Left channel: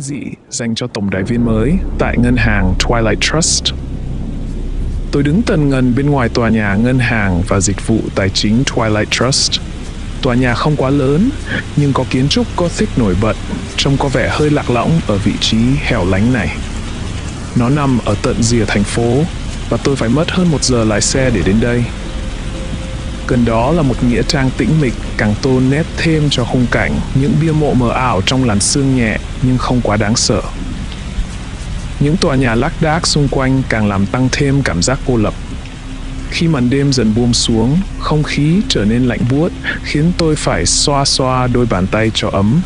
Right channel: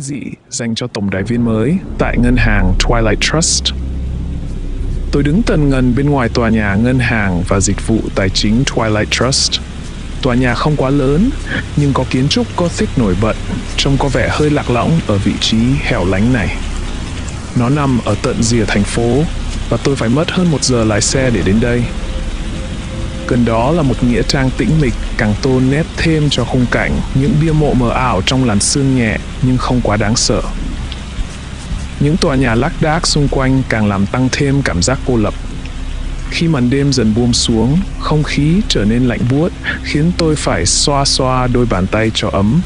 kinh dị dành cho tổng đài viên mới tại ngân hàng Twilight Trust. Tôi đứng tần ngần bên ngoài tòa nhà ngân hàng và dịch vụ tài chính Twilight Trust. Tòa nhà không quá lớn, nhưng có kiến trúc Gothic nổi bật, trông có vẻ hơi lạc lõng ở vị trí hẻo lánh này. Nó nằm ở tận rìa thành phố, và tôi phải mất hơn 1 giờ lái xe để đến đây. Gần đó là một nghĩa trang tĩnh mịch càng tô nét thêm cho khung cảnh, những bia mộ mờ ảo trong làn sương nhẹ nhưng không quá đáng sợ. Những tòa nhà lác đác xung quanh càng làm tăng thêm cảm giác cô lập. Khi màn đêm dần buông xuống, không khí trở nên lạnh buốt, khiến tôi phải xoa xoa đôi bàn tay cho ấm.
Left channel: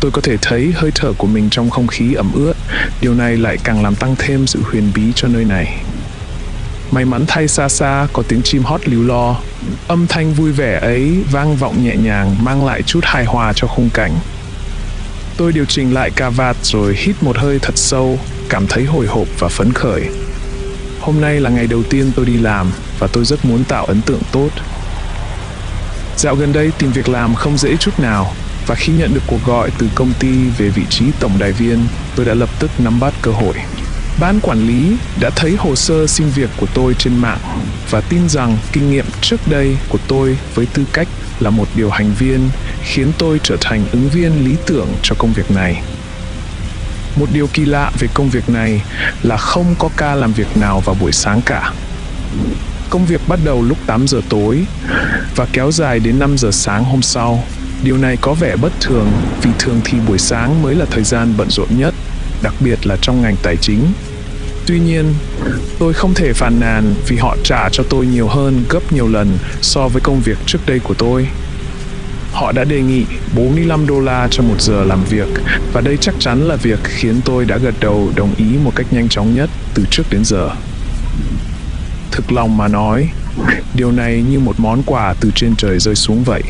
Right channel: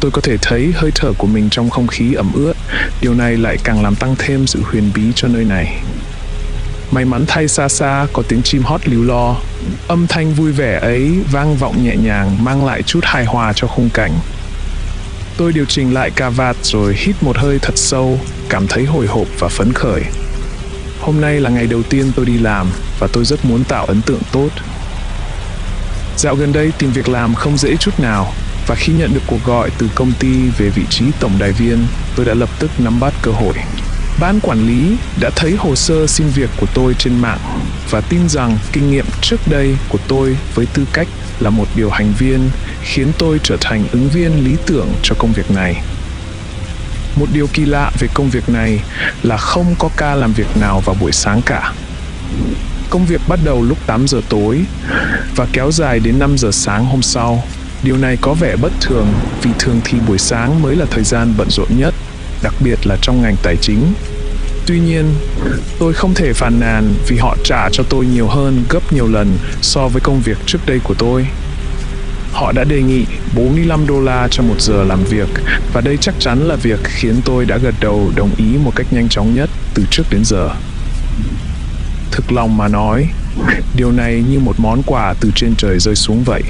Tôi có thể thấy hơi thở của mình trong không khí ẩm ướt, điều này lại càng làm tăng thêm sự huyền bí cho nơi này. May mắn thay xa xa có tiếng chim hót líu lo. Âm thanh vui vẻ ấy vang vọng nhẹ nhàng, mang lại chút hài hòa cho khung cảnh. Tôi điều chỉnh lại cà vạt rồi hít một hơi thật sâu, cảm thấy hồi hộp và phấn khởi. Hôm nay là ngày đầu tiên tôi đi làm và tôi rất muốn tạo ấn tượng tốt. Dạo gần đây tìm việc làm không dễ chút nào, và khi nhận được cuộc gọi từ công ty về vị trí tổng đài viên, tôi đã lập tức nắm bắt cơ hội. Ban quản lý đã thấy hồ sơ xin việc của tôi trên mạng và tin rằng kinh nghiệm trước đây của tôi với tư cách là một điều hành viên khiến tôi trở thành ứng viên lý tưởng cho công việc này. Một điều kỳ lạ về công việc này là không có ca làm việc nào vào buổi sáng cả. Công việc bắt đầu lúc 8 giờ tối và kéo dài đến 5 giờ sáng hôm sau. Điều này có vẻ bất thường vì thường thì buổi sáng mới là thời gian bận rộn nhất, đặc biệt là trong ngành tài chính. Tuy nhiên, tôi không thể phàn nàn vì họ trả cho tôi nhiều hơn gấp nhiều lần so với công việc trước đây của tôi. Họ đã đề nghị $45 cho 1 giờ làm việc, và đây chắc chắn là việc khiến tôi đã gật đầu đồng ý một cách nhanh chóng nhất từ trước đến giờ. Thực lòng mà nói, điều này như một món quà từ trên trời rơi xuống vậy.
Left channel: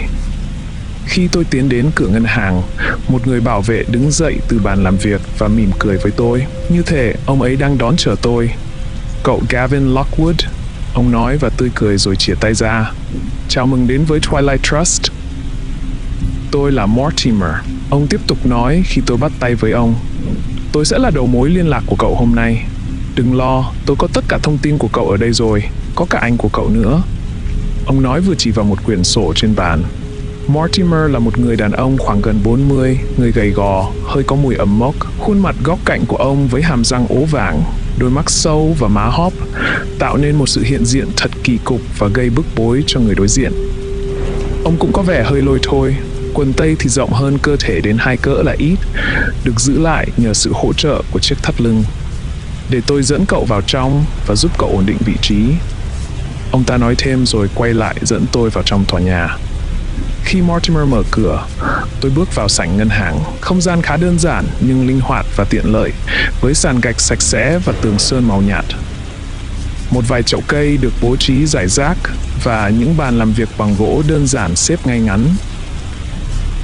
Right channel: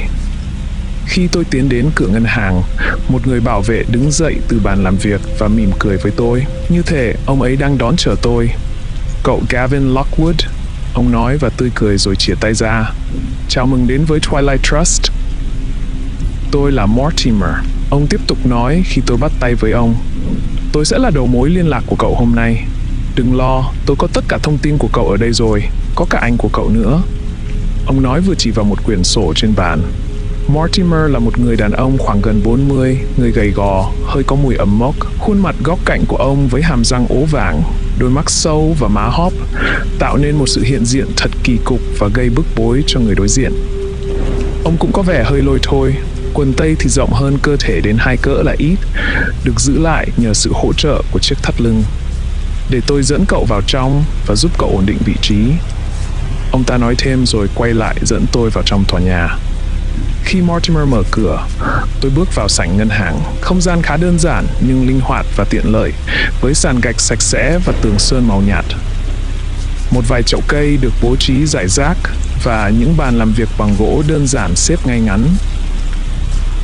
Khi tôi tiến đến cửa ngân hàng, một người bảo vệ đứng dậy từ bàn làm việc và mỉm cười với tôi. Như thể ông ấy đang đón chờ tôi. "Cậu Gavin Lockwood," ông nói và tươi cười rồi chìa tay ra. "Chào mừng đến với Twilight Trust." "Tôi là Mortimer," ông tiếp tục nói khi tôi bắt tay với ông. "Tôi sẽ là đầu mối liên lạc của cậu hôm nay. Đừng lo, tôi có tất cả thông tin của cậu ở đây rồi, có cả anh của cậu nữa." Ông nói vừa chỉ vào một quyển sổ trên bàn. Mortimer là một người đàn ông khoảng gần 40, người gầy gò, hơi có mùi ẩm mốc. Khuôn mặt góc cạnh của ông với hàm răng ố vàng, đôi mắt sâu và má hóp, tạo nên một sự hiện diện thật kỳ cục và gây bức bối cho người đối diện. Ông cũng có vẻ hơi lôi thôi, quần tây thì rộng hơn cơ thể đến 2 cỡ là ít, được giữ lại nhờ sự hỗ trợ của chiếc thắt lưng. "Để tôi dẫn cậu vào trong và giúp cậu ổn định vị trí," ông ta nói thêm rồi quay lại dẫn tôi vào trong tòa nhà. Khi Mortimer mở cửa, tôi bước vào sảnh ngân hàng. Không gian khá đơn giản nhưng linh hoạt và tiện lợi, với sàn gạch sạch sẽ và tường sơn màu nhạt. Một vài chậu cây được bố trí rải rác và những bàn làm việc bằng gỗ đơn giản xếp ngay ngắn.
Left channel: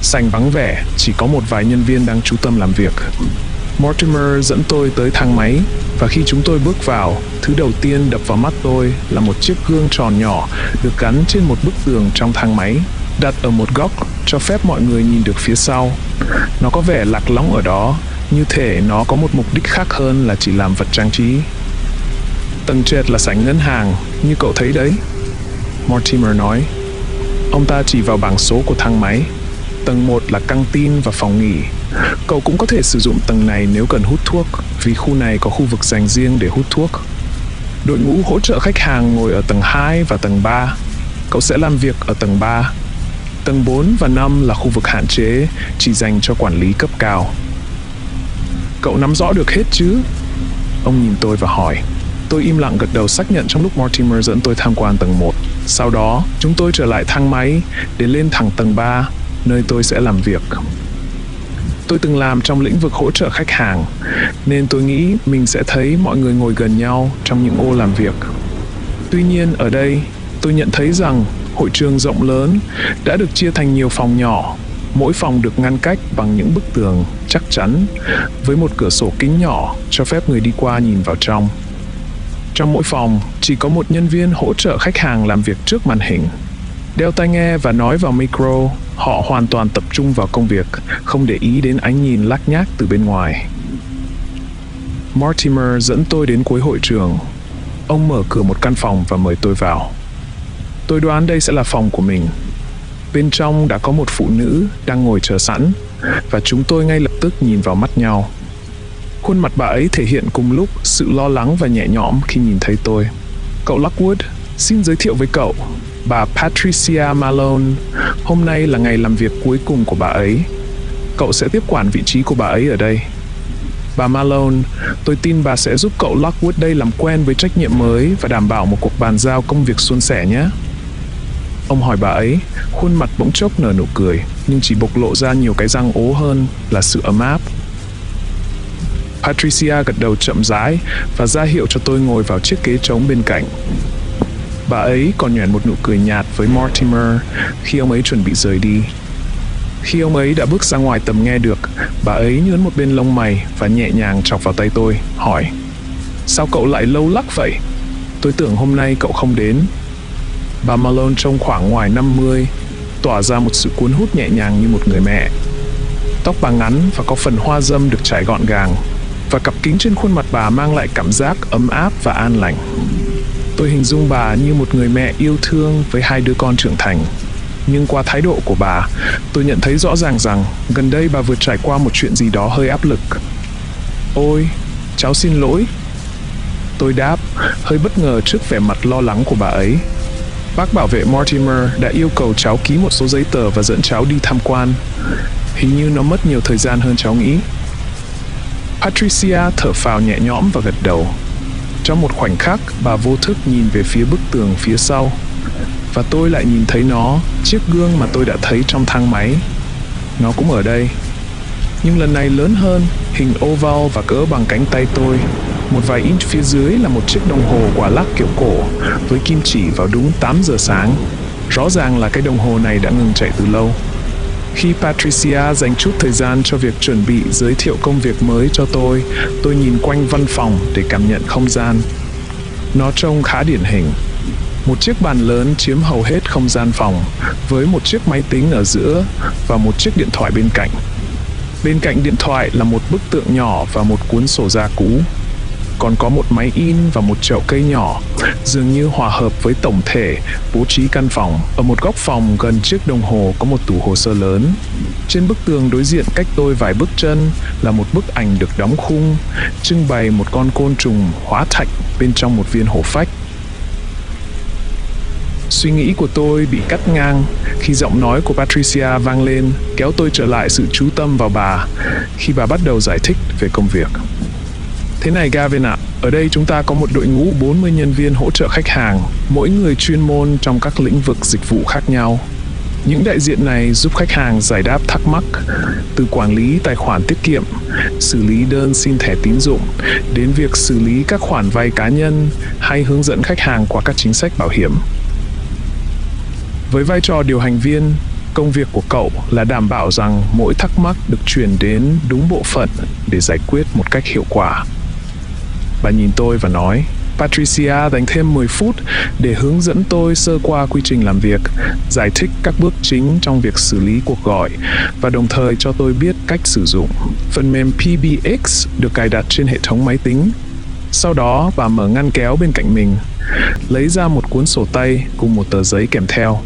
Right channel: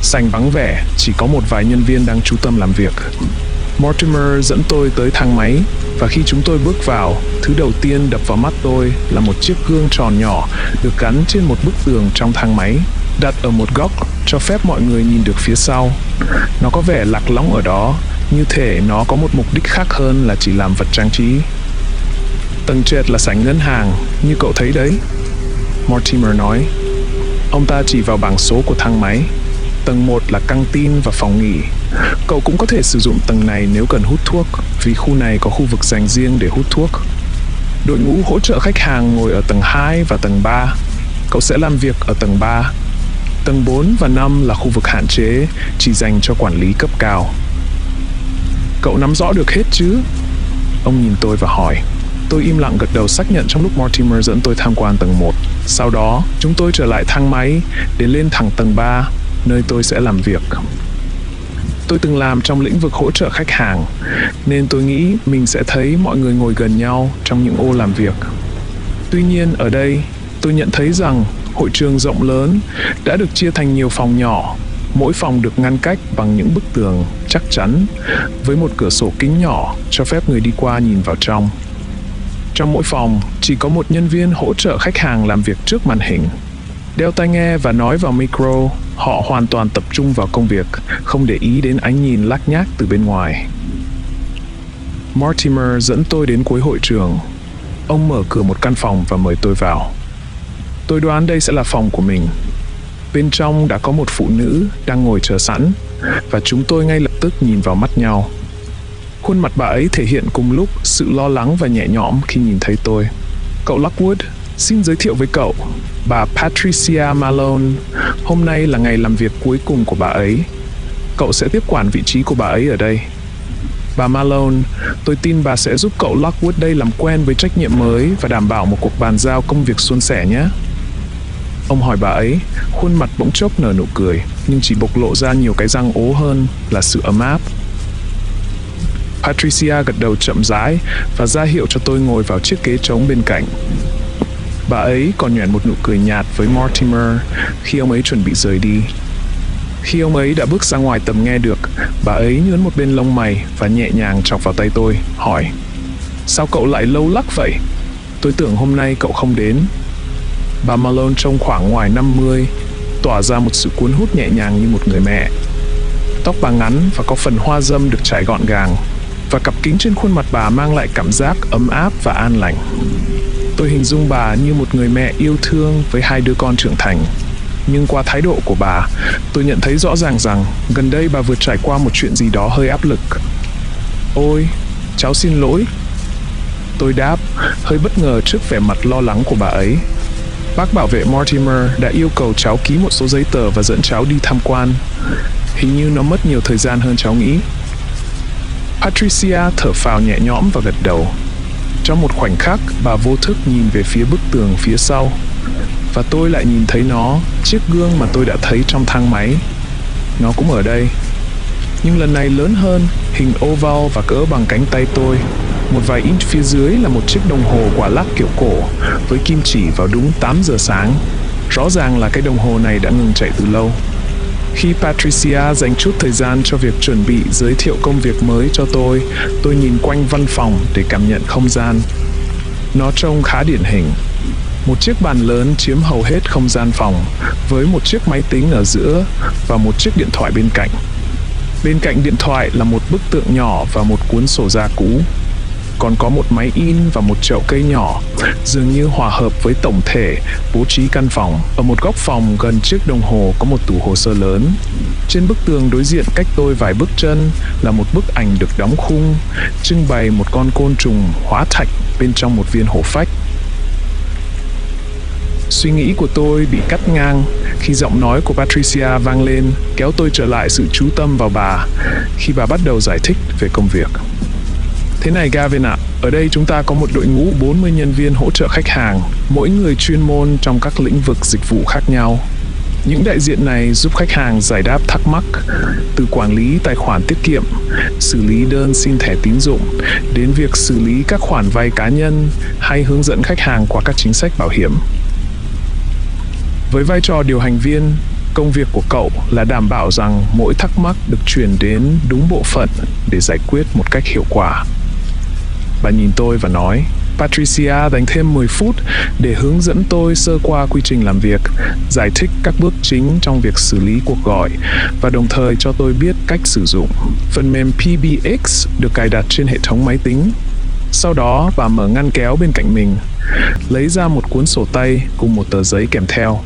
Sảnh vắng vẻ, chỉ có một vài nhân viên đang chú tâm làm việc. Mortimer dẫn tôi tới thang máy, và khi chúng tôi bước vào, thứ đầu tiên đập vào mắt tôi là một chiếc gương tròn nhỏ được gắn trên một bức tường trong thang máy, đặt ở một góc cho phép mọi người nhìn được phía sau. Nó có vẻ lạc lõng ở đó, như thể nó có một mục đích khác hơn là chỉ làm vật trang trí. "Tầng trệt là sảnh ngân hàng, như cậu thấy đấy," Mortimer nói. Ông ta chỉ vào bảng số của thang máy. "Tầng 1 là căng tin và phòng nghỉ. Cậu cũng có thể sử dụng tầng này nếu cần hút thuốc, vì khu này có khu vực dành riêng để hút thuốc. Đội ngũ hỗ trợ khách hàng ngồi ở tầng 2 và tầng 3. Cậu sẽ làm việc ở tầng 3. Tầng 4 và 5 là khu vực hạn chế, chỉ dành cho quản lý cấp cao." "Cậu nắm rõ được hết chứ?" Ông nhìn tôi và hỏi. Tôi im lặng gật đầu xác nhận trong lúc Mortimer dẫn tôi tham quan tầng 1. Sau đó, chúng tôi trở lại thang máy để lên thẳng tầng 3, nơi tôi sẽ làm việc. Tôi từng làm trong lĩnh vực hỗ trợ khách hàng, nên tôi nghĩ mình sẽ thấy mọi người ngồi gần nhau trong những ô làm việc. Tuy nhiên ở đây, tôi nhận thấy rằng hội trường rộng lớn đã được chia thành nhiều phòng nhỏ. Mỗi phòng được ngăn cách bằng những bức tường chắc chắn, với một cửa sổ kính nhỏ cho phép người đi qua nhìn vào trong. Trong mỗi phòng, chỉ có một nhân viên hỗ trợ khách hàng làm việc trước màn hình. Đeo tai nghe và nói vào micro, Họ hoàn toàn tập trung vào công việc, không để ý đến ánh nhìn lác nhác từ bên ngoài. Mortimer dẫn tôi đến cuối hội trường. Ông mở cửa một căn phòng và mời tôi vào. Tôi đoán đây sẽ là phòng của mình. Bên trong đã có một phụ nữ đang ngồi chờ sẵn, và chúng tôi ngay lập tức nhìn vào mắt nhau. Khuôn mặt bà ấy thể hiện cùng lúc sự lo lắng và nhẹ nhõm khi nhìn thấy tôi. Cậu Lockwood, xin giới thiệu với cậu, bà Patricia Malone. Hôm nay là ngày làm việc cuối cùng của bà ấy. Cậu sẽ tiếp quản vị trí của bà ấy ở đây. Bà Malone, tôi tin bà sẽ giúp cậu Lockwood đây làm quen với trách nhiệm mới và đảm bảo một cuộc bàn giao công việc suôn sẻ nhé. Ông hỏi bà ấy, khuôn mặt bỗng chốc nở nụ cười, nhưng chỉ bộc lộ ra nhiều cái răng ố hơn là sự ấm áp. Patricia gật đầu chậm rãi và ra hiệu cho tôi ngồi vào chiếc ghế trống bên cạnh. Bà ấy còn nhoẻn một nụ cười nhạt với Mortimer khi ông ấy chuẩn bị rời đi. Khi ông ấy đã bước ra ngoài tầm nghe được, bà ấy nhướn một bên lông mày và nhẹ nhàng chọc vào tay tôi, hỏi: Sao cậu lại lâu lắc vậy? Tôi tưởng hôm nay cậu không đến. Bà Malone trông khoảng ngoài 50, tỏa ra một sự cuốn hút nhẹ nhàng như một người mẹ. Tóc bà ngắn và có phần hoa râm được trải gọn gàng, và cặp kính trên khuôn mặt bà mang lại cảm giác ấm áp và an lành. Tôi hình dung bà như một người mẹ yêu thương với hai đứa con trưởng thành. Nhưng qua thái độ của bà, tôi nhận thấy rõ ràng rằng gần đây bà vừa trải qua một chuyện gì đó hơi áp lực. Ôi, cháu xin lỗi. Tôi đáp, hơi bất ngờ trước vẻ mặt lo lắng của bà ấy. Bác bảo vệ Mortimer đã yêu cầu cháu ký một số giấy tờ và dẫn cháu đi tham quan. Hình như nó mất nhiều thời gian hơn cháu nghĩ. Patricia thở phào nhẹ nhõm và gật đầu. Trong một khoảnh khắc, bà vô thức nhìn về phía bức tường phía sau. Và tôi lại nhìn thấy nó, chiếc gương mà tôi đã thấy trong thang máy. Nó cũng ở đây. Nhưng lần này lớn hơn, hình oval và cỡ bằng cánh tay tôi. Một vài inch phía dưới là một chiếc đồng hồ quả lắc kiểu cổ, với kim chỉ vào đúng 8 giờ sáng. Rõ ràng là cái đồng hồ này đã ngừng chạy từ lâu. Khi Patricia dành chút thời gian cho việc chuẩn bị giới thiệu công việc mới cho tôi nhìn quanh văn phòng để cảm nhận không gian. Nó trông khá điển hình. Một chiếc bàn lớn chiếm hầu hết không gian phòng, với một chiếc máy tính ở giữa và một chiếc điện thoại bên cạnh. Bên cạnh điện thoại là một bức tượng nhỏ và một cuốn sổ da cũ. Còn có một máy in và một chậu cây nhỏ, dường như hòa hợp với tổng thể bố trí căn phòng. Ở một góc phòng gần chiếc đồng hồ có một tủ hồ sơ lớn. Trên bức tường đối diện cách tôi vài bước chân là một bức ảnh được đóng khung, trưng bày một con côn trùng hóa thạch bên trong một viên hổ phách. Suy nghĩ của tôi bị cắt ngang khi giọng nói của Patricia vang lên, kéo tôi trở lại sự chú tâm vào bà khi bà bắt đầu giải thích về công việc. Thế này Gavin ạ, ở đây chúng ta có một đội ngũ 40 nhân viên hỗ trợ khách hàng, mỗi người chuyên môn trong các lĩnh vực dịch vụ khác nhau. Những đại diện này giúp khách hàng giải đáp thắc mắc, từ quản lý tài khoản tiết kiệm, xử lý đơn xin thẻ tín dụng, đến việc xử lý các khoản vay cá nhân hay hướng dẫn khách hàng qua các chính sách bảo hiểm. Với vai trò điều hành viên, công việc của cậu là đảm bảo rằng mỗi thắc mắc được chuyển đến đúng bộ phận để giải quyết một cách hiệu quả. Bà nhìn tôi và nói, Patricia dành thêm 10 phút để hướng dẫn tôi sơ qua quy trình làm việc, giải thích các bước chính trong việc xử lý cuộc gọi và đồng thời cho tôi biết cách sử dụng. Phần mềm PBX được cài đặt trên hệ thống máy tính. Sau đó, bà mở ngăn kéo bên cạnh mình, lấy ra một cuốn sổ tay cùng một tờ giấy kèm theo.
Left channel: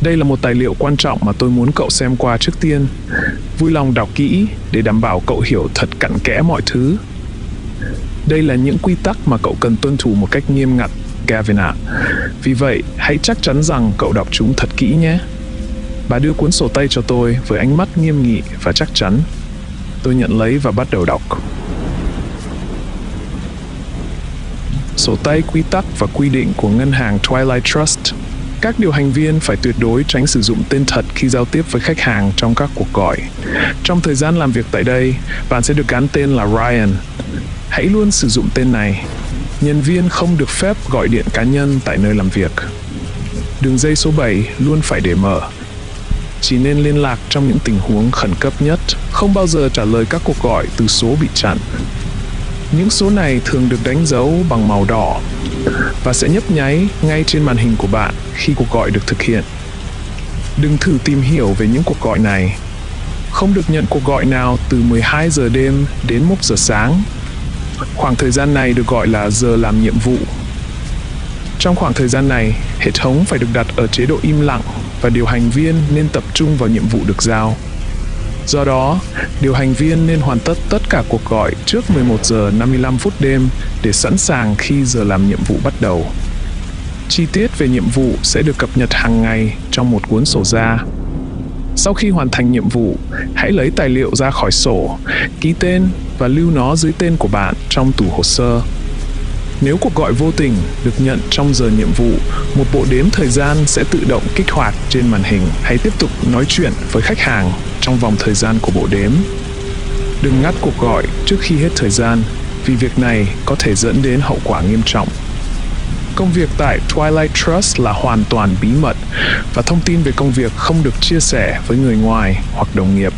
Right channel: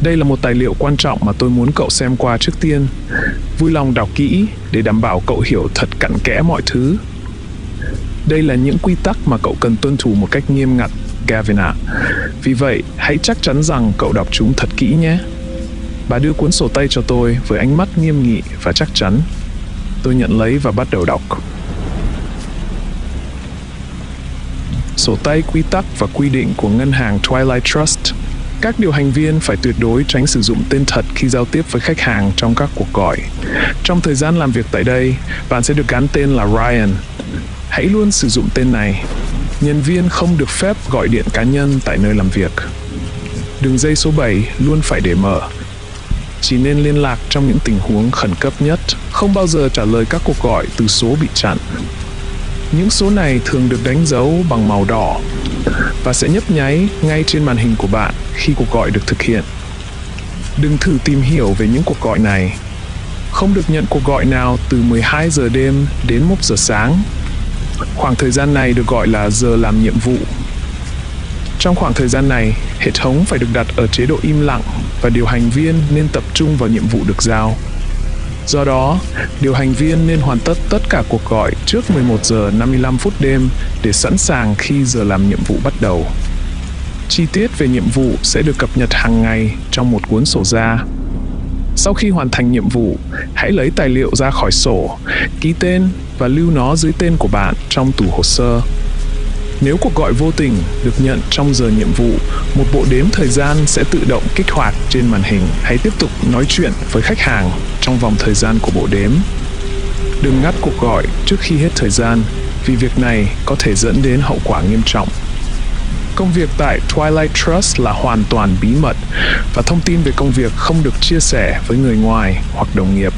Đây là một tài liệu quan trọng mà tôi muốn cậu xem qua trước tiên. Vui lòng đọc kỹ để đảm bảo cậu hiểu thật cặn kẽ mọi thứ. Đây là những quy tắc mà cậu cần tuân thủ một cách nghiêm ngặt, Gavin ạ. Vì vậy, hãy chắc chắn rằng cậu đọc chúng thật kỹ nhé. Bà đưa cuốn sổ tay cho tôi với ánh mắt nghiêm nghị và chắc chắn. Tôi nhận lấy và bắt đầu đọc. Sổ tay quy tắc và quy định của ngân hàng Twilight Trust. Các điều hành viên phải tuyệt đối tránh sử dụng tên thật khi giao tiếp với khách hàng trong các cuộc gọi. Trong thời gian làm việc tại đây, bạn sẽ được gắn tên là Ryan. Hãy luôn sử dụng tên này. Nhân viên không được phép gọi điện cá nhân tại nơi làm việc. Đường dây số 7 luôn phải để mở. Chỉ nên liên lạc trong những tình huống khẩn cấp nhất, không bao giờ trả lời các cuộc gọi từ số bị chặn. Những số này thường được đánh dấu bằng màu đỏ và sẽ nhấp nháy ngay trên màn hình của bạn khi cuộc gọi được thực hiện. Đừng thử tìm hiểu về những cuộc gọi này. Không được nhận cuộc gọi nào từ 12 giờ đêm đến 1 giờ sáng. Khoảng thời gian này được gọi là giờ làm nhiệm vụ. Trong khoảng thời gian này, hệ thống phải được đặt ở chế độ im lặng và điều hành viên nên tập trung vào nhiệm vụ được giao. Do đó, điều hành viên nên hoàn tất tất cả cuộc gọi trước 11 giờ 55 phút đêm để sẵn sàng khi giờ làm nhiệm vụ bắt đầu. Chi tiết về nhiệm vụ sẽ được cập nhật hàng ngày trong một cuốn sổ ra. Sau khi hoàn thành nhiệm vụ, hãy lấy tài liệu ra khỏi sổ, ký tên và lưu nó dưới tên của bạn trong tủ hồ sơ. Nếu cuộc gọi vô tình được nhận trong giờ nhiệm vụ, một bộ đếm thời gian sẽ tự động kích hoạt trên màn hình. Hãy tiếp tục nói chuyện với khách hàng trong vòng thời gian của bộ đếm. Đừng ngắt cuộc gọi trước khi hết thời gian, vì việc này có thể dẫn đến hậu quả nghiêm trọng. Công việc tại Twilight Trust là hoàn toàn bí mật và thông tin về công việc không được chia sẻ với người ngoài hoặc đồng nghiệp.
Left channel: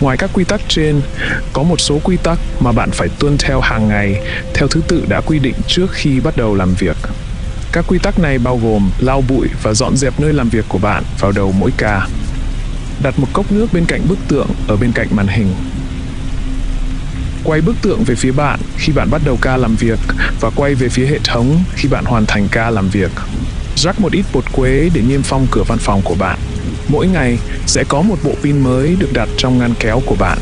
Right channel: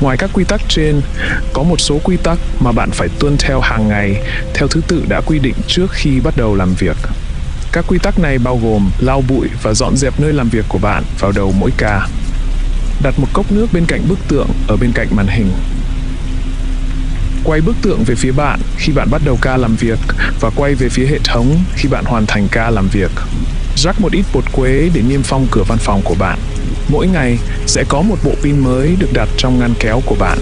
Ngoài các quy tắc trên, có một số quy tắc mà bạn phải tuân theo hàng ngày theo thứ tự đã quy định trước khi bắt đầu làm việc. Các quy tắc này bao gồm lau bụi và dọn dẹp nơi làm việc của bạn vào đầu mỗi ca. Đặt một cốc nước bên cạnh bức tượng ở bên cạnh màn hình. Quay bức tượng về phía bạn khi bạn bắt đầu ca làm việc và quay về phía hệ thống khi bạn hoàn thành ca làm việc. Rắc một ít bột quế để niêm phong cửa văn phòng của bạn. Mỗi ngày sẽ có một bộ pin mới được đặt trong ngăn kéo của bạn.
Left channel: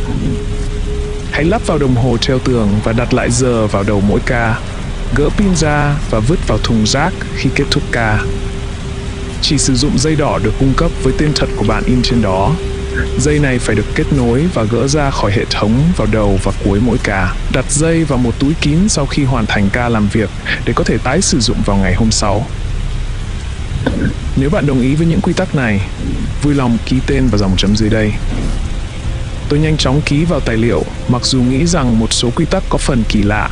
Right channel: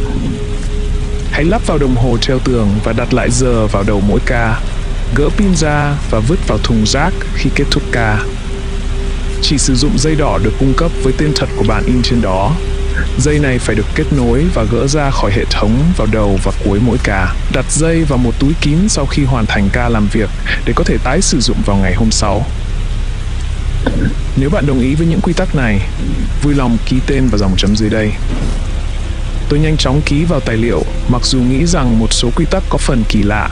Hãy lắp vào đồng hồ treo tường và đặt lại giờ vào đầu mỗi ca. Gỡ pin ra và vứt vào thùng rác khi kết thúc ca. Chỉ sử dụng dây đỏ được cung cấp với tên thật của bạn in trên đó. Dây này phải được kết nối và gỡ ra khỏi hệ thống vào đầu và cuối mỗi ca. Đặt dây vào một túi kín sau khi hoàn thành ca làm việc để có thể tái sử dụng vào ngày hôm sau. Nếu bạn đồng ý với những quy tắc này, vui lòng ký tên vào dòng chấm dưới đây. Tôi nhanh chóng ký vào tài liệu, mặc dù nghĩ rằng một số quy tắc có phần kỳ lạ.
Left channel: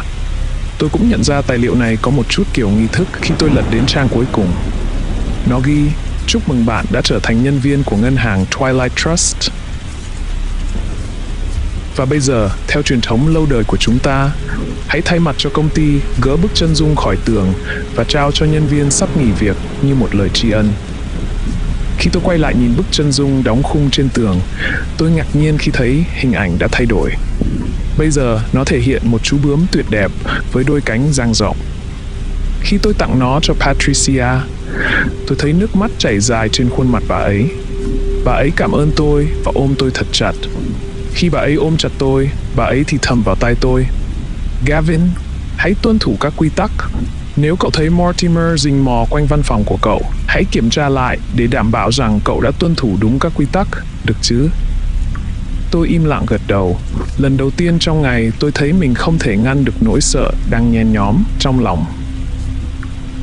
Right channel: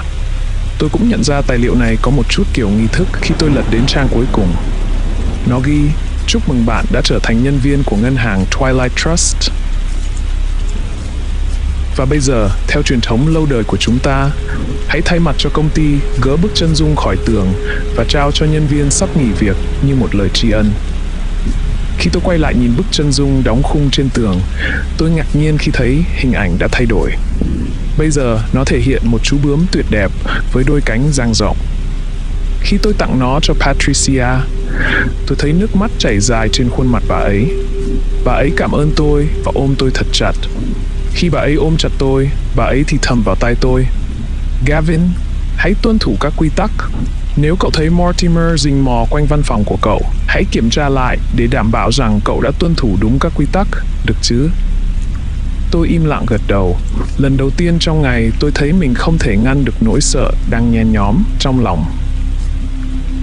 Tôi cũng nhận ra tài liệu này có một chút kiểu nghi thức khi tôi lật đến trang cuối cùng. Nó ghi: chúc mừng bạn đã trở thành nhân viên của ngân hàng Twilight Trust. Và bây giờ, theo truyền thống lâu đời của chúng ta, hãy thay mặt cho công ty gỡ bức chân dung khỏi tường và trao cho nhân viên sắp nghỉ việc như một lời tri ân. Khi tôi quay lại nhìn bức chân dung đóng khung trên tường, tôi ngạc nhiên khi thấy hình ảnh đã thay đổi. Bây giờ, nó thể hiện một chú bướm tuyệt đẹp với đôi cánh dang rộng. Khi tôi tặng nó cho Patricia, tôi thấy nước mắt chảy dài trên khuôn mặt bà ấy. Bà ấy cảm ơn tôi và ôm tôi thật chặt. Khi bà ấy ôm chặt tôi, bà ấy thì thầm vào tai tôi: Gavin, hãy tuân thủ các quy tắc. Nếu cậu thấy Mortimer rình mò quanh văn phòng của cậu, hãy kiểm tra lại để đảm bảo rằng cậu đã tuân thủ đúng các quy tắc, được chứ? Tôi im lặng gật đầu. Lần đầu tiên trong ngày tôi thấy mình không thể ngăn được nỗi sợ đang nhen nhóm trong lòng.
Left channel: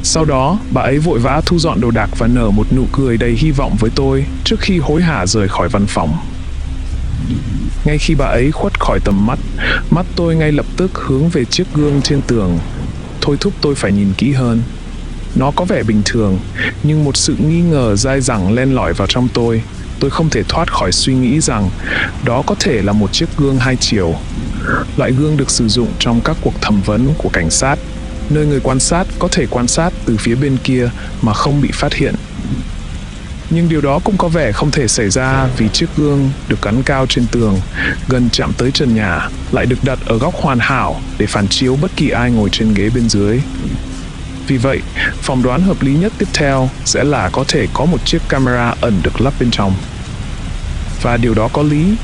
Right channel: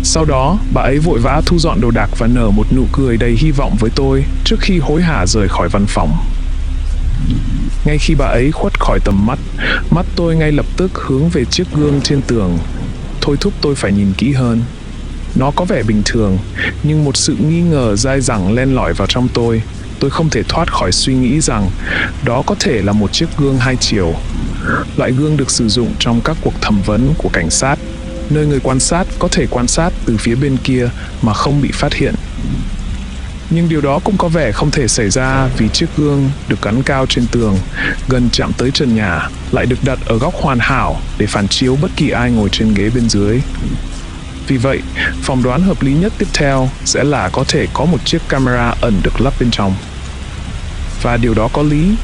Sau đó, bà ấy vội vã thu dọn đồ đạc và nở một nụ cười đầy hy vọng với tôi trước khi hối hả rời khỏi văn phòng. Ngay khi bà ấy khuất khỏi tầm mắt, mắt tôi ngay lập tức hướng về chiếc gương trên tường, thôi thúc tôi phải nhìn kỹ hơn. Nó có vẻ bình thường, nhưng một sự nghi ngờ dai dẳng len lỏi vào trong tôi. Tôi không thể thoát khỏi suy nghĩ rằng đó có thể là một chiếc gương hai chiều. Loại gương được sử dụng trong các cuộc thẩm vấn của cảnh sát, nơi người quan sát có thể quan sát từ phía bên kia mà không bị phát hiện. Nhưng điều đó cũng có vẻ không thể xảy ra vì chiếc gương được gắn cao trên tường, gần chạm tới trần nhà, lại được đặt ở góc hoàn hảo để phản chiếu bất kỳ ai ngồi trên ghế bên dưới. Vì vậy, phỏng đoán hợp lý nhất tiếp theo sẽ là có thể có một chiếc camera ẩn được lắp bên trong. Và điều đó có lý,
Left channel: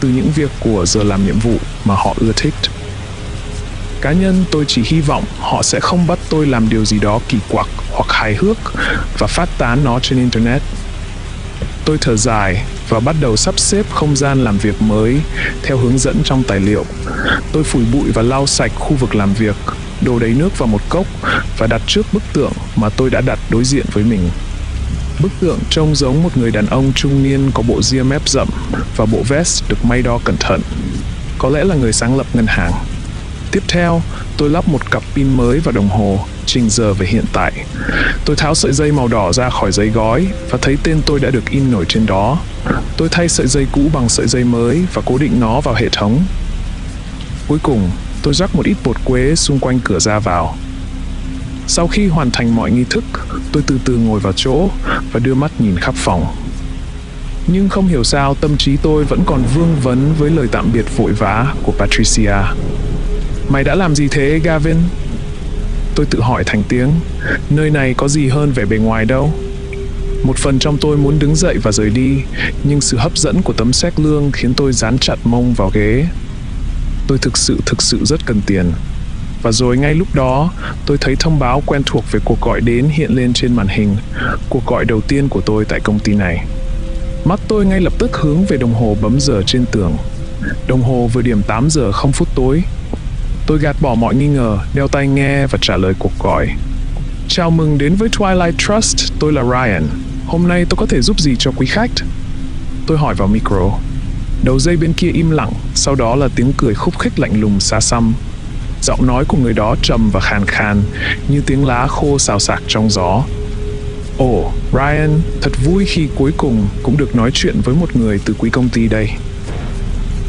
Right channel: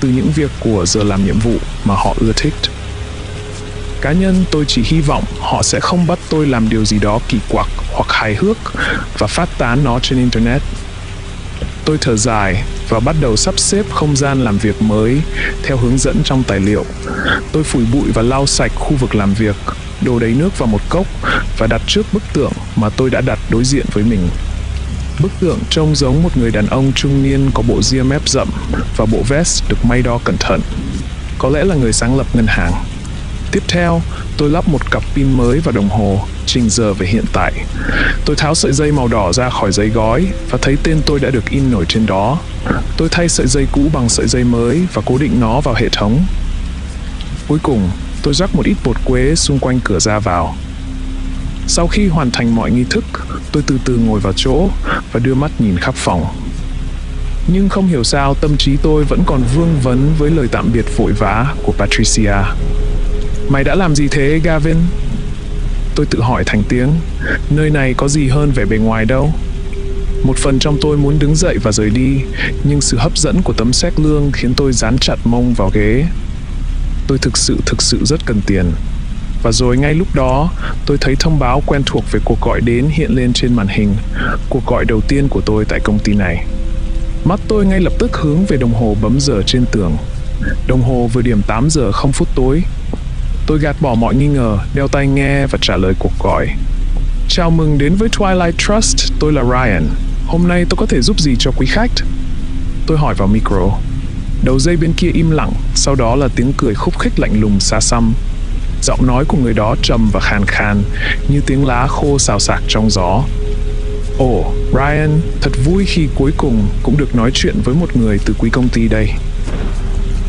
từ những việc của giờ làm nhiệm vụ mà họ ưa thích. Cá nhân tôi chỉ hy vọng họ sẽ không bắt tôi làm điều gì đó kỳ quặc hoặc hài hước và phát tán nó trên Internet. Tôi thở dài và bắt đầu sắp xếp không gian làm việc mới theo hướng dẫn trong tài liệu. Tôi phủi bụi và lau sạch khu vực làm việc, đổ đầy nước vào một cốc và đặt trước bức tượng mà tôi đã đặt đối diện với mình. Bức tượng trông giống một người đàn ông trung niên có bộ ria mép rậm và bộ vest được may đo cẩn thận. Có lẽ là người sáng lập ngân hàng. Tiếp theo, tôi lắp một cặp pin mới vào đồng hồ, chỉnh giờ về hiện tại. Tôi tháo sợi dây màu đỏ ra khỏi giấy gói và thấy tên tôi đã được in nổi trên đó. Tôi thay sợi dây cũ bằng sợi dây mới và cố định nó vào hệ thống. Cuối cùng, tôi rắc một ít bột quế xung quanh cửa ra vào. Sau khi hoàn thành mọi nghi thức, tôi từ từ ngồi vào chỗ và đưa mắt nhìn khắp phòng. Nhưng không hiểu sao tâm trí tôi vẫn còn vương vấn với lời tạm biệt vội vã của Patricia. Mày đã làm gì thế, Gavin? Tôi tự hỏi thành tiếng, nơi này có gì hơn vẻ bề ngoài đâu. Một phần trong tôi muốn đứng dậy và rời đi, nhưng sự hấp dẫn của tấm séc lương khiến tôi dán chặt mông vào ghế. Tôi thực sự rất cần tiền. Và rồi ngay lúc đó, tôi thấy thông báo quen thuộc về cuộc gọi đến hiện lên trên màn hình, cuộc gọi đầu tiên của tôi tại công ty này. Mắt tôi ngay lập tức hướng về đồng hồ bấm giờ trên tường. Đồng hồ vừa điểm 8 giờ 0 phút tối. Tôi gạt bỏ mọi nghi ngờ, đeo tai nghe và trả lời cuộc gọi. Chào mừng đến với Twilight Trust, tôi là Ryan. Hôm nay tôi có thể giúp gì cho quý khách? Tôi hỏi vào micro. Đầu dây bên kia im lặng, sau đó là tiếng cười khúc khích lạnh lùng xa xăm. Giọng nói của người đó trầm và khàn khàn, như tiếng lá khô xào xạc trong gió. Ồ, Ryan, thật vui khi cuối cùng cũng được nói chuyện với một người từ quý công ty đây.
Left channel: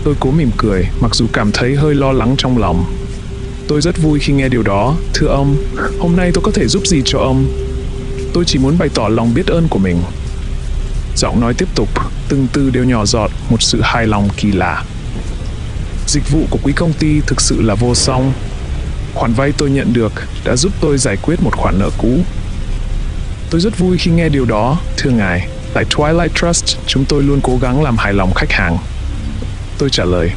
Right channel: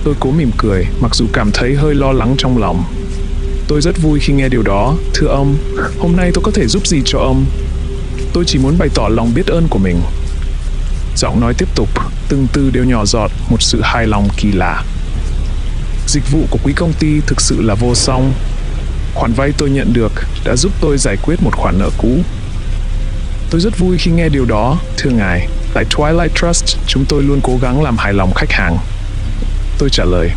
Tôi cố mỉm cười, mặc dù cảm thấy hơi lo lắng trong lòng. Tôi rất vui khi nghe điều đó. Thưa ông, hôm nay tôi có thể giúp gì cho ông? Tôi chỉ muốn bày tỏ lòng biết ơn của mình. Giọng nói tiếp tục, từng từ đều nhỏ giọt một sự hài lòng kỳ lạ. Dịch vụ của quý công ty thực sự là vô song. Khoản vay tôi nhận được đã giúp tôi giải quyết một khoản nợ cũ. Tôi rất vui khi nghe điều đó, thưa ngài. Tại Twilight Trust, chúng tôi luôn cố gắng làm hài lòng khách hàng. Tôi trả lời.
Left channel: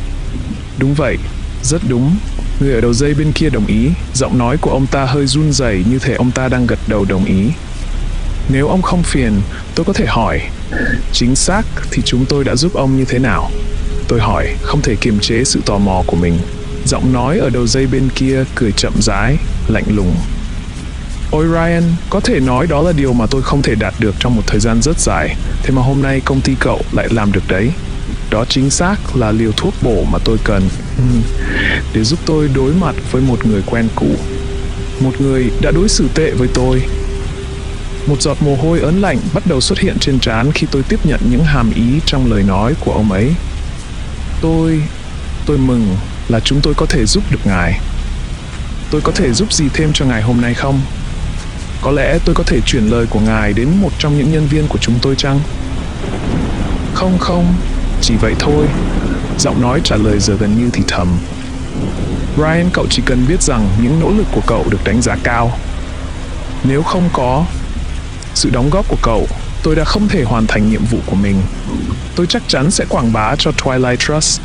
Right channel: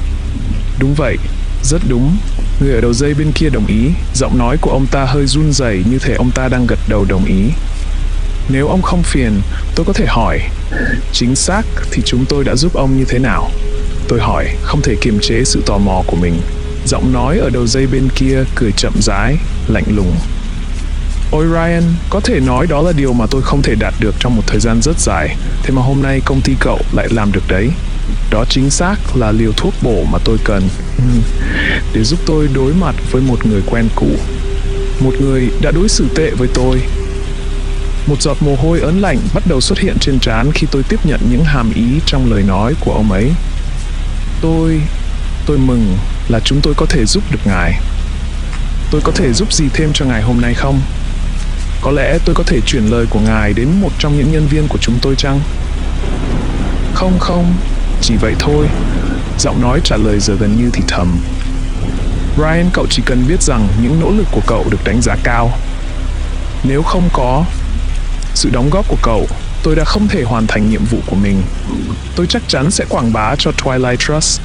Đúng vậy, rất đúng. Người ở đầu dây bên kia đồng ý. Giọng nói của ông ta hơi run rẩy như thể ông ta đang gật đầu đồng ý. Nếu ông không phiền, tôi có thể hỏi. Chính xác thì chúng tôi đã giúp ông như thế nào? Tôi hỏi, không thể kiềm chế sự tò mò của mình. Giọng nói ở đầu dây bên kia cười chậm rãi, lạnh lùng. Ôi Ryan, có thể nói đó là điều mà tôi không thể đạt được trong một thời gian rất dài. Thế mà hôm nay công ty cậu lại làm được đấy. Đó chính xác là liều thuốc bổ mà tôi cần để giúp tôi đối mặt với một người quen cũ. Một người đã đối xử tệ với tôi. Một giọt mồ hôi ớn lạnh bắt đầu xuất hiện trên trán khi tôi tiếp nhận những hàm ý trong lời nói của ông ấy. Tôi mừng là chúng tôi có thể giúp được ngài. Tôi có thể giúp gì thêm cho ngài hôm nay không? Có lẽ tôi có thể chuyển lời của ngài đến một trong những nhân viên của chúng tôi chăng? Không, chỉ vậy thôi. Giọng nói trả lời giờ gần như thì thầm. Ryan, cậu chỉ cần biết rằng những nỗ lực của cậu được đánh giá cao. Nếu không có sự đóng góp của cậu, tôi đã không thể hoàn thành nhiệm vụ của mình. Tôi chắc chắn sẽ quảng bá cho Twilight Trust.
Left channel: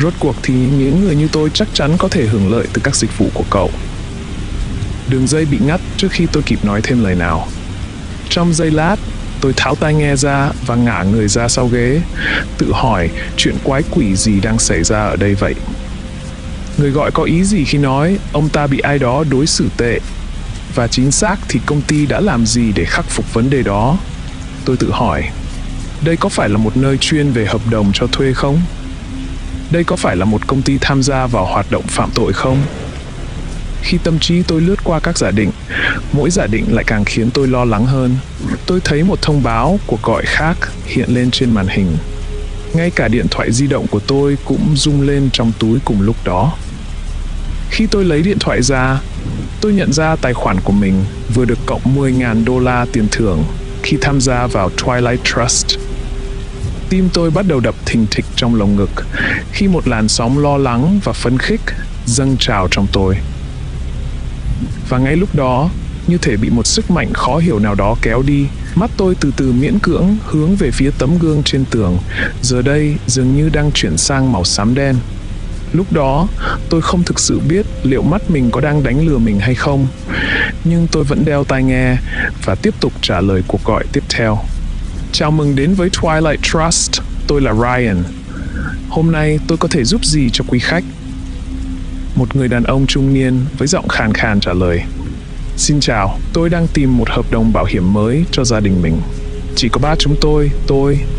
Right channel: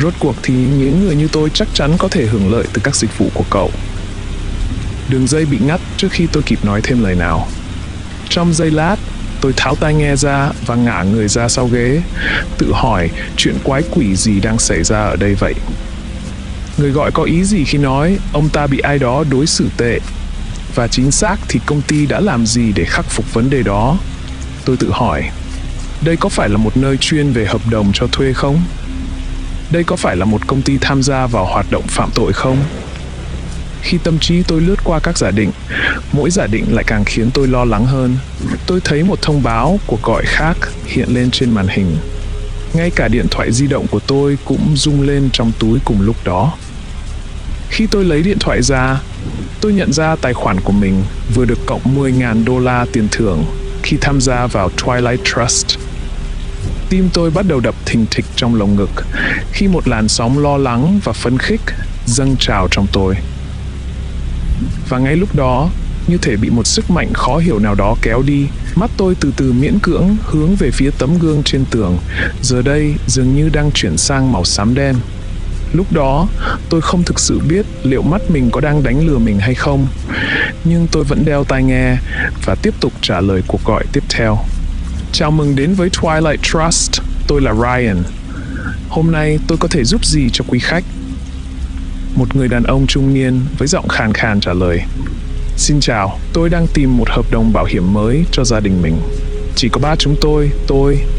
Rốt cuộc thì những người như tôi chắc chắn có thể hưởng lợi từ các dịch vụ của cậu. Đường dây bị ngắt trước khi tôi kịp nói thêm lời nào. Trong giây lát, tôi tháo tai nghe ra và ngả người ra sau ghế, tự hỏi chuyện quái quỷ gì đang xảy ra ở đây vậy. Người gọi có ý gì khi nói ông ta bị ai đó đối xử tệ? Và chính xác thì công ty đã làm gì để khắc phục vấn đề đó? Tôi tự hỏi, đây có phải là một nơi chuyên về hợp đồng cho thuê không? Đây có phải là một công ty tham gia vào hoạt động phạm tội không? Khi tâm trí tôi lướt qua các giả định, mỗi giả định lại càng khiến tôi lo lắng hơn. Tôi thấy một thông báo cuộc gọi khác hiện lên trên màn hình. Ngay cả điện thoại di động của tôi cũng rung lên trong túi cùng lúc đó. Khi tôi lấy điện thoại ra, tôi nhận ra tài khoản của mình vừa được cộng $10,000 tiền thưởng khi tham gia vào Twilight Trust. Tim tôi bắt đầu đập thình thịch trong lồng ngực khi một làn sóng lo lắng và phấn khích dâng trào trong tôi. Và ngay lúc đó, như thể bị một sức mạnh khó hiểu nào đó kéo đi, mắt tôi từ từ miễn cưỡng hướng về phía tấm gương trên tường, giờ đây dường như đang chuyển sang màu xám đen. Lúc đó, tôi không thực sự biết liệu mắt mình có đang đánh lừa mình hay không, nhưng tôi vẫn đeo tai nghe và tiếp tục trả lời cuộc gọi tiếp theo. Chào mừng đến với Twilight Trust, tôi là Ryan. Hôm nay tôi có thể giúp gì cho quý khách? Một người đàn ông trung niên với giọng khàn khàn trả lời. Xin chào, tôi đang tìm một hợp đồng bảo hiểm mới cho gia đình mình. Chỉ có ba chúng tôi,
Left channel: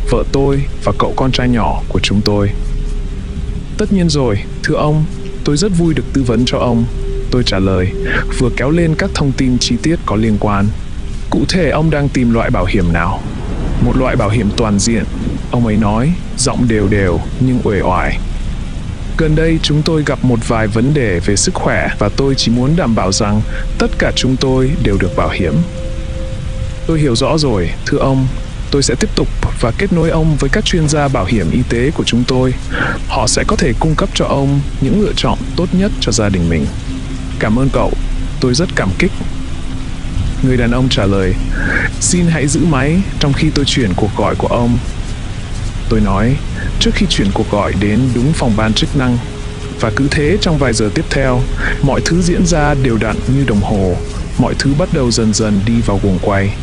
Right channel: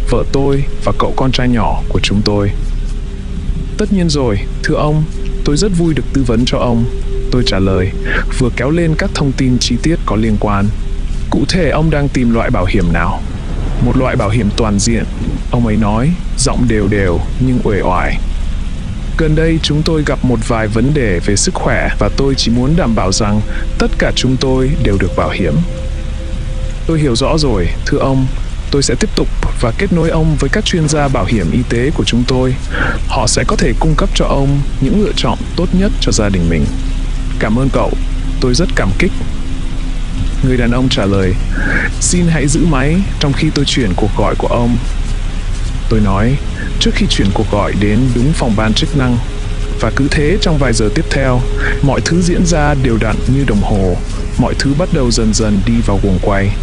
vợ tôi và cậu con trai nhỏ của chúng tôi. Tất nhiên rồi, thưa ông, tôi rất vui được tư vấn cho ông. Tôi trả lời, vừa kéo lên các thông tin chi tiết có liên quan. Cụ thể ông đang tìm loại bảo hiểm nào? Một loại bảo hiểm toàn diện, ông ấy nói, giọng đều đều nhưng uể oải. Gần đây chúng tôi gặp một vài vấn đề về sức khỏe và tôi chỉ muốn đảm bảo rằng tất cả chúng tôi đều được bảo hiểm. Tôi hiểu rõ rồi, thưa ông. Tôi sẽ tiếp tục và kết nối ông với các chuyên gia bảo hiểm y tế của chúng tôi. Họ sẽ có thể cung cấp cho ông những lựa chọn tốt nhất cho gia đình mình. Cảm ơn cậu, tôi rất cảm kích. Người đàn ông trả lời, xin hãy giữ máy trong khi tôi chuyển cuộc gọi của ông. Tôi nói, trước khi chuyển cuộc gọi đến đúng phòng ban chức năng. Và cứ thế trong vài giờ tiếp theo, mọi thứ diễn ra đều đặn như đồng hồ. Mọi thứ bắt đầu dần dần đi vào guồng quay.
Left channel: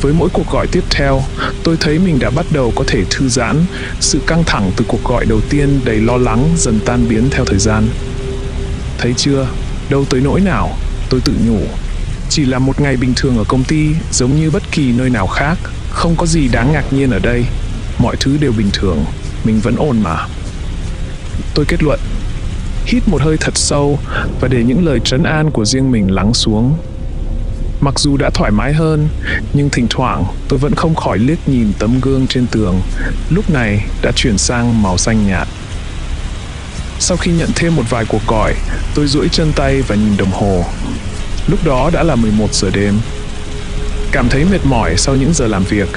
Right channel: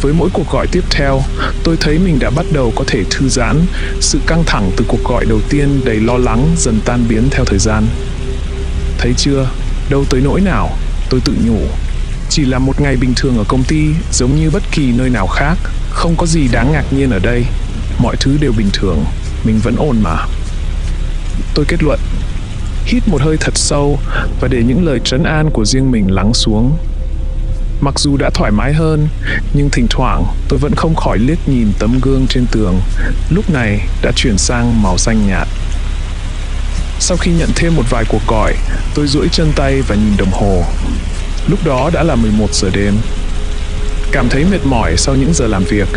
Với mỗi cuộc gọi tiếp theo, tôi thấy mình đã bắt đầu có thể thư giãn. Sự căng thẳng từ cuộc gọi đầu tiên đầy lo lắng dần tan biến theo thời gian. Thấy chưa, đâu tới nỗi nào, tôi tự nhủ. Chỉ là một ngày bình thường ở công ty, giống như bất kỳ nơi nào khác. Không có gì đáng ngạc nhiên ở đây. Mọi thứ đều bình thường, mình vẫn ổn mà. Tôi kết luận. Hít một hơi thật sâu và để những lời trấn an của riêng mình lắng xuống. Mặc dù đã thoải mái hơn, nhưng thỉnh thoảng tôi vẫn không khỏi liếc nhìn tấm gương trên tường, lúc này đã chuyển sang màu xanh nhạt. Sau khi nhận thêm một vài cuộc gọi, tôi duỗi chân tay và nhìn đồng hồ. Lúc đó đã là 11 giờ đêm. Cảm thấy mệt mỏi sau những giờ làm việc,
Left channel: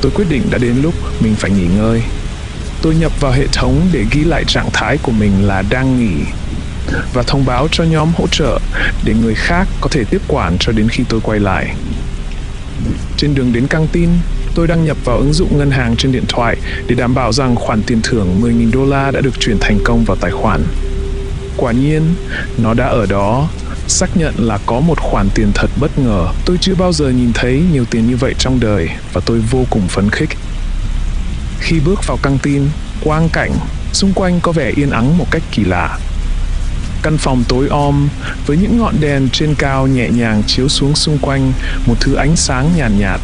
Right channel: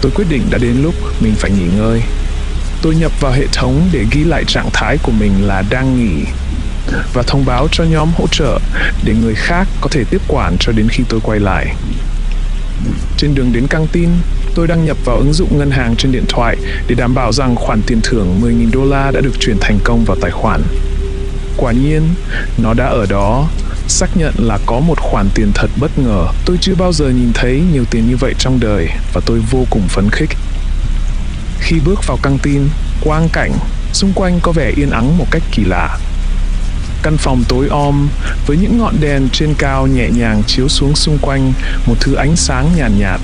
tôi quyết định đã đến lúc mình phải nghỉ ngơi. Tôi nhập vào hệ thống để ghi lại trạng thái của mình là đang nghỉ và thông báo cho nhóm hỗ trợ để người khác có thể tiếp quản cho đến khi tôi quay lại. Trên đường đến căng tin, tôi đăng nhập vào ứng dụng ngân hàng trên điện thoại để đảm bảo rằng khoản tiền thưởng $10,000 đã được chuyển thành công vào tài khoản. Quả nhiên, nó đã ở đó, xác nhận là có một khoản tiền thật bất ngờ. Tôi chưa bao giờ nhìn thấy nhiều tiền như vậy trong đời và tôi vô cùng phấn khích. Khi bước vào căng tin, quang cảnh xung quanh có vẻ yên ắng một cách kỳ lạ. Căn phòng tối om với những ngọn đèn trên cao nhẹ nhàng chiếu xuống xung quanh một thứ ánh sáng nhàn nhạt.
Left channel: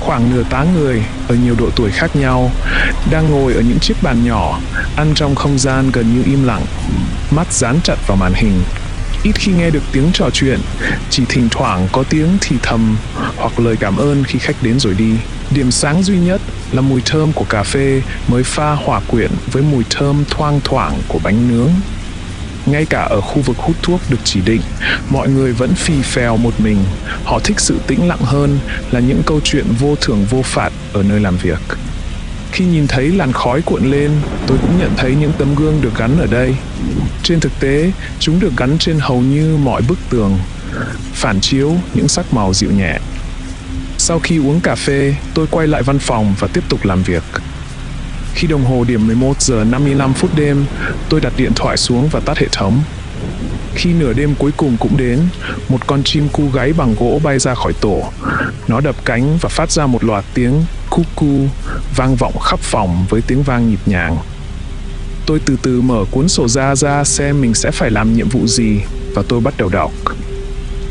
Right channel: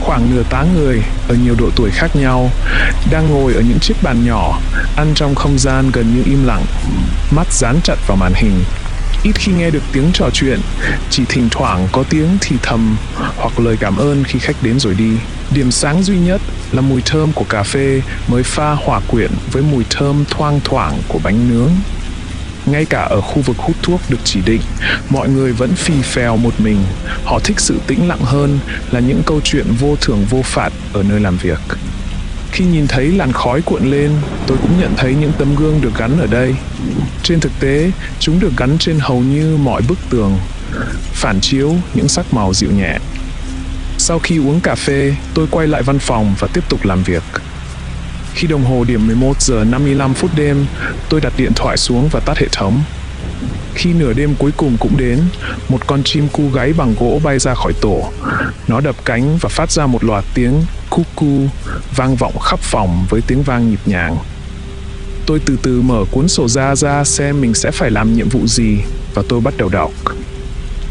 Khoảng nửa tá người ở nhiều độ tuổi khác nhau đang ngồi ở những chiếc bàn nhỏ, ăn trong không gian gần như im lặng, mắt dán chặt vào màn hình. Ít khi nghe được tiếng trò chuyện, chỉ thỉnh thoảng có tiếng thì thầm hoặc lời cảm ơn khi khách đến rồi đi. Điểm sáng duy nhất là mùi thơm của cà phê mới pha hòa quyện với mùi thơm thoang thoảng của bánh nướng. Ngay cả ở khu vực hút thuốc được chỉ định, mọi người vẫn phì phèo một mình. Họ thích sự tĩnh lặng hơn là những câu chuyện vô thưởng vô phạt ở nơi làm việc. Khi nhìn thấy làn khói cuộn lên, tôi cũng nhận thấy những tấm gương được gắn ở đây. Trên thực tế, chúng được gắn trên hầu như mọi bức tường, phản chiếu những sắc màu dịu nhẹ. Sau khi uống cà phê, tôi quay lại văn phòng và tiếp tục làm việc. Khi đồng hồ điểm 11 giờ 55 phút đêm, tôi đặt điện thoại xuống và tắt hệ thống. Khi nửa đêm cuối cùng cũng đến, một con chim cu gáy bằng gỗ bay ra khỏi tổ. Nó đập cánh và phát ra một loạt tiếng cu vang vọng khắp phòng với tiếng vang nhịp nhàng. Tôi từ từ mở cuốn sổ ra xem mình sẽ phải làm nhiệm vụ gì và tôi bắt đầu đọc.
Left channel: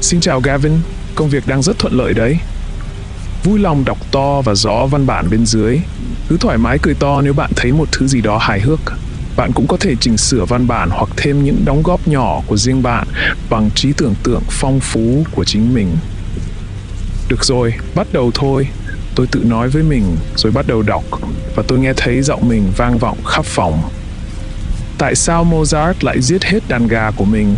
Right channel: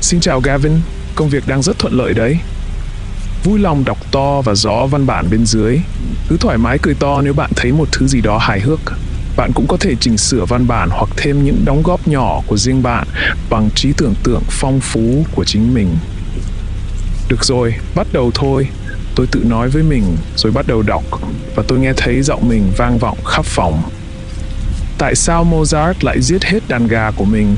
Xin chào Gavin, công việc đang rất thuận lợi đấy. Vui lòng đọc to và rõ văn bản bên dưới. Cứ thoải mái cười to nếu bạn thấy một thứ gì đó hài hước. Bạn cũng có thể chỉnh sửa văn bản hoặc thêm những đóng góp nhỏ của riêng bạn bằng trí tưởng tượng phong phú của chính mình. Được rồi, bắt đầu thôi. Tôi tự nói với mình rồi bắt đầu đọc và tôi nghe thấy giọng mình vang vọng khắp phòng. Tại sao Mozart lại giết hết đàn gà của mình?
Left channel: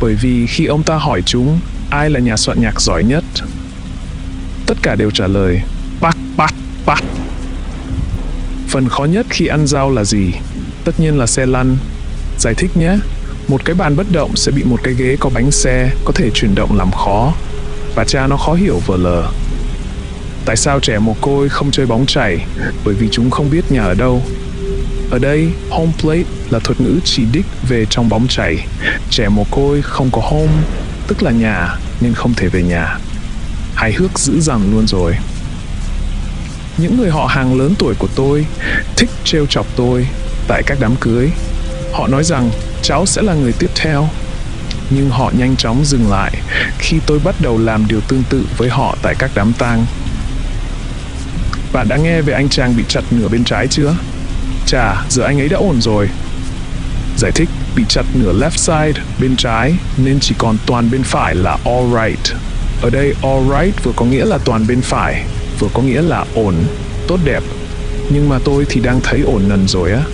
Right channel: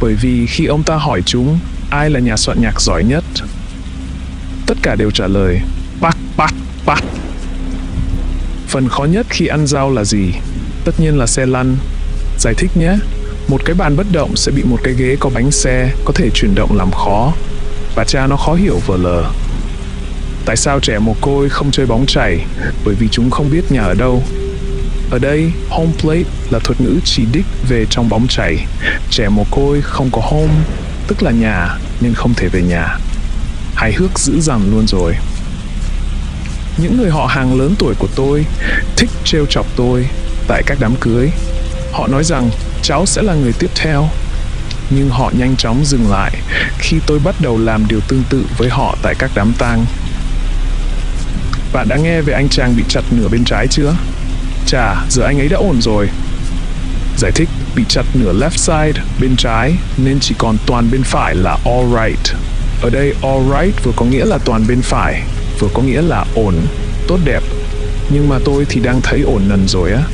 Bởi vì khi ông ta hỏi chúng ai là nhà soạn nhạc giỏi nhất, tất cả đều trả lời Bach. Phần khó nhất khi ăn rau là gì? Tất nhiên là xe lăn. Giải thích nhé. Một cái bàn bất động sẽ bị một cái ghế có bánh xe có thể chuyển động làm khó. Bà cha nó khó hiểu vờ lờ. Tại sao trẻ mồ côi không chơi bóng chày? Bởi vì chúng không biết nhà ở đâu. Ở đây, home plate là thuật ngữ chỉ đích về trong bóng chày. Trẻ mồ côi không có home, tức là nhà, nên không thể về nhà. Hài hước dữ dằn luôn rồi. Những người họ hàng lớn tuổi của tôi thích trêu chọc tôi tại các đám cưới. Họ nói rằng cháu sẽ là người tiếp theo. Nhưng họ nhanh chóng dừng lại khi tôi bắt đầu làm điều tương tự với họ tại các đám tang. Bạn đã nghe về anh chàng bị chặt nửa bên trái chưa? Chà, giờ anh ấy đã ổn rồi. Giải thích, bị chặt nửa left side, bên trái, nên chỉ còn toàn bên phải là all right. Ở đây all right vừa có nghĩa là toàn bên phải, vừa có nghĩa là ổn, tốt đẹp. Nhưng mà tôi thì đang thấy ổn nần rồi á.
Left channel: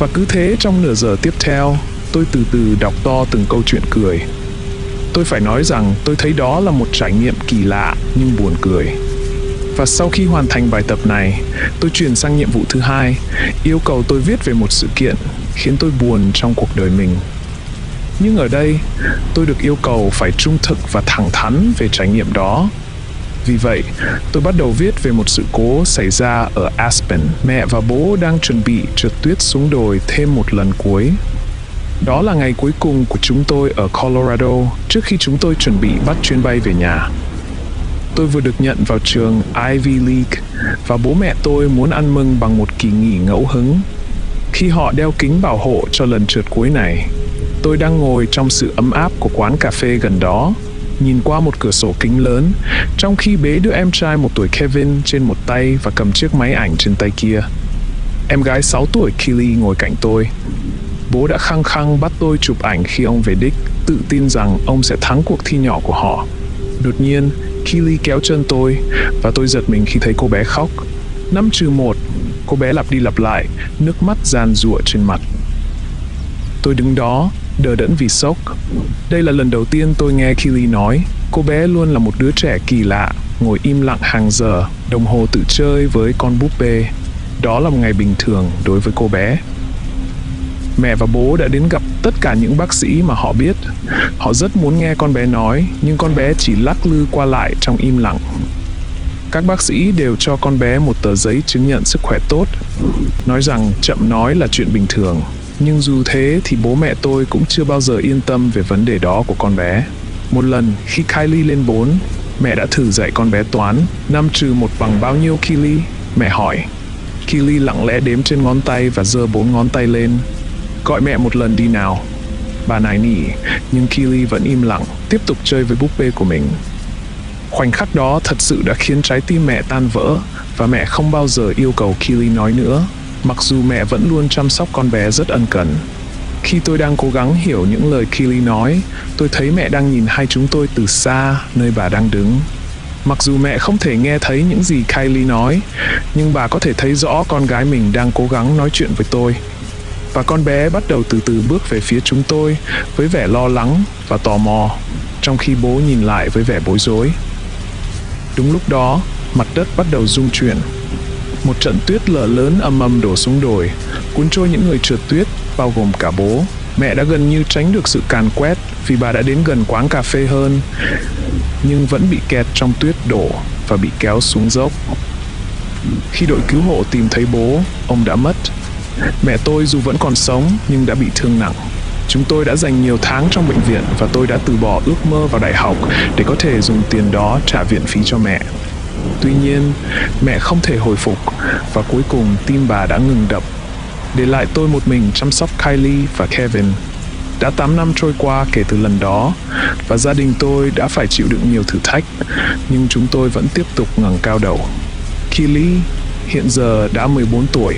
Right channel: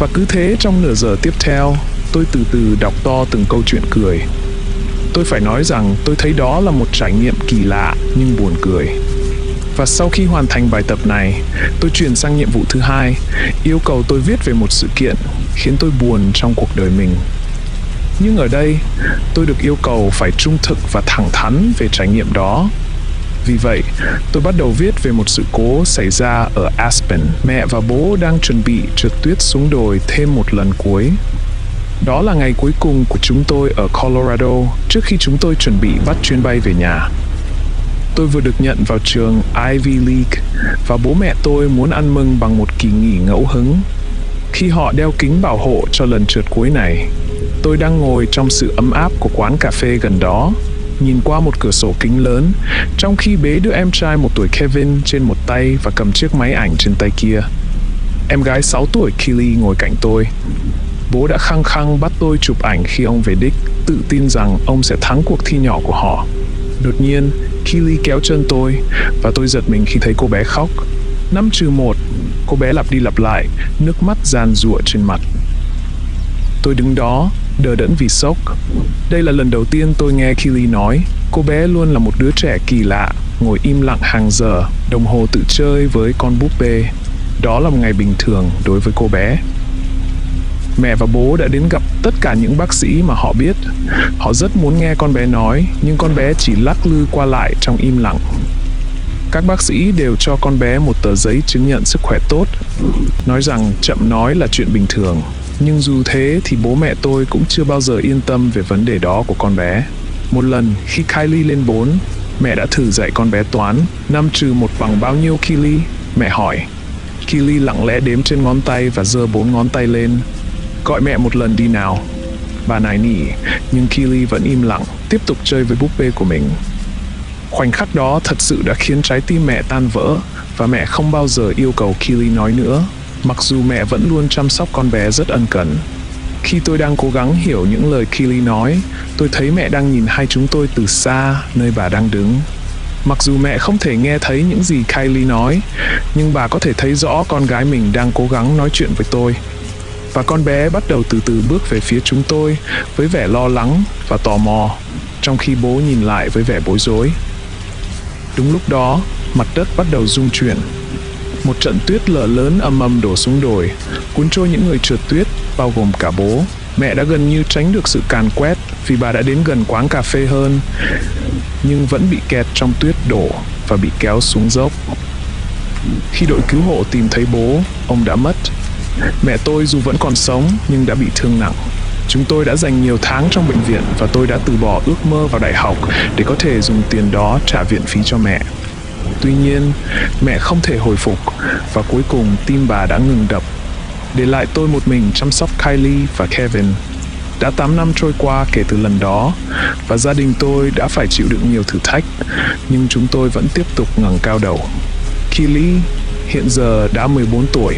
Và cứ thế trong nửa giờ tiếp theo, tôi từ từ đọc to từng câu chuyện cười. Tôi phải nói rằng tôi thấy đó là một trải nghiệm kỳ lạ nhưng buồn cười. Và sau khi hoàn thành bài tập này, tôi chuyển sang nhiệm vụ thứ hai, yêu cầu tôi viết về một sự kiện khiến tôi buồn trong cuộc đời mình. Nhưng ở đây, tôi được yêu cầu phải trung thực và thẳng thắn về trải nghiệm đó. Vì vậy, tôi bắt đầu viết về một sự cố xảy ra ở Aspen. Mẹ và bố đang chuẩn bị trượt tuyết xuống đồi thêm một lần cuối. Đó là ngày cuối cùng của chúng tôi ở Colorado trước khi chúng tôi chuẩn bị bắt chuyến bay về nhà. Tôi vừa được nhận vào trường Ivy League và bố mẹ tôi muốn ăn mừng bằng một kỳ nghỉ ngẫu hứng. Khi họ đeo kính bảo hộ cho lần trượt cuối này, tôi đang ngồi trong sự ấm áp của quán cà phê gần đó, nhìn qua một cửa sổ kính lớn, trong khi bế đứa em trai 1 tuổi Kevin trên một tay và cầm chiếc máy ảnh trên tay kia. Em gái 6 tuổi Keely ngồi cạnh tôi. Bố đã khăng khăng bắt tôi chụp ảnh khi ông về đích, tự tin rằng ông sẽ thắng cuộc thi nhỏ của họ. Đột nhiên, Keely kéo chân tôi và tôi giật mình khi thấy cô bé khóc. 5-1, cô bé lặp đi lặp lại, nước mắt giàn giụa trên mặt. Tôi đứng đó, đờ đẫn vì sốc. Đây là lần đầu tiên tôi nghe Keely nói. Cô bé luôn là một đứa trẻ kỳ lạ, ngồi im lặng hàng giờ, đồng hồ tự chơi với con búp bê. Đó là một ngày bình thường đối với cô bé. Mẹ và bố đã đến gặp tất cả những bác sĩ mà họ biết. Họ rất muốn nghe con bé nói, nhưng con bé chỉ lắc lư qua lại trong im lặng. Các bác sĩ đều cho con bé một tờ giấy chứng nhận sức khỏe tốt, nói rằng chậm nói là chuyện bình thường. Nhưng dù thế thì bố mẹ tôi cũng chưa bao giờ yên tâm về vấn đề đó của con bé. Một lần khi Kylie lên 4, mẹ đã thử dạy con bé toán. 5-1 bằng bao nhiêu Keely? Mẹ hỏi. Keely lặng lẽ đếm trên ngón tay và giơ 4 ngón tay lên. Gọi mẹ một lần đi nào. Bà nài nỉ, nhưng Keely vẫn im lặng, tiếp tục chơi với búp bê của mình. Khoảnh khắc đó thật sự đã khiến trái tim mẹ tan vỡ và mẹ không bao giờ yêu cầu Keely nói nữa, mặc dù mẹ vẫn luôn chăm sóc con bé rất ân cần. Khi tôi đang cố gắng hiểu những lời Keely nói, tôi thấy mẹ đang nhìn hai chúng tôi từ xa nơi bà đang đứng. Mặc dù mẹ không thể nghe thấy những gì Kylie nói, nhưng bà có thể thấy rõ con gái mình đang cố gắng nói chuyện với tôi. Và con bé bắt đầu từ từ bước về phía chúng tôi với vẻ lo lắng và tò mò, trong khi bố nhìn lại với vẻ bối rối. Đúng lúc đó, mặt đất bắt đầu rung chuyển. Một trận tuyết lở lớn ầm ầm đổ xuống đồi, cuốn trôi những người trượt tuyết, bao gồm cả bố. Mẹ đã gần như tránh được sự càn quét vì bà đã đến gần quán cà phê hơn, nhưng vẫn bị kẹt trong tuyết đổ và bị kéo xuống dốc. Khi đội cứu hộ tìm thấy bố, ông đã mất. Mẹ tôi dù vẫn còn sống nhưng đã bị thương nặng. Chúng tôi đã dành nhiều tháng trong bệnh viện và tôi đã từ bỏ ước mơ vào đại học để có thể dùng tiền đó trả viện phí cho mẹ. Tuy nhiên, mẹ không thể hồi phục và cuối cùng tim bà đã ngừng đập, để lại tôi một mình chăm sóc Kylie và Kevin. Đã 8 năm trôi qua kể từ lần đó và gia đình tôi đã phải chịu đựng nhiều thử thách, nhưng chúng tôi vẫn tiếp tục ngẩng cao đầu. Keely hiện giờ đã 14 tuổi,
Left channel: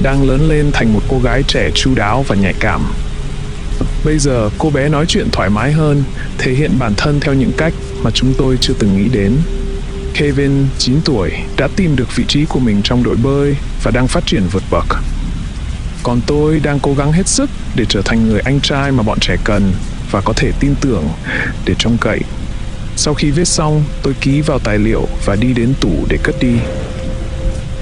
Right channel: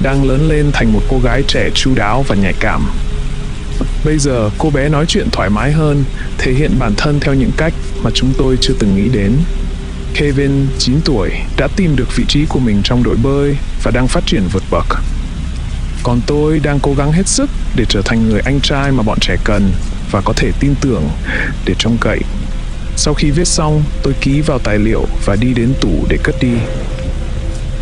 đang lớn lên thành một cô gái trẻ chu đáo và nhạy cảm. Bây giờ cô bé nói chuyện thoải mái hơn, thể hiện bản thân theo những cách mà chúng tôi chưa từng nghĩ đến. Kevin, 9 tuổi, đã tìm được vị trí của mình trong đội bơi và đang phát triển vượt bậc. Còn tôi đang cố gắng hết sức để trở thành người anh trai mà bọn trẻ cần và có thể tin tưởng để trông cậy. Sau khi viết xong, tôi ký vào tài liệu và đi đến tủ để cất đi.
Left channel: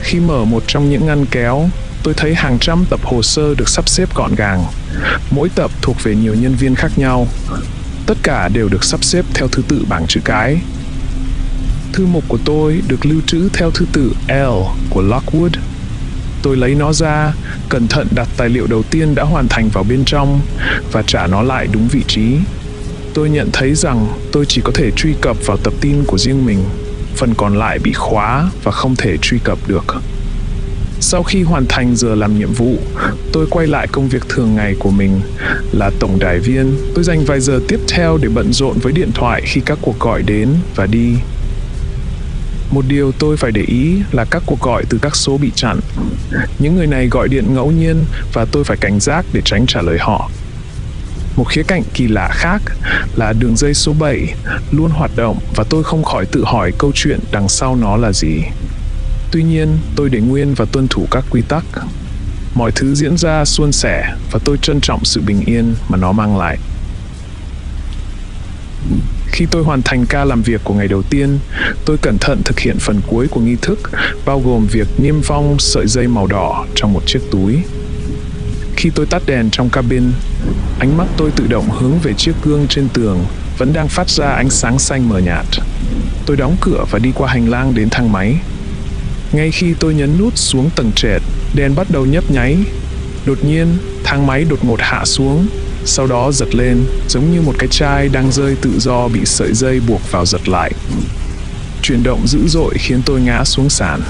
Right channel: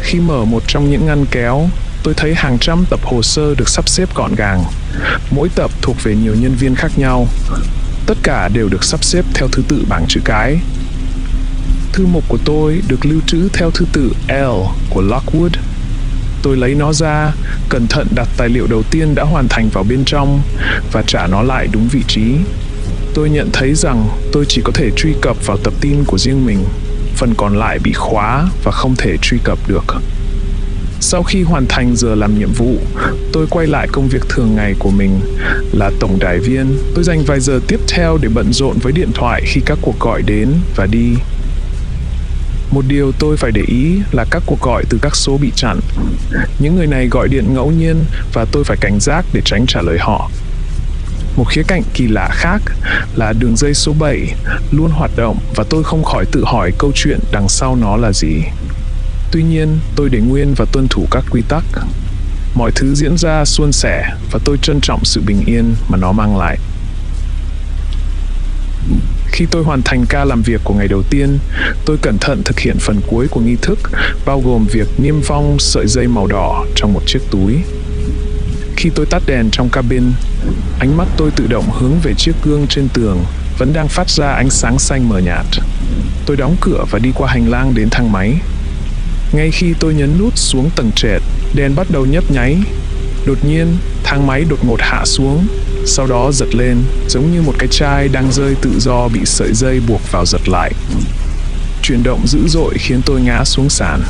Khi mở một trong những ngăn kéo, tôi thấy hàng trăm tập hồ sơ được sắp xếp gọn gàng. Mỗi tập thuộc về nhiều nhân viên khác nhau. Tất cả đều được sắp xếp theo thứ tự bảng chữ cái. Thư mục của tôi được lưu trữ theo thứ tự L của Lockwood. Tôi lấy nó ra, cẩn thận đặt tài liệu đầu tiên đã hoàn thành vào bên trong và trả nó lại đúng vị trí. Tôi nhận thấy rằng tôi chỉ có thể truy cập vào tập tin của riêng mình. Phần còn lại bị khóa và không thể truy cập được. Sau khi hoàn thành giờ làm nhiệm vụ, tôi quay lại công việc thường ngày của mình là tổng đài viên. Tôi dành vài giờ tiếp theo để bận rộn với điện thoại khi các cuộc gọi đến và đi. Một điều tôi phải để ý là các cuộc gọi từ các số bị chặn. Những người này gọi điện ngẫu nhiên và tôi phải cảnh giác để tránh trả lời họ. Một khía cạnh kỳ lạ khác là đường dây số 7 luôn hoạt động và tôi không khỏi tự hỏi câu chuyện đằng sau nó là gì. Tuy nhiên, tôi để nguyên và tuân thủ các quy tắc. Mọi thứ diễn ra suôn sẻ và tôi trân trọng sự bình yên mà nó mang lại. Khi tôi hoàn thành ca làm việc của ngày đầu tiên, tôi cẩn thận thực hiện phần cuối của nghi thức, bao gồm việc niêm phong sợi dây màu đỏ trong một chiếc túi. Khi tôi tắt đèn trong cabin, ánh mắt tôi tự động hướng về chiếc gương trên tường, vẫn đang phát ra ánh sáng xanh mờ nhạt. Tôi đóng cửa và đi qua hành lang đến thang máy. Ngay khi tôi nhấn nút xuống tầng trệt, đèn bắt đầu nhấp nháy. Đột nhiên, thang máy đột ngột hạ xuống, sau đó giật lên, giống như một cái chai đang rơi tự do bị sợi dây buộc vào giật lại. Chuyển động dữ dội khiến tôi ngã xuống sàn.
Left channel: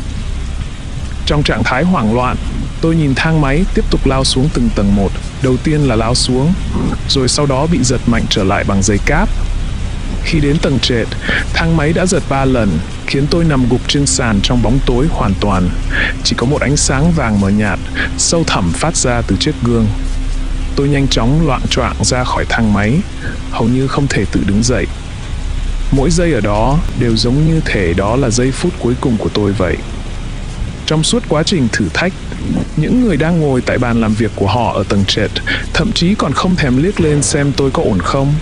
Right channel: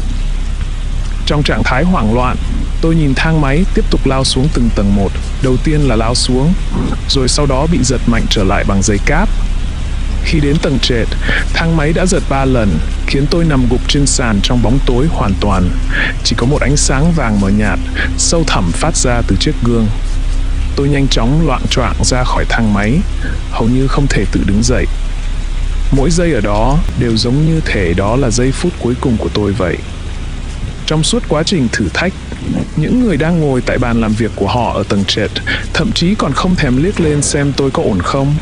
Trong trạng thái hoảng loạn, tôi nhìn thang máy tiếp tục lao xuống từng tầng một. Đầu tiên là lao xuống, rồi sau đó bị giật mạnh trở lại bằng dây cáp. Khi đến tầng trệt, thang máy đã giật 3 lần, khiến tôi nằm gục trên sàn trong bóng tối hoàn toàn. Chỉ có một ánh sáng vàng mờ nhạt, sâu thẳm phát ra từ chiếc gương. Tôi nhanh chóng loạng choạng ra khỏi thang máy, hầu như không thể tự đứng dậy. Mỗi giây ở đó đều giống như thể đó là giây phút cuối cùng của tôi vậy. Trong suốt quá trình thử thách, những người đang ngồi tại bàn làm việc của họ ở tầng trệt thậm chí còn không thèm liếc lên xem tôi có ổn không.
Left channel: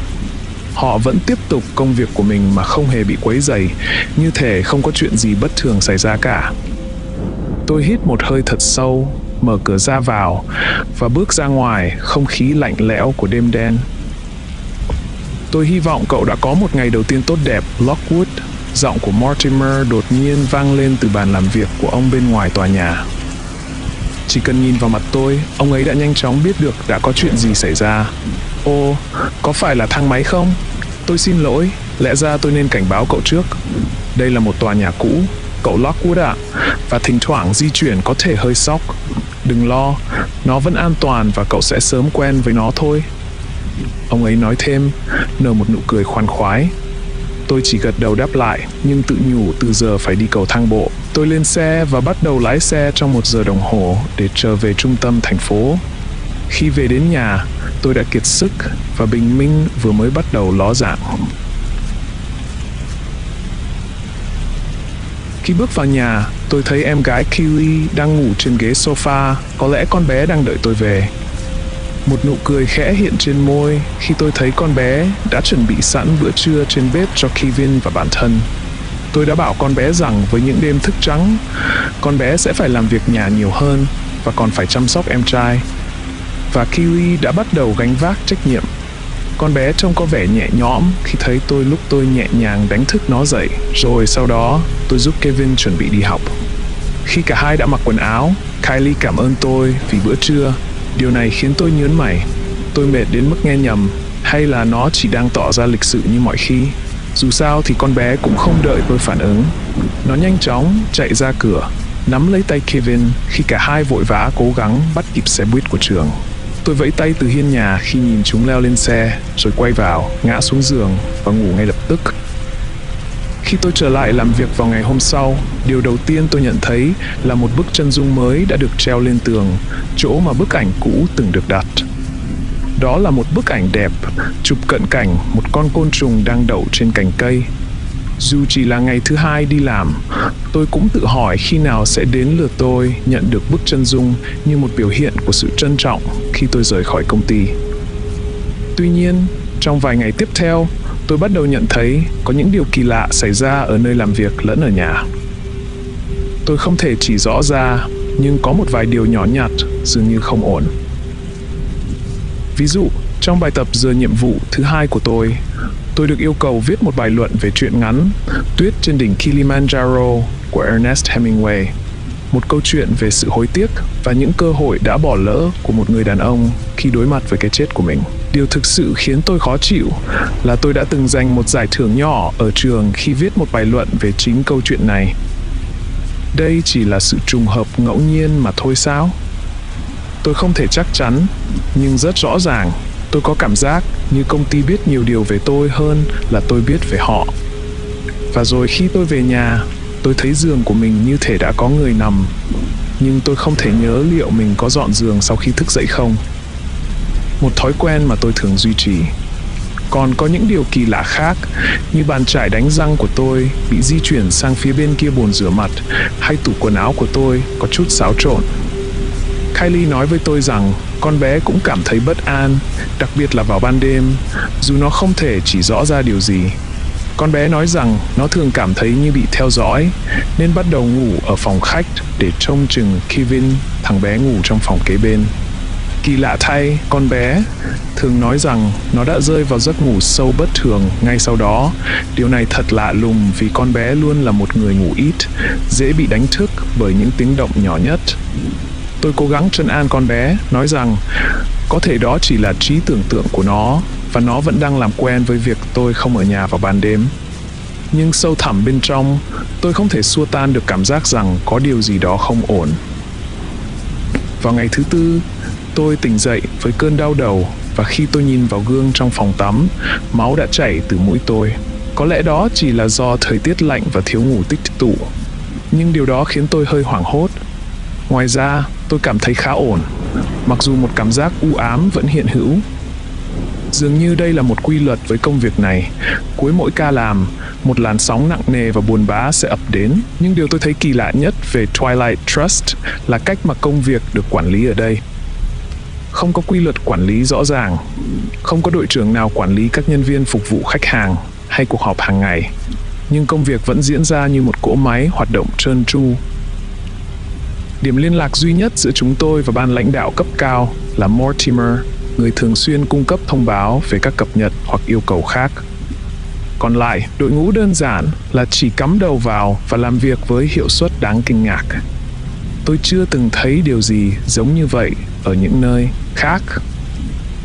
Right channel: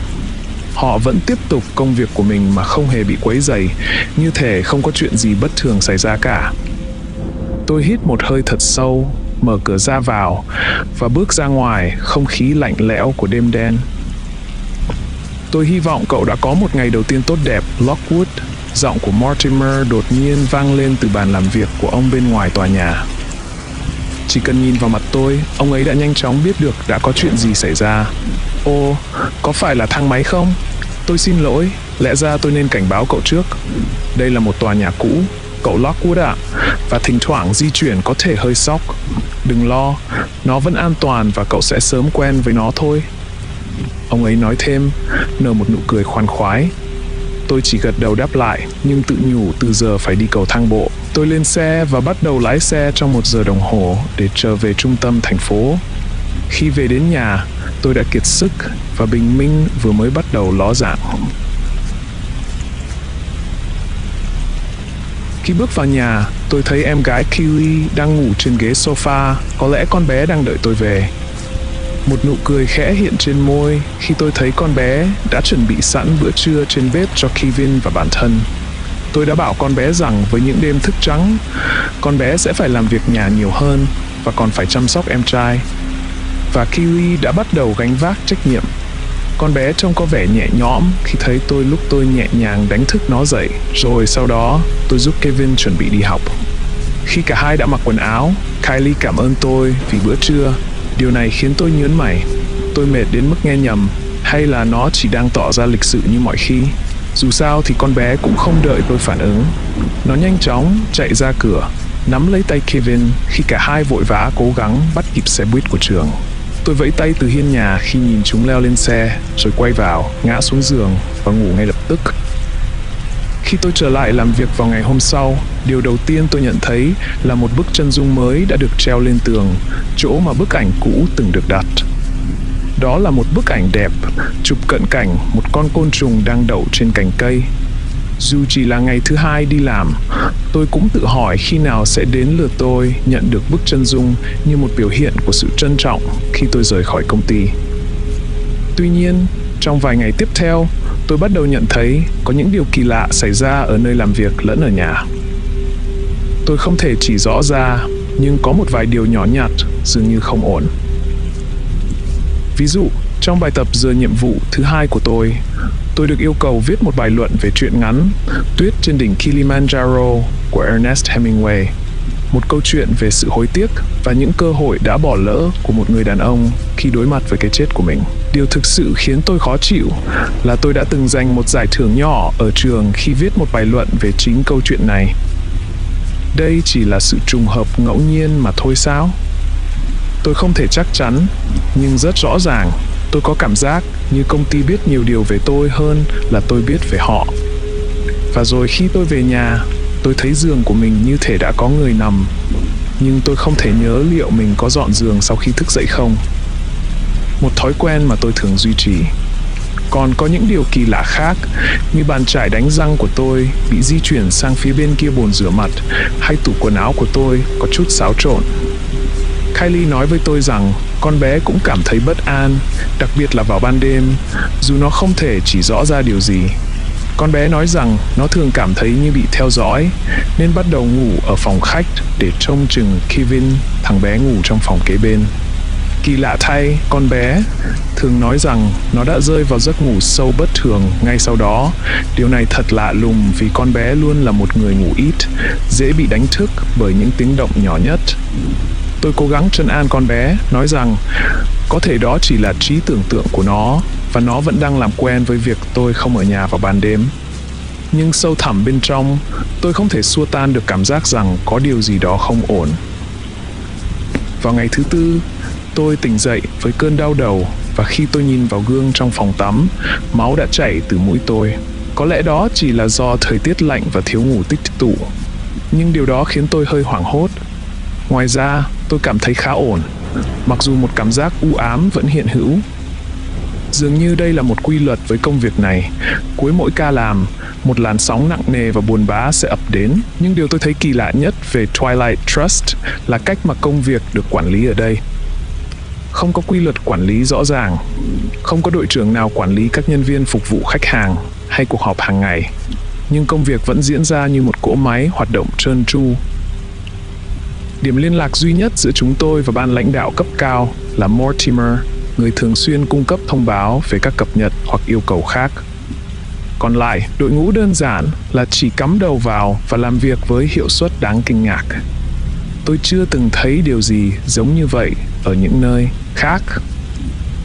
Họ vẫn tiếp tục công việc của mình mà không hề bị quấy rầy, như thể không có chuyện gì bất thường xảy ra cả. Tôi hít một hơi thật sâu, mở cửa ra vào và bước ra ngoài không khí lạnh lẽo của đêm đen. Tôi hy vọng cậu đã có một ngày đầu tiên tốt đẹp, Lockwood. Giọng của Mortimer đột nhiên vang lên từ bàn làm việc của ông bên ngoài tòa nhà. Chỉ cần nhìn vào mặt tôi, ông ấy đã nhanh chóng biết được đã có chuyện gì xảy ra. Ồ, có phải là thang máy không? Tôi xin lỗi, lẽ ra tôi nên cảnh báo cậu trước. Đây là một tòa nhà cũ, cậu Lockwood ạ, và thỉnh thoảng di chuyển có thể hơi sóc. Đừng lo, nó vẫn an toàn và cậu sẽ sớm quen với nó thôi. Ông ấy nói thêm, nở một nụ cười khoan khoái. Tôi chỉ gật đầu đáp lại, nhưng tự nhủ từ giờ phải đi cầu thang bộ. Tôi lên xe và bắt đầu lái xe trong 1 giờ đồng hồ để trở về trung tâm thành phố. Khi về đến nhà, tôi đã kiệt sức và bình minh vừa mới bắt đầu ló dạng. Khi bước vào nhà, tôi thấy em gái Keely đang ngủ trên ghế sofa, có lẽ con bé đang đợi tôi về. Một nụ cười khẽ hiện trên môi khi tôi thấy con bé đã chuẩn bị sẵn bữa trưa trên bếp cho Kevin và bản thân. Tôi đã bảo con bé rằng với những đêm thức trắng, con bé sẽ phải làm việc nhà nhiều hơn và còn phải chăm sóc em trai. Và Keely đã bắt đầu gánh vác trách nhiệm. Con bé trông có vẻ nhẹ nhõm khi thấy tôi lúc tôi nhẹ nhàng đánh thức nó dậy, rồi sau đó tôi giúp Kevin chuẩn bị đi học. Khi cả hai đã mặc quần áo, Kylie cảm ơn tôi vì bữa trưa. Điều này khiến tôi nhớn mày. Tôi mệt đến mức nghe nhầm, hay là nó chỉ đang tỏ ra lịch sự như mọi khi? Dù sao thì con bé cũng không đợi tôi phản ứng. Nó nhanh chóng chạy ra cửa, nắm lấy tay Kevin khi cả hai vội vã cố gắng bắt kịp xe buýt của trường. Tôi vẫy tay từ hiên nhà khi nhìn chúng leo lên xe, rồi quay vào, ngã xuống giường và ngủ ngay lập tức. Khi tôi trở lại làm việc vào ngày hôm sau, điều đầu tiên tôi nhận thấy là một bức chân dung mới đã được treo lên tường, chỗ mà bức ảnh cũ từng được đặt. Đó là một bức ảnh đẹp, chụp cận cảnh một con côn trùng đang đậu trên cành cây. Dù chỉ là ngày thứ 2 đi làm, tôi cũng tự hỏi khi nào sẽ đến lượt tôi nhận được bức chân dung như một biểu hiện của sự trân trọng khi tôi rời khỏi công ty. Tuy nhiên, trong vài ngày tiếp theo, tôi bắt đầu nhận thấy có những điều kỳ lạ xảy ra ở nơi làm việc lẫn ở nhà. Tôi không thể chỉ rõ ra, nhưng có một vài điều nhỏ nhặt dường như không ổn. Ví dụ, trong bài tập giờ nhiệm vụ thứ 2 của tôi được yêu cầu viết một bài luận về truyện ngắn Tuyết trên đỉnh Kilimanjaro của Ernest Hemingway. Một câu chuyện về sự hối tiếc và những cơ hội đã bỏ lỡ của một người đàn ông khi đối mặt với cái chết của mình. Điều thực sự khiến tôi khó chịu là tôi đã từng giành một giải thưởng nhỏ ở trường khi viết một bài luận về chính câu chuyện này. Đây chỉ là sự trùng hợp ngẫu nhiên mà thôi sao? Tôi không thể chắc chắn, nhưng rất rõ ràng, tôi có cảm giác như công ty biết nhiều điều về tôi hơn là tôi biết về họ. Và rồi khi tôi về nhà, tôi thấy giường của mình như thể đã có người nằm, nhưng tôi không thể nhớ liệu mình có dọn giường sau khi thức dậy không. Một thói quen mà tôi thường duy trì. Còn có những điều kỳ lạ khác, như bàn chải đánh răng của tôi bị di chuyển sang phía bên kia bồn rửa mặt, hay tủ quần áo của tôi có chút xáo trộn. Kylie nói với tôi rằng con bé cũng cảm thấy bất an, đặc biệt là vào ban đêm, dù nó không thể chỉ rõ ra điều gì. Con bé nói rằng nó thường cảm thấy như bị theo dõi, nên bắt đầu ngủ ở phòng khách để trông chừng Kevin, thằng bé ngủ trong phòng kế bên. Kỳ lạ thay, con bé thường nói rằng nó đã rơi vào giấc ngủ sâu bất thường ngay sau đó. Điều này thật lạ lùng vì con bé luôn là một người ngủ ít, dễ bị đánh thức bởi những tiếng động nhỏ nhất. Tôi cố gắng trấn an con bé, nói rằng có thể đó chỉ là trí tưởng tượng của nó và nó vẫn đang làm quen với việc tôi không ở nhà vào ban đêm. Nhưng sâu thẳm bên trong, tôi không thể xua tan được cảm giác rằng có điều gì đó không ổn. Vào ngày thứ tư, tôi tỉnh dậy với cơn đau đầu và khi tôi nhìn vào gương trong phòng tắm, máu đã chảy từ mũi tôi. Có lẽ đó chỉ là do thời tiết lạnh và thiếu ngủ tích tụ, nhưng điều đó khiến tôi hơi hoảng hốt. Ngoài ra, tôi cảm thấy khá ổn, mặc dù một cảm giác u ám vẫn hiện hữu. Dường như đây là một quy luật với công việc này. Cuối mỗi ca làm, một làn sóng nặng nề và buồn bã sẽ ập đến. Nhưng điều tôi thấy kỳ lạ nhất về Twilight Trust là cách mà công việc được quản lý ở đây. Không có quy luật quản lý rõ ràng. Không có đội trưởng nào quản lý các nhân viên phục vụ khách hàng hay cuộc họp hàng ngày. Nhưng công việc vẫn diễn ra như một cỗ máy hoạt động trơn tru. Điểm liên lạc duy nhất giữa chúng tôi và ban lãnh đạo cấp cao là Mortimer, người thường xuyên cung cấp thông báo về các cập nhật hoặc yêu cầu khác. Còn lại, đội ngũ đơn giản là chỉ cắm đầu vào và làm việc với hiệu suất đáng kinh ngạc. Tôi chưa từng thấy điều gì giống như vậy ở những nơi khác.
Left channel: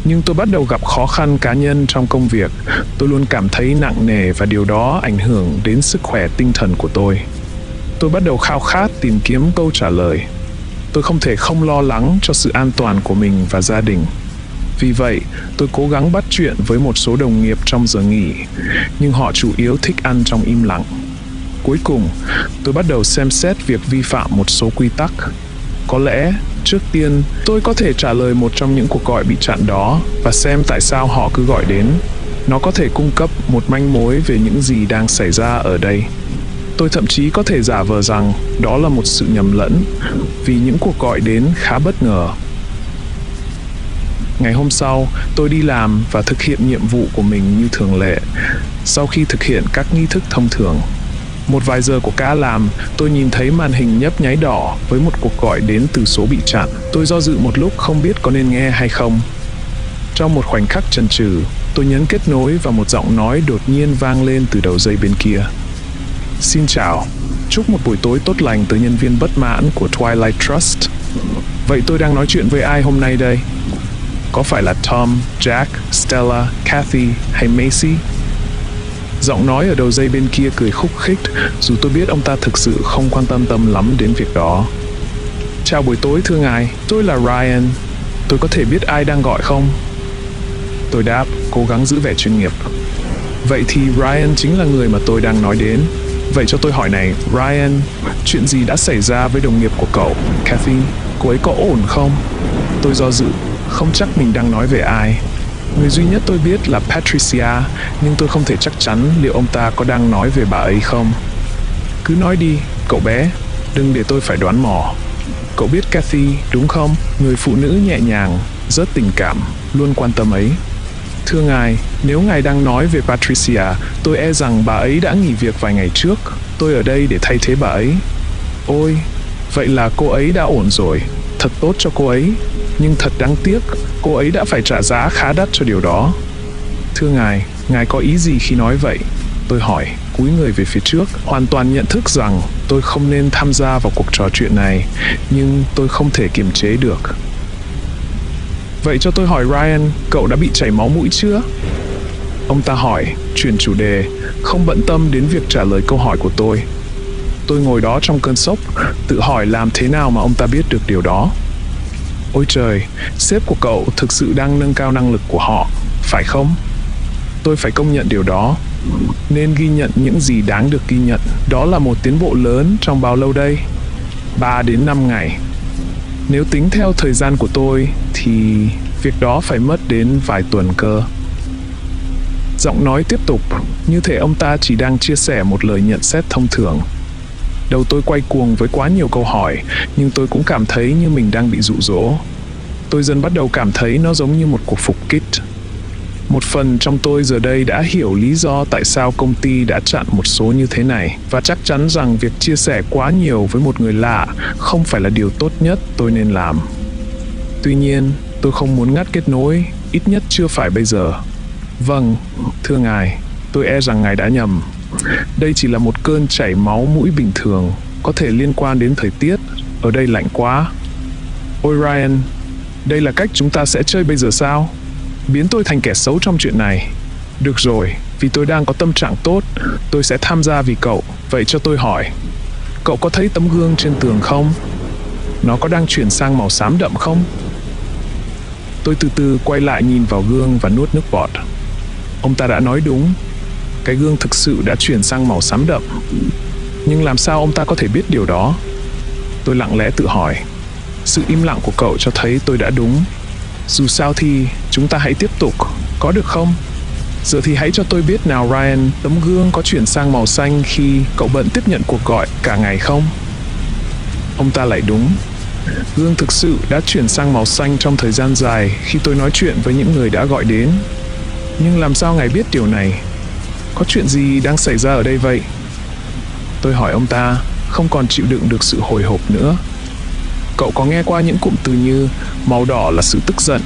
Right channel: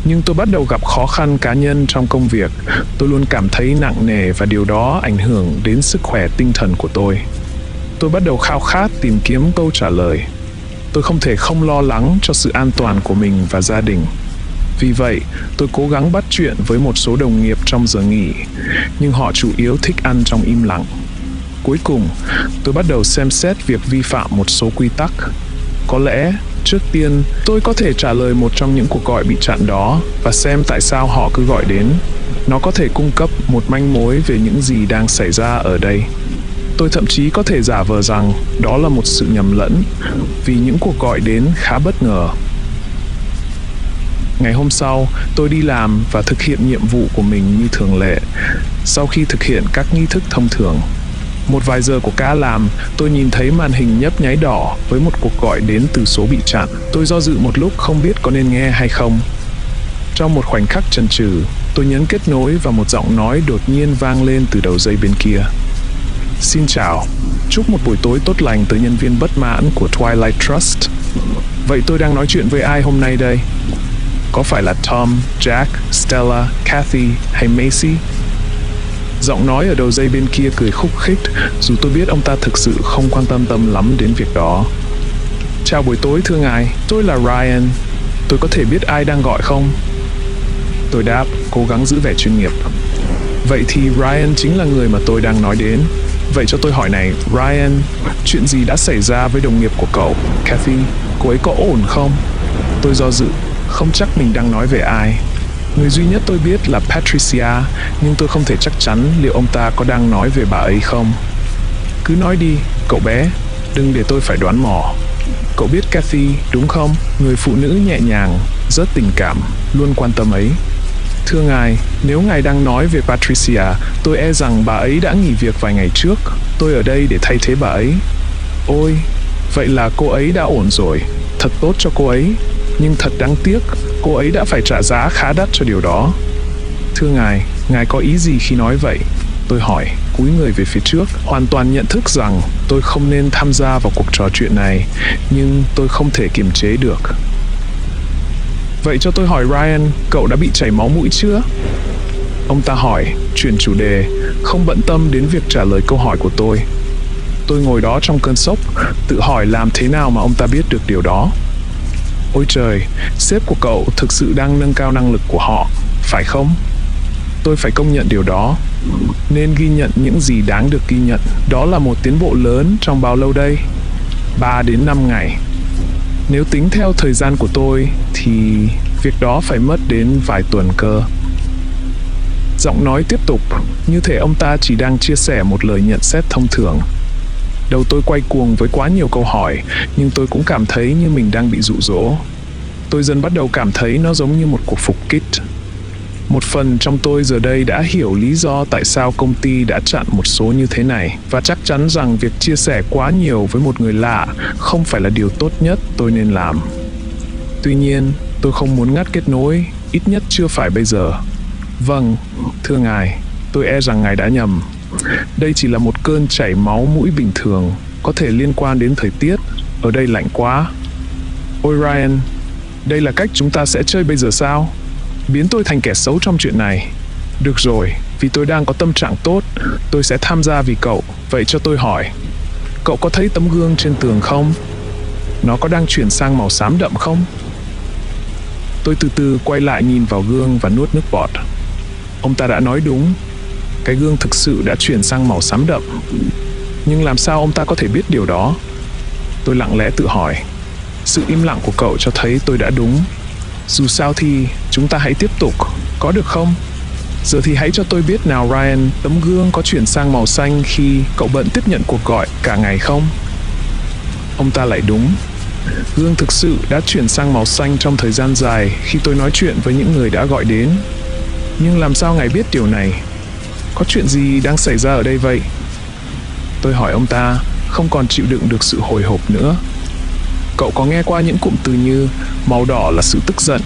Nhưng tôi bắt đầu gặp khó khăn cá nhân trong công việc. Tôi luôn cảm thấy nặng nề và điều đó ảnh hưởng đến sức khỏe tinh thần của tôi. Tôi bắt đầu khao khát tìm kiếm câu trả lời. Tôi không thể không lo lắng cho sự an toàn của mình và gia đình. Vì vậy, tôi cố gắng bắt chuyện với một số đồng nghiệp trong giờ nghỉ, nhưng họ chủ yếu thích ăn trong im lặng. Cuối cùng, tôi bắt đầu xem xét việc vi phạm một số quy tắc. Có lẽ, trước tiên, tôi có thể trả lời một trong những cuộc gọi bị chặn đó và xem tại sao họ cứ gọi đến. Nó có thể cung cấp một manh mối về những gì đang xảy ra ở đây. Tôi thậm chí có thể giả vờ rằng đó là một sự nhầm lẫn, vì những cuộc gọi đến khá bất ngờ. Ngày hôm sau, tôi đi làm và thực hiện nhiệm vụ của mình như thường lệ. Sau khi thực hiện các nghi thức thông thường, một vài giờ của ca làm, tôi nhìn thấy màn hình nhấp nháy đỏ với một cuộc gọi đến từ số bị chặn. Tôi do dự một lúc không biết có nên nghe hay không. Trong một khoảnh khắc chần chừ, tôi nhấn kết nối và một giọng nói đột nhiên vang lên từ đầu dây bên kia. Xin chào, chúc một buổi tối tốt lành tới nhân viên bất mãn của Twilight Trust. Vậy tôi đang nói chuyện với ai hôm nay đây? Có phải là Tom, Jack, Stella, Kathy hay Macy? Giọng nói ở đầu dây bên kia cười khúc khích, dù tôi biết ông ta thực sự không quan tâm lắm đến việc đó. Chào buổi tối thưa ngài, tôi là Ryan. Tôi có thể biết ai đang gọi không? Tôi đáp, cố gắng giữ vẻ chuyên nghiệp. Vậy thì Ryan chính là người mà tôi đang nói đến. Vậy cho tôi hỏi này, Ryan, chuyện gì đã xảy ra với đồng nghiệp của cậu, Kathy? Cô ấy có ổn không? Tôi do dự, không chắc mình đang nói về ai. Người duy nhất tôi biết là Patricia, nhưng tôi không thể chắc chắn liệu ông ta có đang nói về bà ấy không. Cứ nói đi, cậu bé, đừng để tôi phải đoán mò. Cậu biết Kathy, đúng không? Người phụ nữ nhẹ nhàng, rất tình cảm, luôn quan tâm ấy. Thưa ngài, nếu ngài đang nói về Patricia, tôi e rằng bà ấy đã nghỉ việc vài ngày trước. Tôi ở đây để thay thế bà ấy. Ôi, vậy là cô ấy đã ổn rồi. Thật tốt cho cô ấy. Nhưng thật đáng tiếc, cô ấy đã phải trả giá khá đắt cho điều đó. Thưa ngài có ý gì khi nói vậy? Tôi hỏi, cúi người về phía trước, hoàn toàn nhận thức rằng tôi không nên tham gia vào cuộc trò chuyện này, nhưng tôi không thể kiềm chế được. Vậy cho tôi hỏi Ryan, cậu đã bị chảy máu mũi chưa? Ông ta hỏi, chuyển chủ đề, không bận tâm đến việc trả lời câu hỏi của tôi. Tôi ngồi đó trong cơn sốc, tự hỏi làm thế nào mà ông ta biết được điều đó. Ôi trời, sếp của cậu thực sự đang nâng cao năng lực của họ, phải không? Tôi phải công nhận điều đó. Nên ghi nhận những gì đáng được ghi nhận. Đó là một tiến bộ lớn trong bao lâu đây? 3 đến 5 ngày. Nếu tính theo thời gian của tôi, thì việc đó phải mất đến vài tuần cơ. Giọng nói tiếp tục, như thể ông ta chỉ đang chia sẻ một lời nhận xét thông thường. Đầu tôi quay cuồng với quá nhiều câu hỏi, nhưng tôi cũng cảm thấy như mình đang bị dụ dỗ. Tôi dần bắt đầu cảm thấy nó giống như một cuộc phục kích. Một phần trong tôi giờ đây đã hiểu lý do tại sao công ty đã chặn một số như thế này, và chắc chắn rằng việc chia sẻ quá nhiều với một người lạ không phải là điều tốt nhất tôi nên làm. Tuy nhiên, tôi không muốn ngắt kết nối, ít nhất chưa phải bây giờ. Vâng, thưa ngài, tôi e rằng ngài đã nhầm. Đây chỉ là một cơn chảy máu mũi bình thường, có thể liên quan đến thời tiết. Ở đây lạnh quá. Ôi Ryan, đây là cách chúng ta sẽ chơi bây giờ sao? Biến tôi thành kẻ xấu trong chuyện này. Được rồi, vì tôi đang có tâm trạng tốt, tôi sẽ tham gia vì cậu. Vậy cho tôi hỏi, cậu có thấy tấm gương trên tường không? Nó có đang chuyển sang màu xám đậm không? Tôi từ từ quay lại nhìn vào gương và nuốt nước bọt. Ông ta đã nói đúng. Cái gương thực sự đã chuyển sang màu xám đậm. Nhưng làm sao ông ta có thể biết điều đó? Tôi lặng lẽ tự hỏi. Sự im lặng của cậu cho thấy tôi đã đúng. Dù sao thì chúng ta hãy tiếp tục, có được không? Giờ thì hãy cho tôi biết nào Ryan, tấm gương có chuyển sang màu xanh khi cậu bận tiếp nhận cuộc gọi cả ngày không? Ông ta lại đúng. Gương thực sự đã chuyển sang màu xanh trong thời gian dài khi tôi nói chuyện với những người đã gọi đến. Nhưng làm sao ngài biết điều này? Có chuyện gì đang xảy ra ở đây vậy? Tôi hỏi ông ta, không còn chịu đựng được sự hồi hộp nữa. Cậu có nghe qua những cụm từ như màu đỏ là sự tức giận,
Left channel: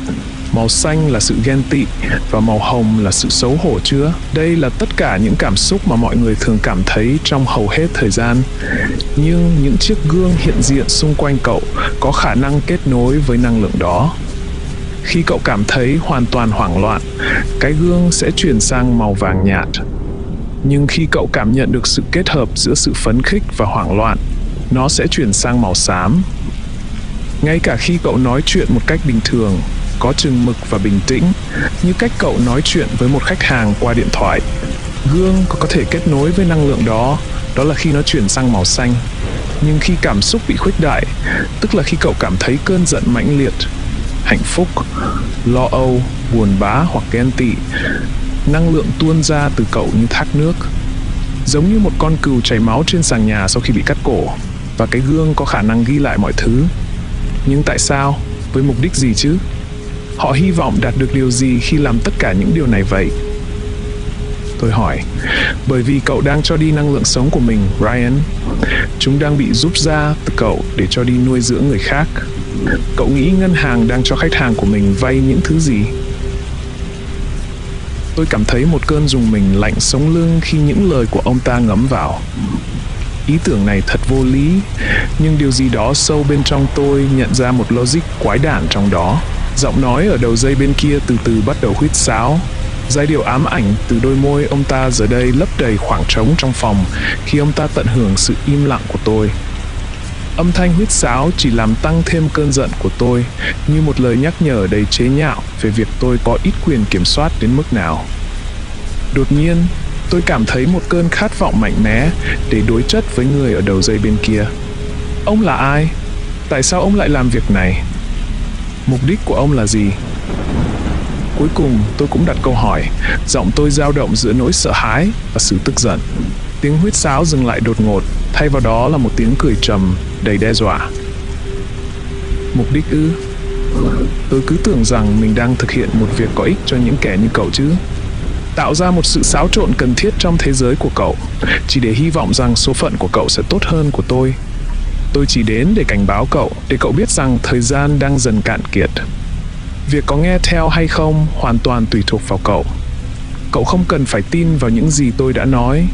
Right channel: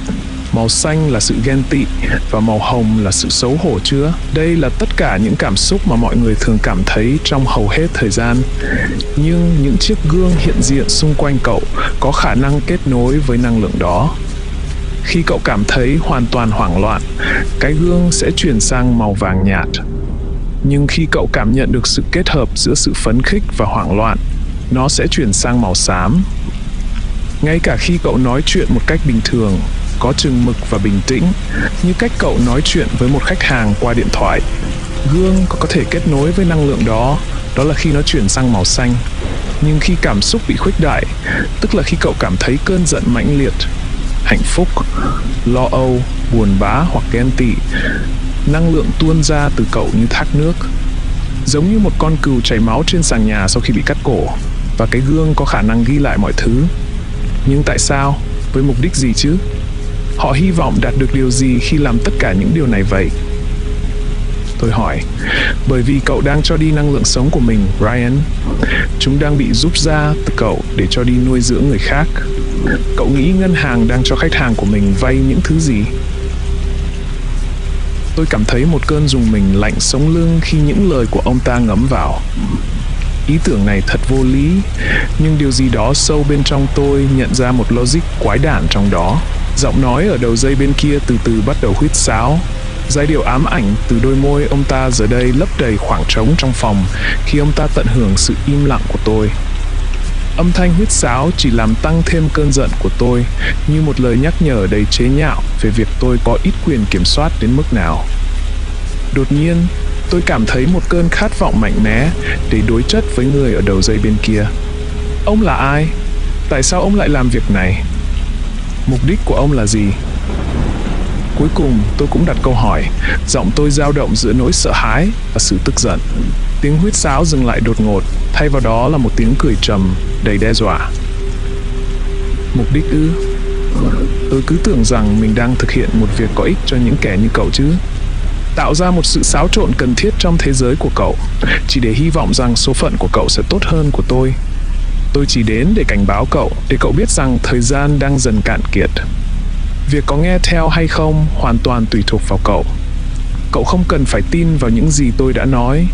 màu xanh là sự ghen tị và màu hồng là sự xấu hổ chưa? Đây là tất cả những cảm xúc mà mọi người thường cảm thấy trong hầu hết thời gian. Nhưng những chiếc gương hiện diện xung quanh cậu có khả năng kết nối với năng lượng đó. Khi cậu cảm thấy hoàn toàn hoảng loạn, cái gương sẽ chuyển sang màu vàng nhạt. Nhưng khi cậu cảm nhận được sự kết hợp giữa sự phấn khích và hoảng loạn, nó sẽ chuyển sang màu xám. Ngay cả khi cậu nói chuyện một cách bình thường, có chừng mực và bình tĩnh, như cách cậu nói chuyện với một khách hàng qua điện thoại, gương có thể kết nối với năng lượng đó, đó là khi nó chuyển sang màu xanh. Nhưng khi cảm xúc bị khuếch đại, tức là khi cậu cảm thấy cơn giận mãnh liệt, hạnh phúc, lo âu, buồn bã hoặc ghen tị, năng lượng tuôn ra từ cậu như thác nước. Giống như một con cừu chảy máu trên sàn nhà sau khi bị cắt cổ, và cái gương có khả năng ghi lại mọi thứ. Nhưng tại sao? Với mục đích gì chứ? Họ hy vọng đạt được điều gì khi làm tất cả những điều này vậy? Tôi hỏi, bởi vì cậu đang cho đi năng lượng sống của mình, Ryan. Chúng đang bị rút ra từ cậu để cho đi nuôi dưỡng người khác. Cậu nghĩ ngân hàng đang cho khách hàng của mình vay những thứ gì? Tôi cảm thấy một cơn rùng mình lạnh sống lưng khi những lời của ông ta ngấm vào. Ý tưởng này thật vô lý, nhưng điều gì đó sâu bên trong tôi nhận ra một logic quái đản trong đó. Giọng nói ở đầu dây bên kia từ từ bắt đầu huýt sáo. Giai điệu ám ảnh từ đôi môi ông ta giờ đây lấp đầy khoảng trống trong phòng khi ông ta tận hưởng sự im lặng của tôi. Âm thanh huýt sáo chỉ làm tăng thêm cơn giận của tôi, như một lời nhắc nhở đầy chế nhạo về việc tôi có ít quyền kiểm soát đến mức nào. Đột nhiên, tôi cảm thấy một cơn khát vọng mạnh mẽ để đối chất với người ở đầu dây bên kia. Ông là ai? Tại sao ông lại làm việc này? Mục đích của ông là gì? Cuối cùng tôi cũng đặt câu hỏi, giọng tôi dao động giữa nỗi sợ hãi và sự tức giận. Tiếng huýt sáo dừng lại đột ngột, thay vào đó là một tiếng cười trầm, đầy đe dọa. Mục đích ư? Tôi cứ tưởng rằng mình đang thực hiện một việc có ích cho những kẻ như cậu chứ. Tạo ra một sự xáo trộn cần thiết trong thế giới của cậu, chỉ để hy vọng rằng số phận của cậu sẽ tốt hơn của tôi. Tôi chỉ đến để cảnh báo cậu, để cậu biết rằng thời gian đang dần cạn kiệt. Việc có nghe theo hay không hoàn toàn tùy thuộc vào cậu. Cậu không cần phải tin vào những gì tôi đã nói,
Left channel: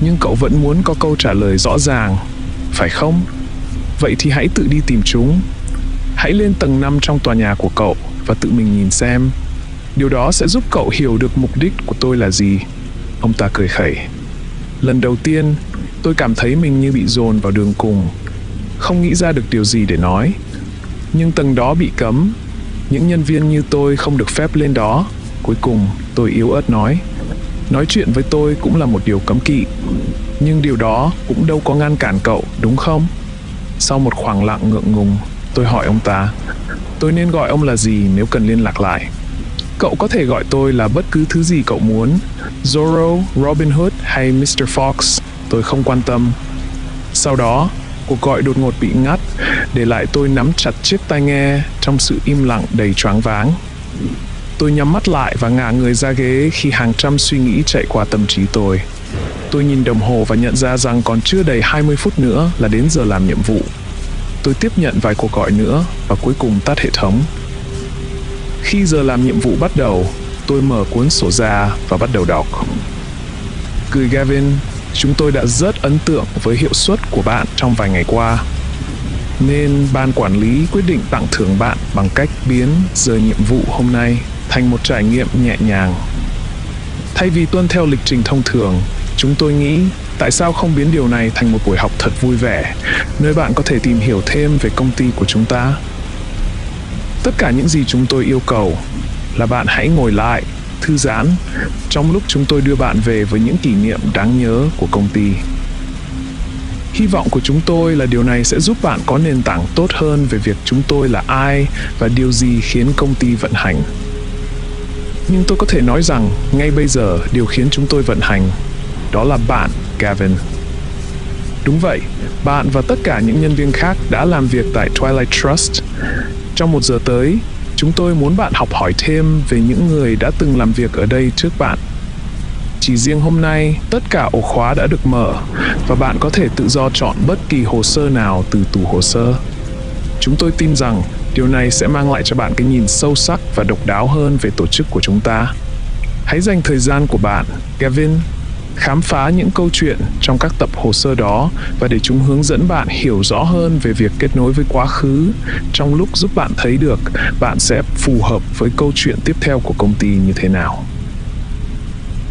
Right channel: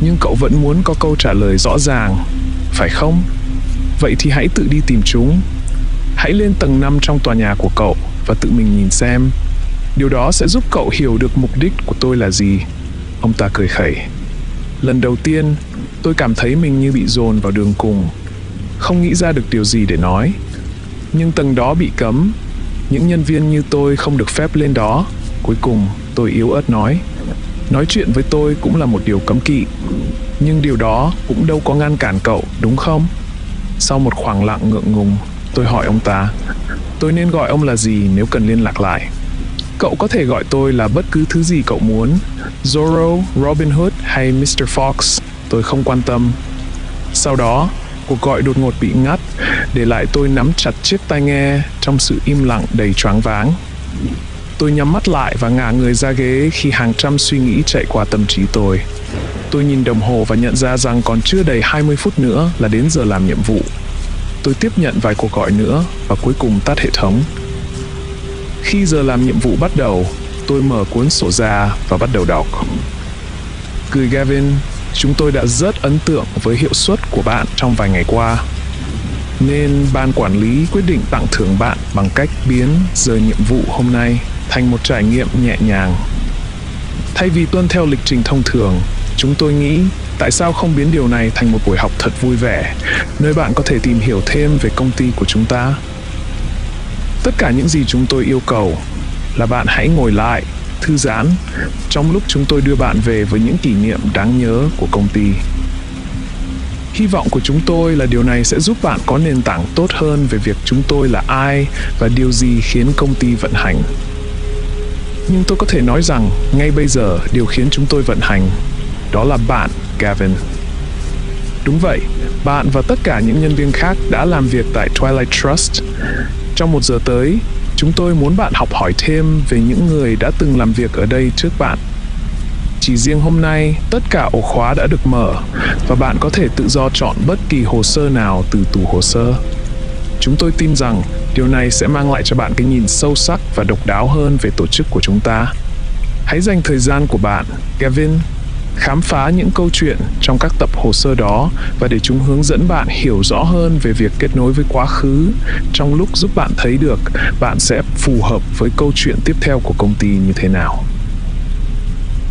nhưng cậu vẫn muốn có câu trả lời rõ ràng, phải không? Vậy thì hãy tự đi tìm chúng. Hãy lên tầng 5 trong tòa nhà của cậu và tự mình nhìn xem. Điều đó sẽ giúp cậu hiểu được mục đích của tôi là gì. Ông ta cười khẩy. Lần đầu tiên, tôi cảm thấy mình như bị dồn vào đường cùng. Không nghĩ ra được điều gì để nói. Nhưng tầng đó bị cấm. Những nhân viên như tôi không được phép lên đó. Cuối cùng, tôi yếu ớt nói. Nói chuyện với tôi cũng là một điều cấm kỵ. Nhưng điều đó cũng đâu có ngăn cản cậu, đúng không? Sau một khoảng lặng ngượng ngùng, tôi hỏi ông ta. Tôi nên gọi ông là gì nếu cần liên lạc lại? Cậu có thể gọi tôi là bất cứ thứ gì cậu muốn. Zorro, Robin Hood hay Mr. Fox, tôi không quan tâm. Sau đó, cuộc gọi đột ngột bị ngắt, để lại tôi nắm chặt chiếc tai nghe trong sự im lặng đầy choáng váng. Tôi nhắm mắt lại và ngả người ra ghế khi hàng trăm suy nghĩ chạy qua tâm trí tôi. Tôi nhìn đồng hồ và nhận ra rằng còn chưa đầy 20 phút nữa là đến giờ làm nhiệm vụ. Tôi tiếp nhận vài cuộc gọi nữa và cuối cùng tắt hệ thống. Khi giờ làm nhiệm vụ bắt đầu, tôi mở cuốn sổ ra và bắt đầu đọc. Gửi Gavin, chúng tôi đã rất ấn tượng với hiệu suất của bạn trong vài ngày qua. Nên ban quản lý quyết định tặng thưởng bạn bằng cách biến giờ nhiệm vụ hôm nay thành một trải nghiệm nhẹ nhàng. Thay vì tuân theo lịch trình thông thường, chúng tôi nghĩ tại sao không biến điều này thành một buổi học thật vui vẻ, nơi bạn có thể tìm hiểu thêm về công ty của chúng ta. Tất cả những gì chúng tôi yêu cầu là bạn hãy ngồi lại, thư giãn, trong lúc chúng tôi đưa bạn về với những kỷ niệm đáng nhớ của công ty. Hy vọng của chúng tôi là điều này sẽ giúp bạn có nền tảng tốt hơn về việc chúng tôi là ai và điều gì khiến công ty vận hành. Nhưng tôi có thể nói rằng, ngay bây giờ, điều khiến chúng tôi vận hành, đó là bạn, Gavin. Đúng vậy, bạn và tất cả những nhân viên khác đã làm việc tại Twilight Trust. Trong 1 giờ tới, chúng tôi muốn bạn học hỏi thêm về những người đã từng làm việc ở đây trước bạn. Chỉ riêng hôm nay, tất cả ổ khóa đã được mở và bạn có thể tự do chọn bất kỳ hồ sơ nào từ tủ hồ sơ. Chúng tôi tin rằng điều này sẽ mang lại cho bạn cái nhìn sâu sắc và độc đáo hơn về tổ chức của chúng ta. Hãy dành thời gian của bạn, Gavin, khám phá những câu chuyện trong các tập hồ sơ đó và để chúng hướng dẫn bạn hiểu rõ hơn về việc kết nối với quá khứ trong lúc giúp bạn thấy được bạn sẽ phù hợp với câu chuyện tiếp theo của công ty như thế nào.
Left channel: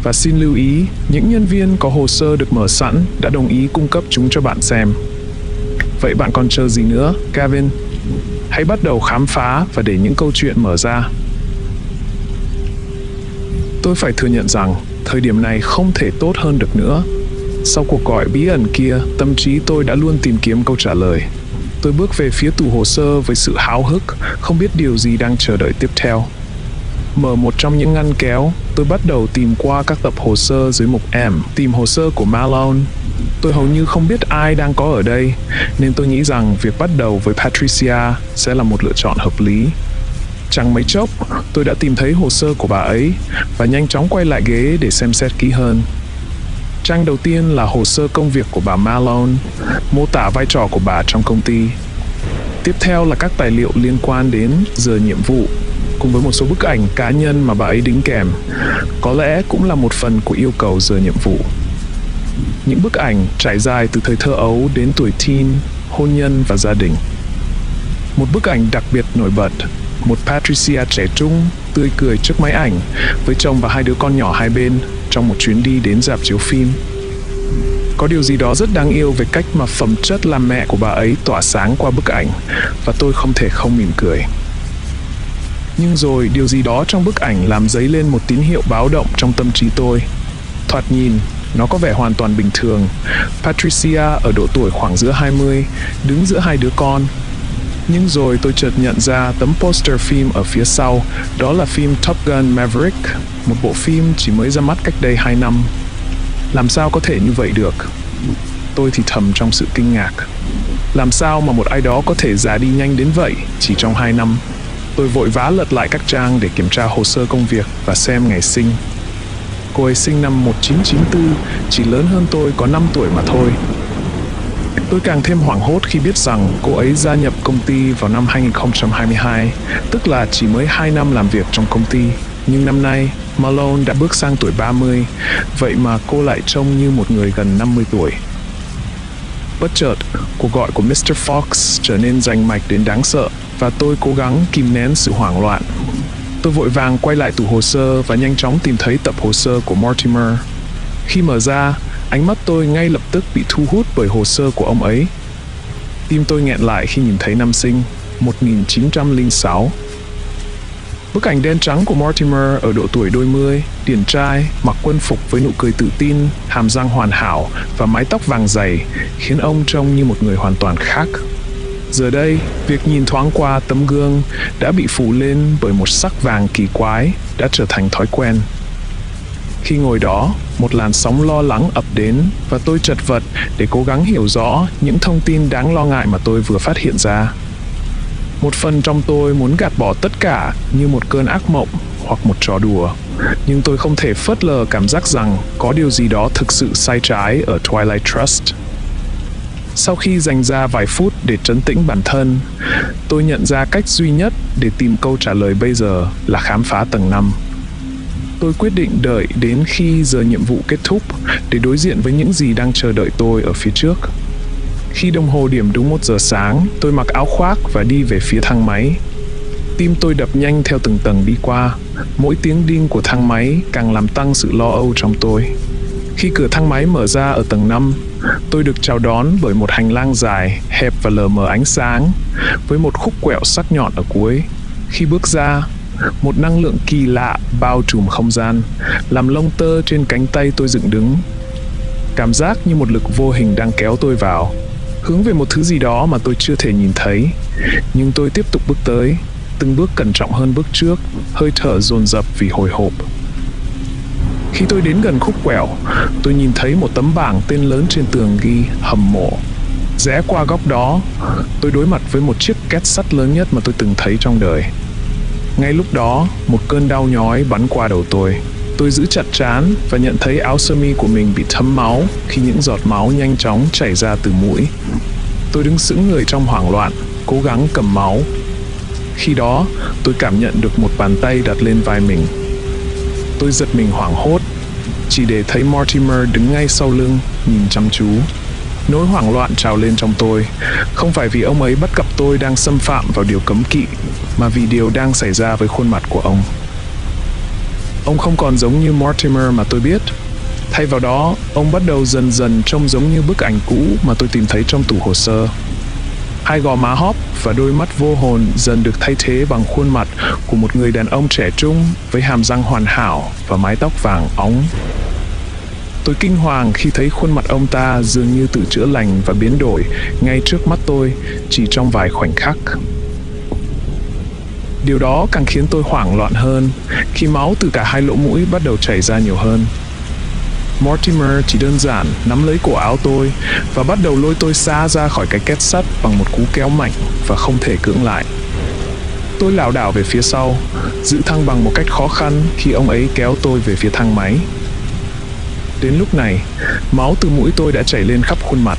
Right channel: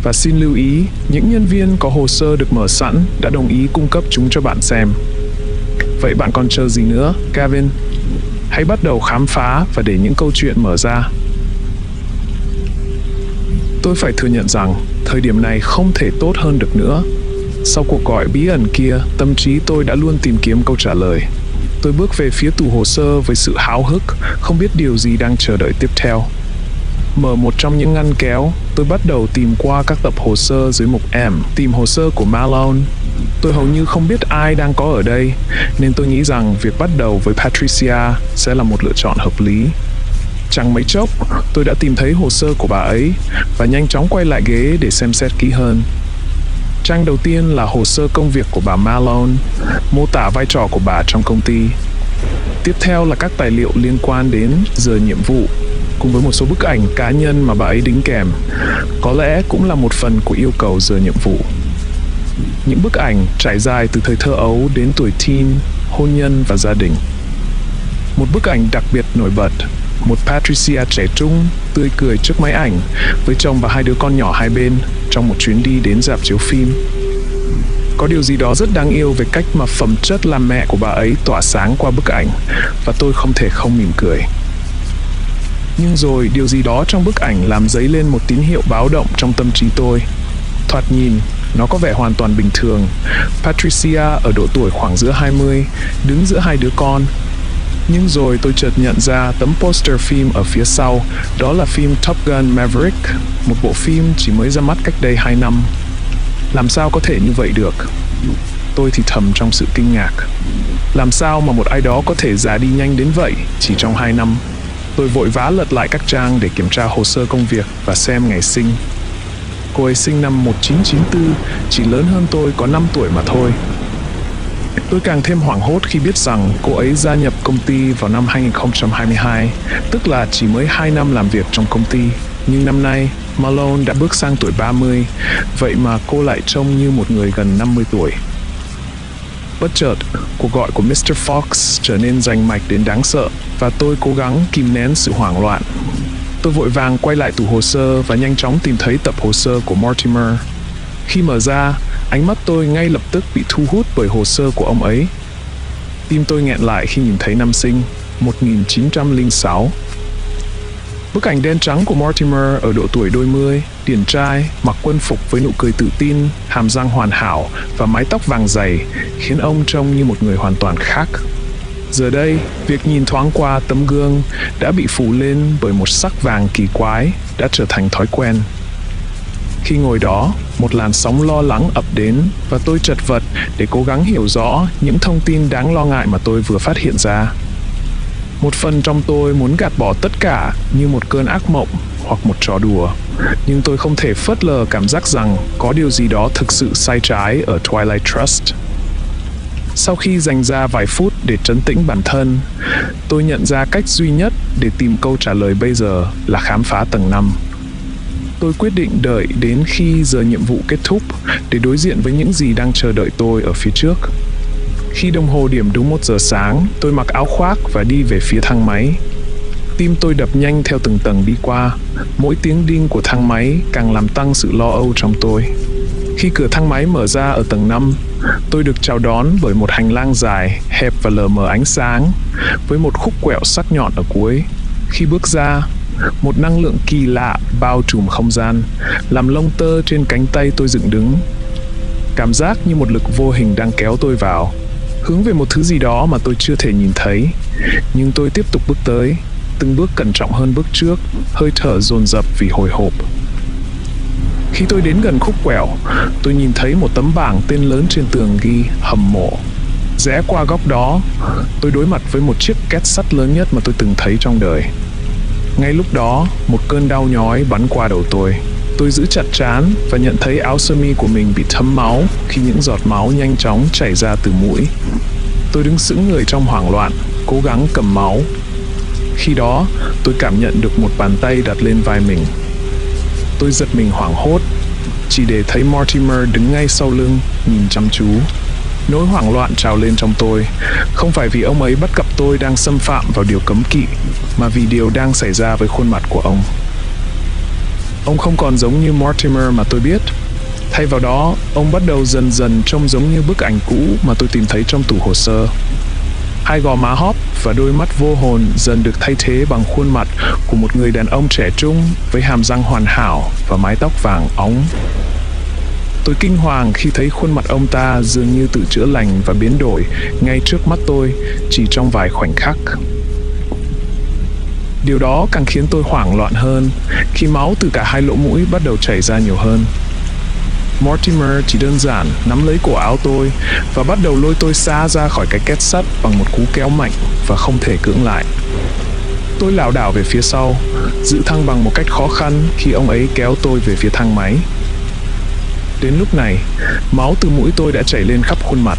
Và xin lưu ý, những nhân viên có hồ sơ được mở sẵn đã đồng ý cung cấp chúng cho bạn xem. Vậy bạn còn chờ gì nữa, Gavin? Hãy bắt đầu khám phá và để những câu chuyện mở ra. Tôi phải thừa nhận rằng, thời điểm này không thể tốt hơn được nữa. Sau cuộc gọi bí ẩn kia, tâm trí tôi đã luôn tìm kiếm câu trả lời. Tôi bước về phía tủ hồ sơ với sự háo hức, không biết điều gì đang chờ đợi tiếp theo. Mở một trong những ngăn kéo, tôi bắt đầu tìm qua các tập hồ sơ dưới mục M, tìm hồ sơ của Malone. Tôi hầu như không biết ai đang có ở đây, nên tôi nghĩ rằng việc bắt đầu với Patricia sẽ là một lựa chọn hợp lý. Chẳng mấy chốc, tôi đã tìm thấy hồ sơ của bà ấy và nhanh chóng quay lại ghế để xem xét kỹ hơn. Trang đầu tiên là hồ sơ công việc của bà Malone, mô tả vai trò của bà trong công ty. Tiếp theo là các tài liệu liên quan đến giờ nhiệm vụ, cùng với một số bức ảnh cá nhân mà bà ấy đính kèm, có lẽ cũng là một phần của yêu cầu giờ nhiệm vụ. Những bức ảnh trải dài từ thời thơ ấu đến tuổi teen, hôn nhân và gia đình. Một bức ảnh đặc biệt nổi bật, một Patricia trẻ trung, tươi cười trước máy ảnh, với chồng và 2 đứa con nhỏ hai bên, trong một chuyến đi đến rạp chiếu phim. Có điều gì đó rất đáng yêu về cách mà phẩm chất làm mẹ của bà ấy tỏa sáng qua bức ảnh, và tôi không thể không mỉm cười. Nhưng rồi điều gì đó trong bức ảnh làm dấy lên một tín hiệu báo động trong tâm trí tôi. Thoạt nhìn, nó có vẻ hoàn toàn bình thường. Patricia ở độ tuổi khoảng giữa 20, đứng giữa 2 đứa con. Nhưng rồi tôi chợt nhận ra tấm poster phim ở phía sau, đó là phim Top Gun Maverick, một bộ phim chỉ mới ra mắt cách đây 2 năm. Làm sao có thể như vậy được? Tôi thì thầm trong sự kinh ngạc. Làm sao mà một ai đó có thể già đi nhanh đến vậy chỉ trong 2 năm? Tôi vội vã lật lại các trang để kiểm tra hồ sơ công việc và xem ngày sinh. Cô ấy sinh năm 1994, chỉ lớn hơn tôi có 5 tuổi mà thôi. Tôi càng thêm hoảng hốt khi biết rằng cô ấy gia nhập công ty vào năm 2022, tức là chỉ mới 2 năm làm việc trong công ty. Nhưng năm nay, Malone đã bước sang tuổi 30, vậy mà cô lại trông như một người gần 50 tuổi. Bất chợt, cuộc gọi của Mr. Fox trở nên rành mạch đến đáng sợ, và tôi cố gắng kìm nén sự hoảng loạn. Tôi vội vàng quay lại tủ hồ sơ và nhanh chóng tìm thấy tập hồ sơ của Mortimer. Khi mở ra, ánh mắt tôi ngay lập tức bị thu hút bởi hồ sơ của ông ấy. Tim tôi nghẹn lại khi nhìn thấy năm sinh, 1906. Bức ảnh đen trắng của Mortimer ở độ tuổi đôi mươi, điển trai, mặc quân phục với nụ cười tự tin, hàm răng hoàn hảo và mái tóc vàng dày, khiến ông trông như một người hoàn toàn khác. Giờ đây, việc nhìn thoáng qua tấm gương đã bị phủ lên bởi một sắc vàng kỳ quái, đã trở thành thói quen. Khi ngồi đó, một làn sóng lo lắng ập đến và tôi chật vật để cố gắng hiểu rõ những thông tin đáng lo ngại mà tôi vừa phát hiện ra. Một phần trong tôi muốn gạt bỏ tất cả như một cơn ác mộng hoặc một trò đùa, nhưng tôi không thể phớt lờ cảm giác rằng có điều gì đó thực sự sai trái ở Twilight Trust. Sau khi dành ra vài phút để trấn tĩnh bản thân, tôi nhận ra cách duy nhất để tìm câu trả lời bây giờ là khám phá tầng 5. Tôi quyết định đợi đến khi giờ nhiệm vụ kết thúc để đối diện với những gì đang chờ đợi tôi ở phía trước. Khi đồng hồ điểm đúng 1 giờ sáng, tôi mặc áo khoác và đi về phía thang máy. Tim tôi đập nhanh theo từng tầng đi qua, mỗi tiếng đinh của thang máy càng làm tăng sự lo âu trong tôi. Khi cửa thang máy mở ra ở tầng 5, tôi được chào đón bởi một hành lang dài, hẹp và lờ mờ ánh sáng, với một khúc quẹo sắc nhọn ở cuối. Khi bước ra, một năng lượng kỳ lạ bao trùm không gian, làm lông tơ trên cánh tay tôi dựng đứng. Cảm giác như một lực vô hình đang kéo tôi vào, hướng về một thứ gì đó mà tôi chưa thể nhìn thấy. Nhưng tôi tiếp tục bước tới, từng bước cẩn trọng hơn bước trước, hơi thở dồn dập vì hồi hộp. Khi tôi đến gần khúc quẹo, tôi nhìn thấy một tấm bảng tên lớn trên tường ghi hầm mộ. Rẽ qua góc đó, tôi đối mặt với một chiếc két sắt lớn nhất mà tôi từng thấy trong đời. Ngay lúc đó, một cơn đau nhói bắn qua đầu tôi. Tôi giữ chặt trán và nhận thấy áo sơ mi của mình bị thấm máu khi những giọt máu nhanh chóng chảy ra từ mũi. Tôi đứng sững người trong hoảng loạn, cố gắng cầm máu. Khi đó, tôi cảm nhận được một bàn tay đặt lên vai mình. Tôi giật mình hoảng hốt, chỉ để thấy Mortimer đứng ngay sau lưng, nhìn chăm chú. Nỗi hoảng loạn trào lên trong tôi, không phải vì ông ấy bắt gặp tôi đang xâm phạm vào điều cấm kỵ, mà vì điều đang xảy ra với khuôn mặt của ông. Ông không còn giống như Mortimer mà tôi biết. Thay vào đó, ông bắt đầu dần dần trông giống như bức ảnh cũ mà tôi tìm thấy trong tủ hồ sơ. Hai gò má hóp và đôi mắt vô hồn dần được thay thế bằng khuôn mặt của một người đàn ông trẻ trung với hàm răng hoàn hảo và mái tóc vàng óng. Tôi kinh hoàng khi thấy khuôn mặt ông ta dường như tự chữa lành và biến đổi ngay trước mắt tôi chỉ trong vài khoảnh khắc. Điều đó càng khiến tôi hoảng loạn hơn khi máu từ cả hai lỗ mũi bắt đầu chảy ra nhiều hơn. Mortimer chỉ đơn giản nắm lấy cổ áo tôi và bắt đầu lôi tôi xa ra khỏi cái két sắt bằng một cú kéo mạnh và không thể cưỡng lại. Tôi lảo đảo về phía sau, giữ thăng bằng một cách khó khăn khi ông ấy kéo tôi về phía thang máy. Đến lúc này, máu từ mũi tôi đã chảy lên khắp khuôn mặt.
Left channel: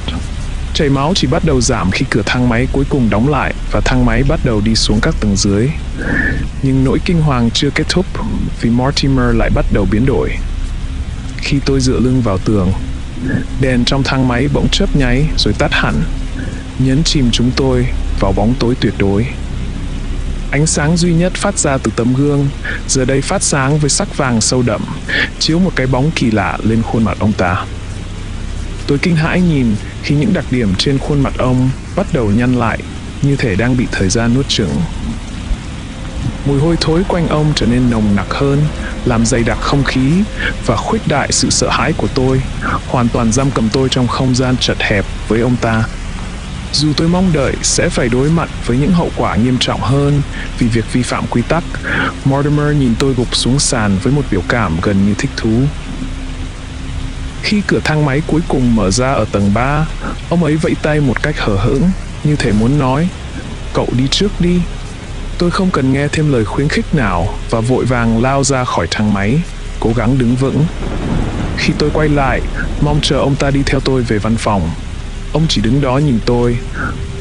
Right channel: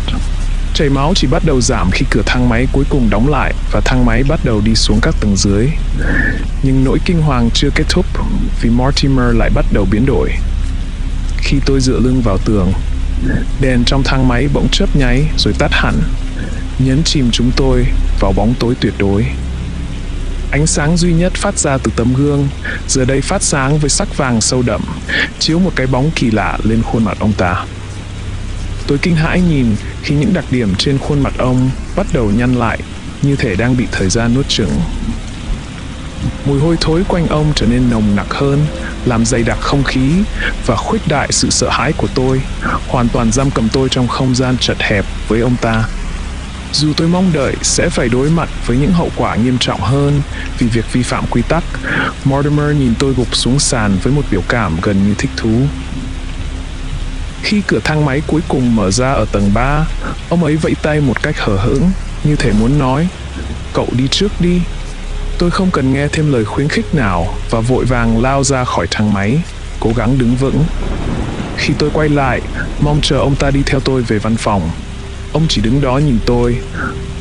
Chảy máu chỉ bắt đầu giảm khi cửa thang máy cuối cùng đóng lại và thang máy bắt đầu đi xuống các tầng dưới. Nhưng nỗi kinh hoàng chưa kết thúc vì Mortimer lại bắt đầu biến đổi. Khi tôi dựa lưng vào tường, đèn trong thang máy bỗng chớp nháy rồi tắt hẳn, nhấn chìm chúng tôi vào bóng tối tuyệt đối. Ánh sáng duy nhất phát ra từ tấm gương, giờ đây phát sáng với sắc vàng sâu đậm, chiếu một cái bóng kỳ lạ lên khuôn mặt ông ta. Tôi kinh hãi nhìn khi những đặc điểm trên khuôn mặt ông bắt đầu nhăn lại, như thể đang bị thời gian nuốt chửng. Mùi hôi thối quanh ông trở nên nồng nặc hơn, làm dày đặc không khí và khuếch đại sự sợ hãi của tôi, hoàn toàn giam cầm tôi trong không gian chật hẹp với ông ta. Dù tôi mong đợi sẽ phải đối mặt với những hậu quả nghiêm trọng hơn vì việc vi phạm quy tắc, Mortimer nhìn tôi gục xuống sàn với một biểu cảm gần như thích thú. Khi cửa thang máy cuối cùng mở ra ở tầng 3, ông ấy vẫy tay một cách hờ hững, như thể muốn nói, "Cậu đi trước đi." Tôi không cần nghe thêm lời khuyến khích nào và vội vàng lao ra khỏi thang máy, cố gắng đứng vững. Khi tôi quay lại, mong chờ ông ta đi theo tôi về văn phòng. Ông chỉ đứng đó nhìn tôi,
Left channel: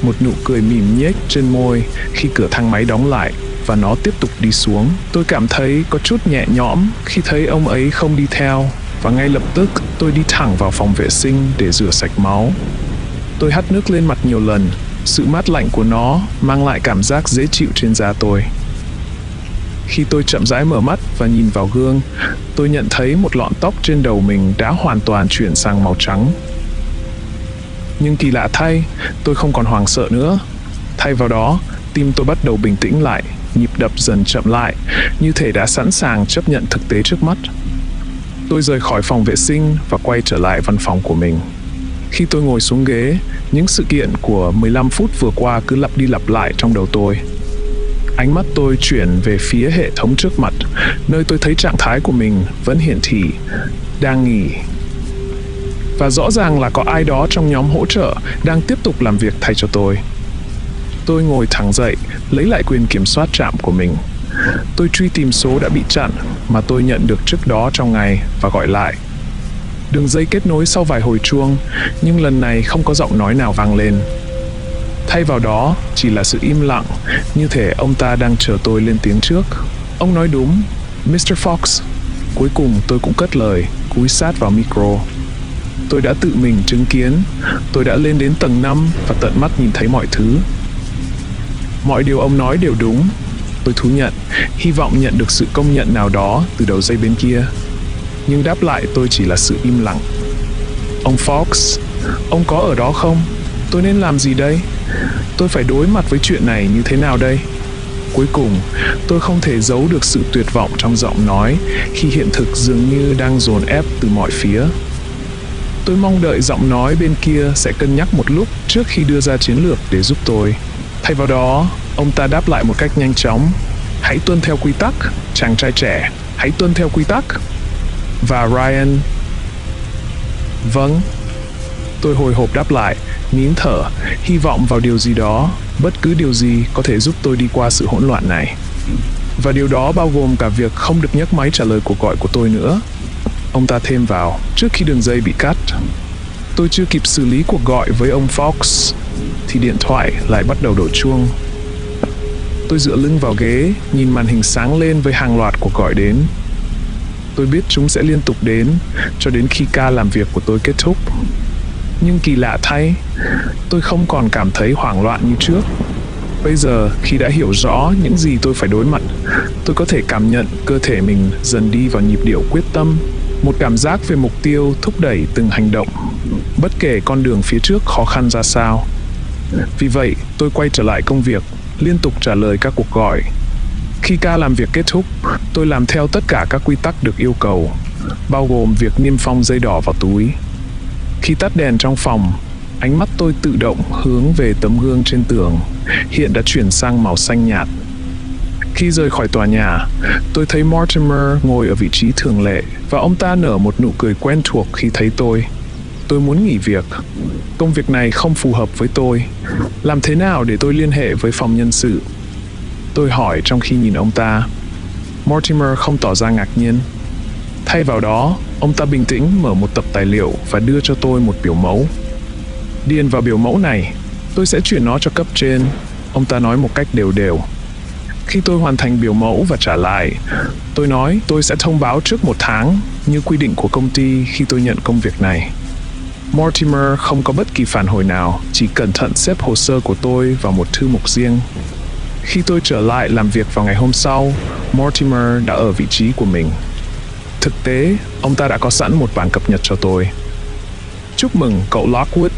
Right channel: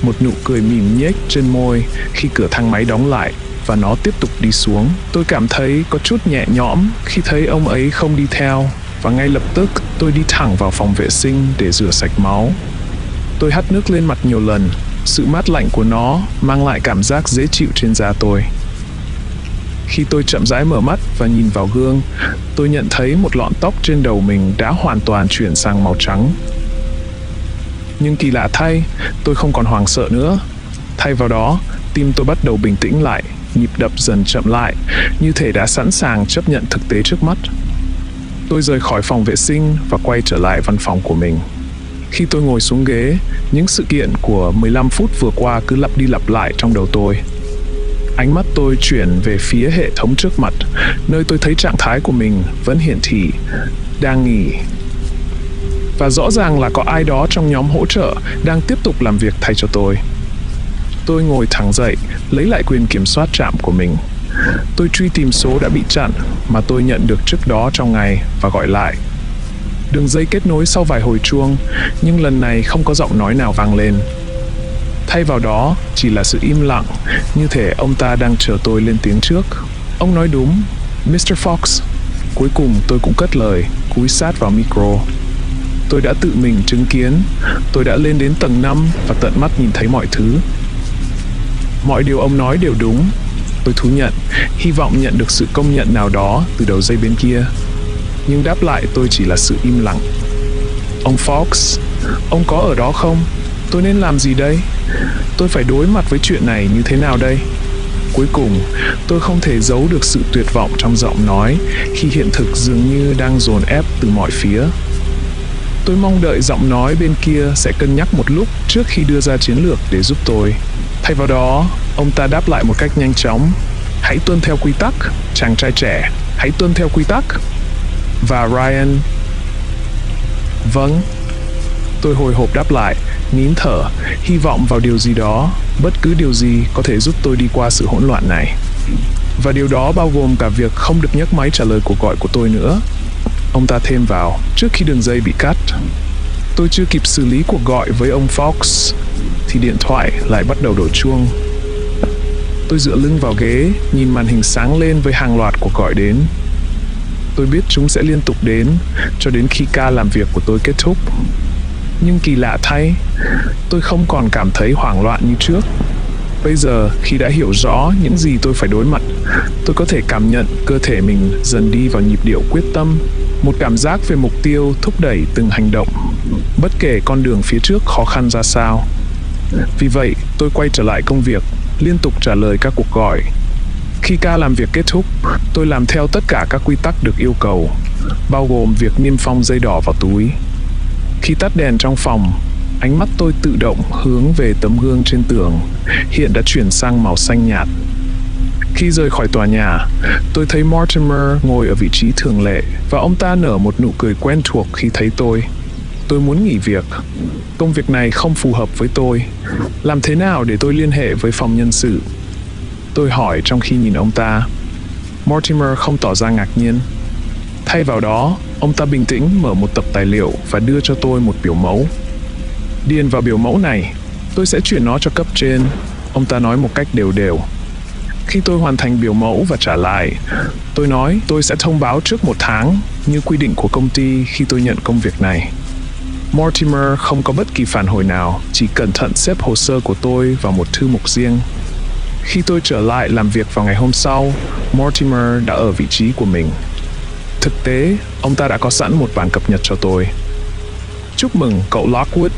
một nụ cười mỉm nhếch trên môi khi cửa thang máy đóng lại và nó tiếp tục đi xuống. Tôi cảm thấy có chút nhẹ nhõm khi thấy ông ấy không đi theo và ngay lập tức tôi đi thẳng vào phòng vệ sinh để rửa sạch máu. Tôi hắt nước lên mặt nhiều lần, sự mát lạnh của nó mang lại cảm giác dễ chịu trên da tôi. Khi tôi chậm rãi mở mắt và nhìn vào gương, tôi nhận thấy một lọn tóc trên đầu mình đã hoàn toàn chuyển sang màu trắng. Nhưng kỳ lạ thay, tôi không còn hoảng sợ nữa. Thay vào đó, tim tôi bắt đầu bình tĩnh lại, nhịp đập dần chậm lại, như thể đã sẵn sàng chấp nhận thực tế trước mắt. Tôi rời khỏi phòng vệ sinh và quay trở lại văn phòng của mình. Khi tôi ngồi xuống ghế, những sự kiện của 15 phút vừa qua cứ lặp đi lặp lại trong đầu tôi. Ánh mắt tôi chuyển về phía hệ thống trước mặt, nơi tôi thấy trạng thái của mình vẫn hiển thị đang nghỉ. Và rõ ràng là có ai đó trong nhóm hỗ trợ đang tiếp tục làm việc thay cho tôi. Tôi ngồi thẳng dậy, lấy lại quyền kiểm soát trạm của mình. Tôi truy tìm số đã bị chặn mà tôi nhận được trước đó trong ngày và gọi lại. Đường dây kết nối sau vài hồi chuông, nhưng lần này không có giọng nói nào vang lên. Thay vào đó chỉ là sự im lặng, như thể ông ta đang chờ tôi lên tiếng trước. Ông nói đúng, Mr. Fox. Cuối cùng tôi cũng cất lời, cúi sát vào micro. Tôi đã tự mình chứng kiến, tôi đã lên đến tầng 5 và tận mắt nhìn thấy mọi thứ. Mọi điều ông nói đều đúng, tôi thú nhận, hy vọng nhận được sự công nhận nào đó từ đầu dây bên kia. Nhưng đáp lại tôi chỉ là sự im lặng. Ông Fox, ông có ở đó không? Tôi nên làm gì đây? Tôi phải đối mặt với chuyện này như thế nào đây? Cuối cùng, tôi không thể giấu được sự tuyệt vọng trong giọng nói khi hiện thực dường như đang dồn ép từ mọi phía. Tôi mong đợi giọng nói bên kia sẽ cân nhắc một lúc trước khi đưa ra chiến lược để giúp tôi. Thay vào đó, ông ta đáp lại một cách nhanh chóng. Hãy tuân theo quy tắc, chàng trai trẻ, hãy tuân theo quy tắc. Và Ryan... Vâng. Tôi hồi hộp đáp lại, nín thở, hy vọng vào điều gì đó, bất cứ điều gì có thể giúp tôi đi qua sự hỗn loạn này. Và điều đó bao gồm cả việc không được nhấc máy trả lời cuộc gọi của tôi nữa. Ông ta thêm vào, trước khi đường dây bị cắt. Tôi chưa kịp xử lý cuộc gọi với ông Fox, thì điện thoại lại bắt đầu đổ chuông. Tôi dựa lưng vào ghế, nhìn màn hình sáng lên với hàng loạt cuộc gọi đến. Tôi biết chúng sẽ liên tục đến, cho đến khi ca làm việc của tôi kết thúc. Nhưng kỳ lạ thay, tôi không còn cảm thấy hoảng loạn như trước. Bây giờ, khi đã hiểu rõ những gì tôi phải đối mặt, tôi có thể cảm nhận cơ thể mình dần đi vào nhịp điệu quyết tâm, một cảm giác về mục tiêu thúc đẩy từng hành động, bất kể con đường phía trước khó khăn ra sao. Vì vậy, tôi quay trở lại công việc, liên tục trả lời các cuộc gọi. Khi ca làm việc kết thúc, tôi làm theo tất cả các quy tắc được yêu cầu, bao gồm việc niêm phong dây đỏ vào túi. Khi tắt đèn trong phòng, ánh mắt tôi tự động hướng về tấm gương trên tường, hiện đã chuyển sang màu xanh nhạt. Khi rời khỏi tòa nhà, tôi thấy Mortimer ngồi ở vị trí thường lệ và ông ta nở một nụ cười quen thuộc khi thấy tôi. Tôi muốn nghỉ việc. Công việc này không phù hợp với tôi. Làm thế nào để tôi liên hệ với phòng nhân sự? Tôi hỏi trong khi nhìn ông ta. Mortimer không tỏ ra ngạc nhiên. Thay vào đó, ông ta bình tĩnh mở một tập tài liệu và đưa cho tôi một biểu mẫu. Điền vào biểu mẫu này, tôi sẽ chuyển nó cho cấp trên, ông ta nói một cách đều đều. Khi tôi hoàn thành biểu mẫu và trả lại, tôi nói tôi sẽ thông báo trước 1 tháng, như quy định của công ty khi tôi nhận công việc này. Mortimer không có bất kỳ phản hồi nào, chỉ cẩn thận xếp hồ sơ của tôi vào một thư mục riêng. Khi tôi trở lại làm việc vào ngày hôm sau, Mortimer đã ở vị trí của mình. Thực tế, ông ta đã có sẵn một bản cập nhật cho tôi. Chúc mừng cậu Lockwood.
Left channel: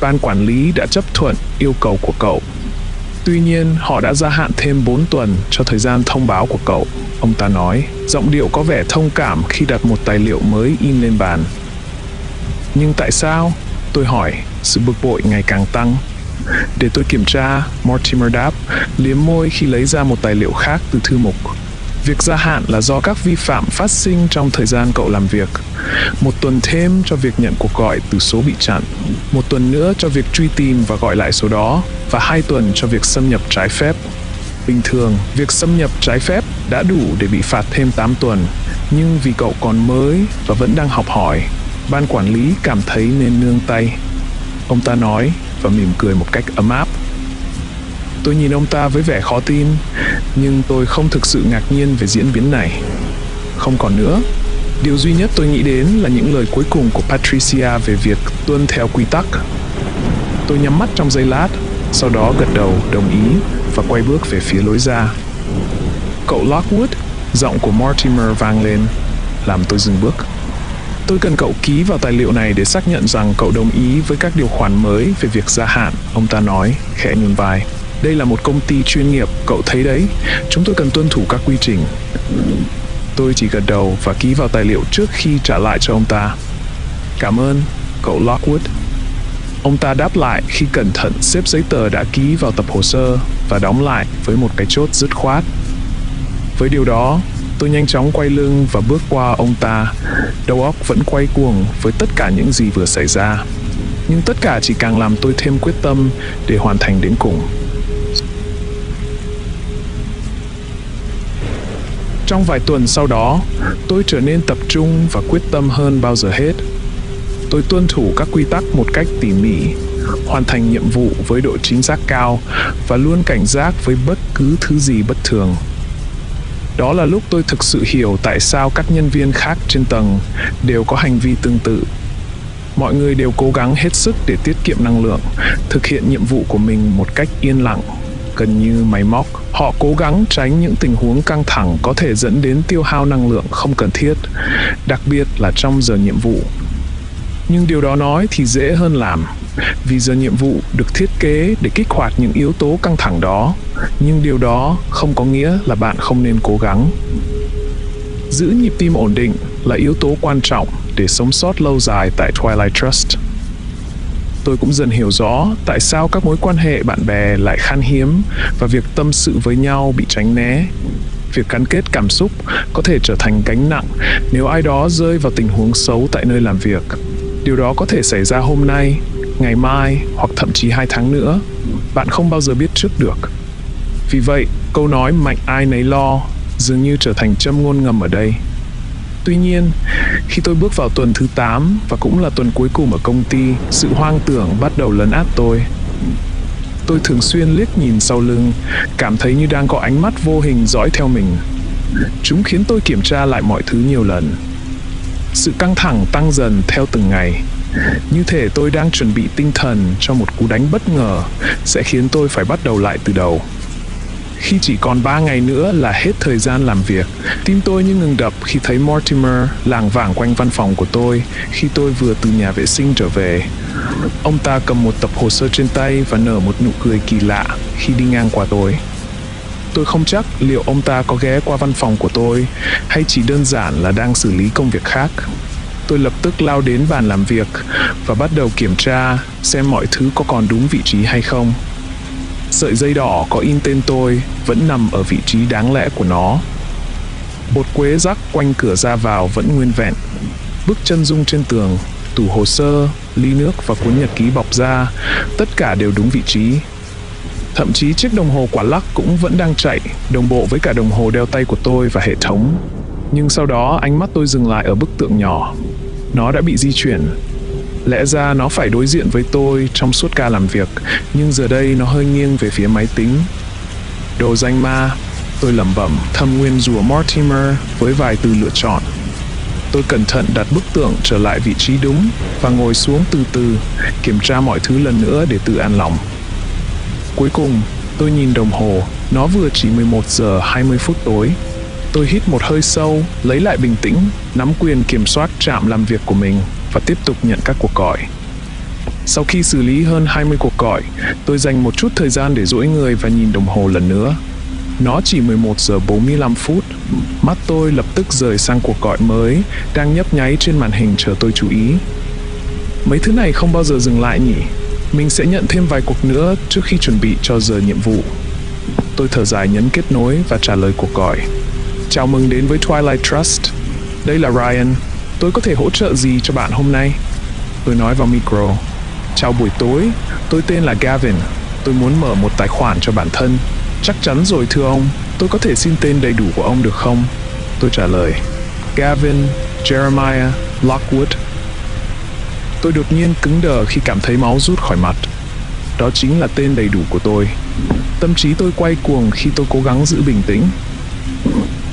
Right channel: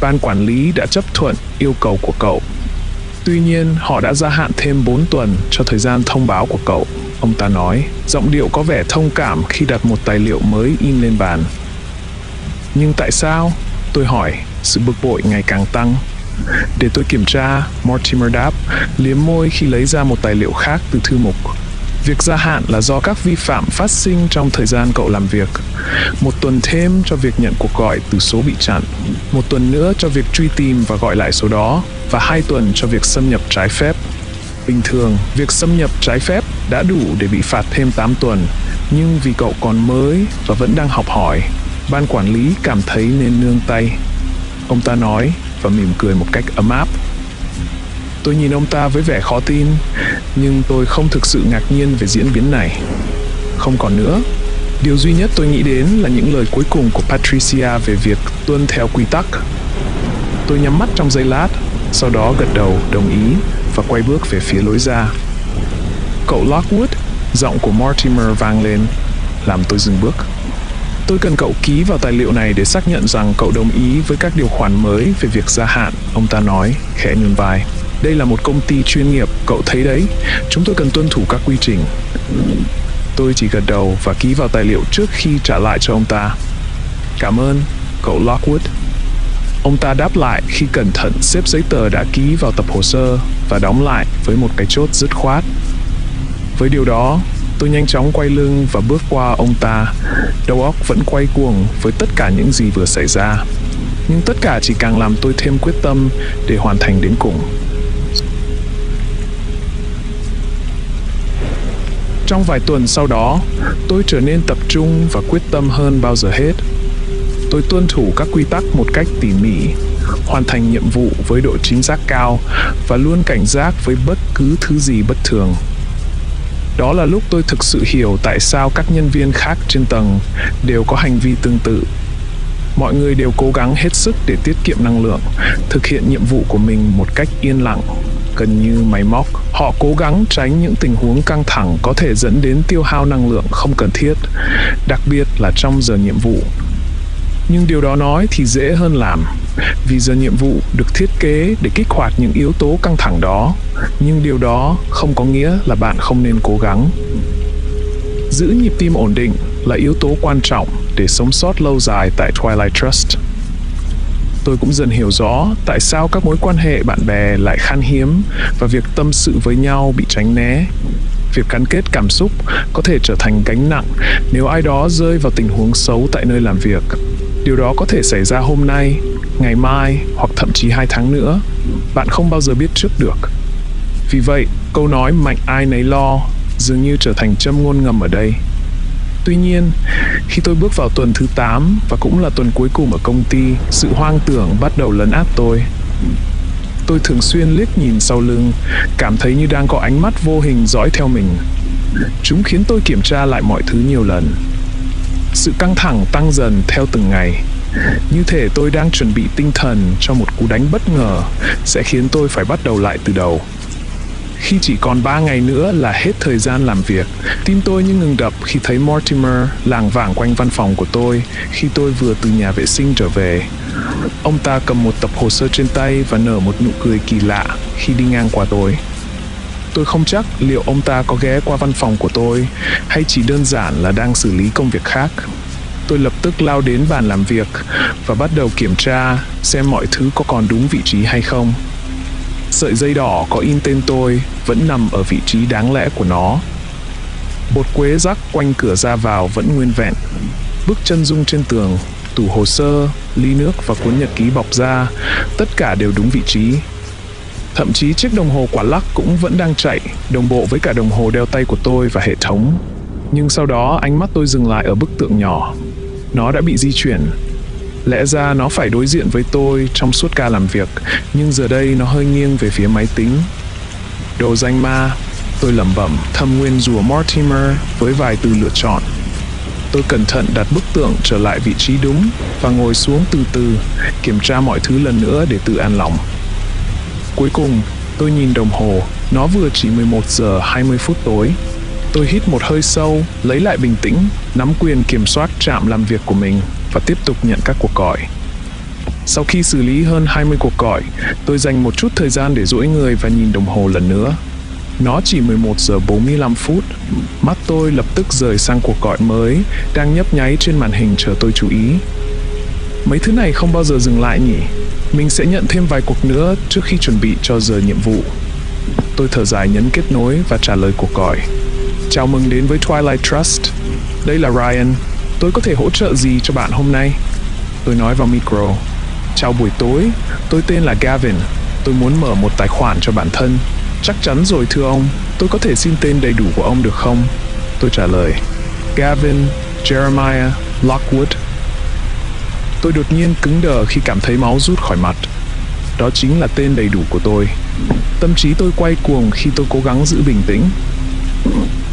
Ban quản lý đã chấp thuận yêu cầu của cậu. Tuy nhiên, họ đã gia hạn thêm 4 tuần cho thời gian thông báo của cậu, ông ta nói, giọng điệu có vẻ thông cảm khi đặt một tài liệu mới in lên bàn. Nhưng tại sao? Tôi hỏi, sự bực bội ngày càng tăng. Để tôi kiểm tra, Mortimer đáp, liếm môi khi lấy ra một tài liệu khác từ thư mục. Việc gia hạn là do các vi phạm phát sinh trong thời gian cậu làm việc. 1 tuần thêm cho việc nhận cuộc gọi từ số bị chặn. 1 tuần nữa cho việc truy tìm và gọi lại số đó. Và 2 tuần cho việc xâm nhập trái phép. Bình thường, việc xâm nhập trái phép đã đủ để bị phạt thêm 8 tuần. Nhưng vì cậu còn mới và vẫn đang học hỏi, ban quản lý cảm thấy nên nương tay. Ông ta nói và mỉm cười một cách ấm áp. Tôi nhìn ông ta với vẻ khó tin, nhưng tôi không thực sự ngạc nhiên về diễn biến này. Không còn nữa. Điều duy nhất tôi nghĩ đến là những lời cuối cùng của Patricia về việc tuân theo quy tắc. Tôi nhắm mắt trong giây lát, sau đó gật đầu đồng ý và quay bước về phía lối ra. Cậu Lockwood, giọng của Mortimer vang lên, làm tôi dừng bước. Tôi cần cậu ký vào tài liệu này để xác nhận rằng cậu đồng ý với các điều khoản mới về việc gia hạn, ông ta nói, khẽ nhún vai. Đây là một công ty chuyên nghiệp, cậu thấy đấy, chúng tôi cần tuân thủ các quy trình. Tôi chỉ gật đầu và ký vào tài liệu trước khi trả lại cho ông ta. Cảm ơn, cậu Lockwood. Ông ta đáp lại khi cẩn thận xếp giấy tờ đã ký vào tập hồ sơ và đóng lại với một cái chốt dứt khoát. Với điều đó, tôi Tôi nhanh chóng quay lưng và bước qua ông ta. Đầu óc vẫn quay cuồng với tất cả những gì vừa xảy ra. Nhưng tất cả chỉ càng làm tôi thêm quyết tâm để hoàn thành đến cùng. Trong vài tuần sau đó, tôi trở nên tập trung và quyết tâm hơn bao giờ hết. Tôi tuân thủ các quy tắc một cách tỉ mỉ, hoàn thành nhiệm vụ với độ chính xác cao và luôn cảnh giác với bất cứ thứ gì bất thường. Đó là lúc tôi thực sự hiểu tại sao các nhân viên khác trên tầng đều có hành vi tương tự. Mọi người đều cố gắng hết sức để tiết kiệm năng lượng, thực hiện nhiệm vụ của mình một cách yên lặng, gần như máy móc. Họ cố gắng tránh những tình huống căng thẳng có thể dẫn đến tiêu hao năng lượng không cần thiết, đặc biệt là trong giờ nhiệm vụ. Nhưng điều đó nói thì dễ hơn làm, vì giờ nhiệm vụ được thiết kế để kích hoạt những yếu tố căng thẳng đó, nhưng điều đó không có nghĩa là bạn không nên cố gắng. Giữ nhịp tim ổn định là yếu tố quan trọng để sống sót lâu dài tại Twilight Trust. Tôi cũng dần hiểu rõ tại sao các mối quan hệ bạn bè lại khan hiếm và việc tâm sự với nhau bị tránh né. Việc gắn kết cảm xúc có thể trở thành gánh nặng nếu ai đó rơi vào tình huống xấu tại nơi làm việc. Điều đó có thể xảy ra hôm nay, ngày mai hoặc thậm chí 2 tháng nữa. Bạn không bao giờ biết trước được. Vì vậy, câu nói mạnh ai nấy lo dường như trở thành châm ngôn ngầm ở đây. Tuy nhiên, khi tôi bước vào tuần thứ 8 và cũng là tuần cuối cùng ở công ty, sự hoang tưởng bắt đầu lấn át tôi. Tôi thường xuyên liếc nhìn sau lưng, cảm thấy như đang có ánh mắt vô hình dõi theo mình. Chúng khiến tôi kiểm tra lại mọi thứ nhiều lần. Sự căng thẳng tăng dần theo từng ngày. Như thể tôi đang chuẩn bị tinh thần cho một cú đánh bất ngờ sẽ khiến tôi phải bắt đầu lại từ đầu. Khi chỉ còn 3 ngày nữa là hết thời gian làm việc, tim tôi như ngừng đập khi thấy Mortimer lảng vảng quanh văn phòng của tôi khi tôi vừa từ nhà vệ sinh trở về. Ông ta cầm một tập hồ sơ trên tay và nở một nụ cười kỳ lạ khi đi ngang qua tôi. Tôi không chắc liệu ông ta có ghé qua văn phòng của tôi hay chỉ đơn giản là đang xử lý công việc khác. Tôi lập tức lao đến bàn làm việc và bắt đầu kiểm tra xem mọi thứ có còn đúng vị trí hay không. Sợi dây đỏ có in tên tôi vẫn nằm ở vị trí đáng lẽ của nó. Bột quế rắc quanh cửa ra vào vẫn nguyên vẹn. Bức chân dung trên tường, tủ hồ sơ, ly nước và cuốn nhật ký bọc da, tất cả đều đúng vị trí. Thậm chí chiếc đồng hồ quả lắc cũng vẫn đang chạy, đồng bộ với cả đồng hồ đeo tay của tôi và hệ thống. Nhưng sau đó ánh mắt tôi dừng lại ở bức tượng nhỏ. Nó đã bị di chuyển. Lẽ ra nó phải đối diện với tôi trong suốt ca làm việc, nhưng giờ đây nó hơi nghiêng về phía máy tính. Đồ danh ma, tôi lẩm bẩm, thầm nguyền rủa Mortimer với vài từ lựa chọn. Tôi cẩn thận đặt bức tượng trở lại vị trí đúng và ngồi xuống từ từ, kiểm tra mọi thứ lần nữa để tự an lòng. Cuối cùng, tôi nhìn đồng hồ, nó vừa chỉ 11 giờ 20 phút tối. Tôi hít một hơi sâu, lấy lại bình tĩnh, nắm quyền kiểm soát trạm làm việc của mình và tiếp tục nhận các cuộc gọi. Sau khi xử lý hơn 20 cuộc gọi, tôi dành một chút thời gian để duỗi người và nhìn đồng hồ lần nữa. Nó chỉ 11 giờ 45 phút. Mắt tôi lập tức rời sang cuộc gọi mới, đang nhấp nháy trên màn hình chờ tôi chú ý. Mấy thứ này không bao giờ dừng lại nhỉ? Mình sẽ nhận thêm vài cuộc nữa trước khi chuẩn bị cho giờ nhiệm vụ. Tôi thở dài nhấn kết nối và trả lời cuộc gọi. Chào mừng đến với Twilight Trust. Đây là Ryan. Tôi có thể hỗ trợ gì cho bạn hôm nay? Tôi nói vào micro. Chào buổi tối, tôi tên là Gavin. Tôi muốn mở một tài khoản cho bản thân. Chắc chắn rồi thưa ông. Tôi có thể xin tên đầy đủ của ông được không? Tôi trả lời. Gavin Jeremiah Lockwood. Tôi đột nhiên cứng đờ khi cảm thấy máu rút khỏi mặt. Đó chính là tên đầy đủ của tôi. Tâm trí tôi quay cuồng khi tôi cố gắng giữ bình tĩnh.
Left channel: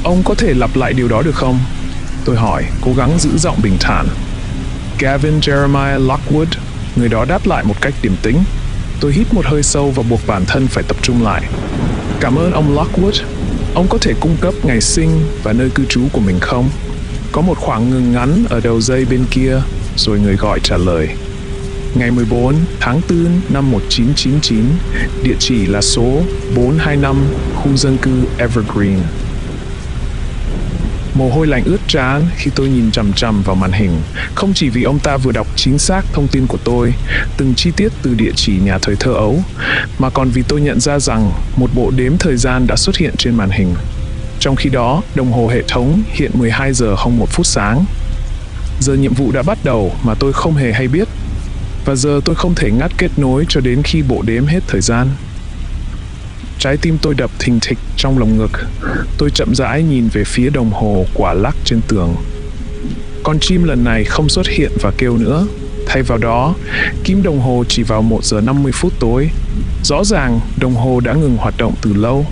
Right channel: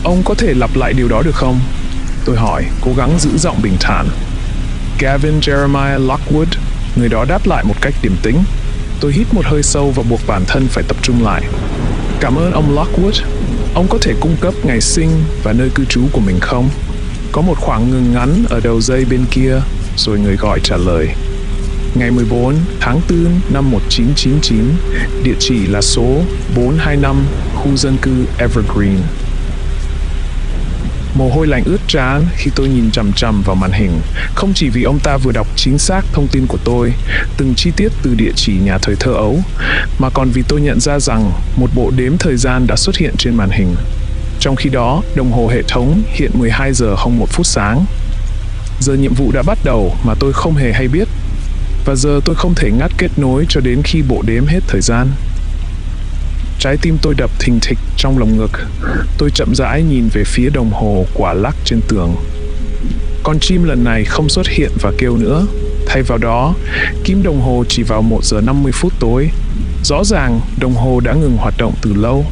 Ông có thể lặp lại điều đó được không? Tôi hỏi, cố gắng giữ giọng bình thản. Gavin Jeremiah Lockwood. Người đó đáp lại một cách điềm tĩnh. Tôi hít một hơi sâu và buộc bản thân phải tập trung lại. Cảm ơn ông Lockwood. Ông có thể cung cấp ngày sinh và nơi cư trú của mình không? Có một khoảng ngừng ngắn ở đầu dây bên kia, rồi người gọi trả lời. Ngày 14 tháng 4 năm 1999, địa chỉ là số 425, khu dân cư Evergreen. Mồ hôi lạnh ướt trán khi tôi nhìn chằm chằm vào màn hình, không chỉ vì ông ta vừa đọc chính xác thông tin của tôi, từng chi tiết từ địa chỉ nhà thời thơ ấu, mà còn vì tôi nhận ra rằng một bộ đếm thời gian đã xuất hiện trên màn hình. Trong khi đó, đồng hồ hệ thống hiện 12 giờ 01 phút sáng. Giờ nhiệm vụ đã bắt đầu mà tôi không hề hay biết. Và giờ tôi không thể ngắt kết nối cho đến khi bộ đếm hết thời gian. Trái tim tôi đập thình thịch trong lồng ngực. Tôi chậm rãi nhìn về phía đồng hồ quả lắc trên tường. Con chim lần này không xuất hiện và kêu nữa. Thay vào đó, kim đồng hồ chỉ vào 1 giờ 50 phút tối. Rõ ràng, đồng hồ đã ngừng hoạt động từ lâu.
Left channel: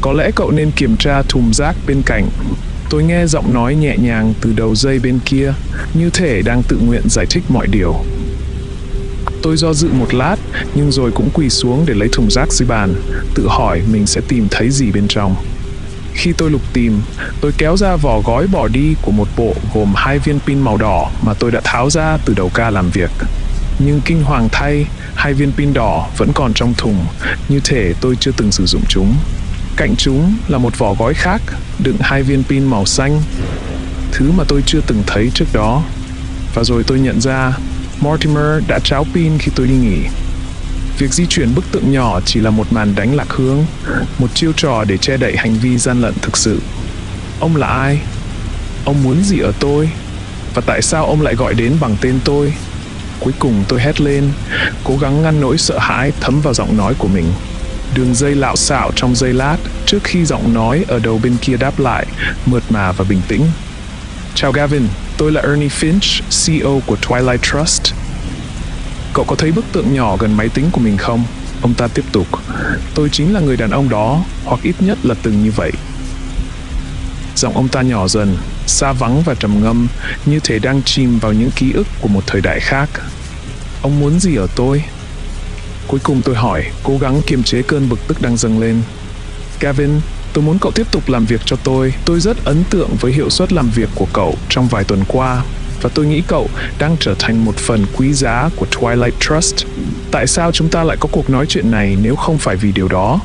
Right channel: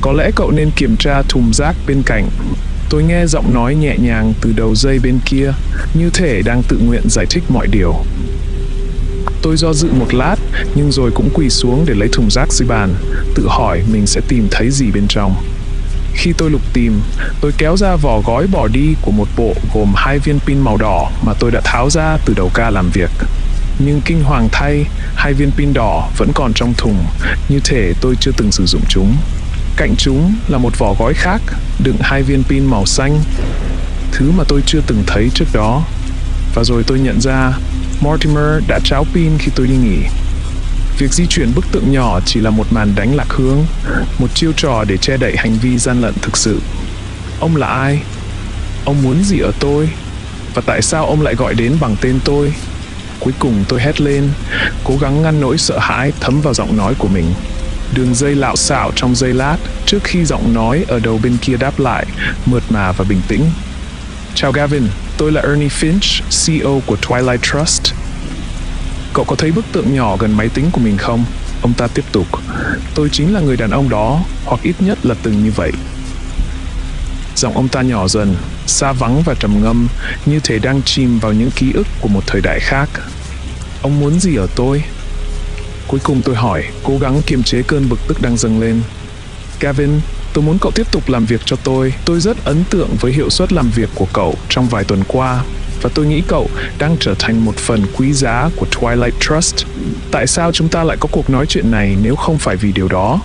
Có lẽ cậu nên kiểm tra thùng rác bên cạnh. Tôi nghe giọng nói nhẹ nhàng từ đầu dây bên kia, như thể đang tự nguyện giải thích mọi điều. Tôi do dự một lát, nhưng rồi cũng quỳ xuống để lấy thùng rác dưới bàn, tự hỏi mình sẽ tìm thấy gì bên trong. Khi tôi lục tìm, tôi kéo ra vỏ gói bỏ đi của một bộ gồm 2 viên pin màu đỏ mà tôi đã tháo ra từ đầu ca làm việc. Nhưng kinh hoàng thay, 2 viên pin đỏ vẫn còn trong thùng, như thể tôi chưa từng sử dụng chúng. Cạnh chúng là một vỏ gói khác, đựng 2 viên pin màu xanh, thứ mà tôi chưa từng thấy trước đó. Và rồi tôi nhận ra, Mortimer đã tráo pin khi tôi đi nghỉ. Việc di chuyển bức tượng nhỏ chỉ là một màn đánh lạc hướng, một chiêu trò để che đậy hành vi gian lận thực sự. Ông là ai? Ông muốn gì ở tôi? Và tại sao ông lại gọi đến bằng tên tôi? Cuối cùng tôi hét lên, cố gắng ngăn nỗi sợ hãi thấm vào giọng nói của mình. Đường dây lạo xạo trong giây lát, trước khi giọng nói ở đầu bên kia đáp lại, mượt mà và bình tĩnh. Chào Gavin, tôi là Ernie Finch, CEO của Twilight Trust. Cậu có thấy bức tượng nhỏ gần máy tính của mình không? Ông ta tiếp tục. Tôi chính là người đàn ông đó, hoặc ít nhất là từng như vậy. Giọng ông ta nhỏ dần, xa vắng và trầm ngâm, như thể đang chìm vào những ký ức của một thời đại khác. Ông muốn gì ở tôi? Cuối cùng tôi hỏi, cố gắng kiềm chế cơn bực tức đang dâng lên. Gavin, tôi muốn cậu tiếp tục làm việc cho tôi. Tôi rất ấn tượng với hiệu suất làm việc của cậu trong vài tuần qua. Và tôi nghĩ cậu đang trở thành một phần quý giá của Twilight Trust. Tại sao chúng ta lại có cuộc nói chuyện này nếu không phải vì điều đó?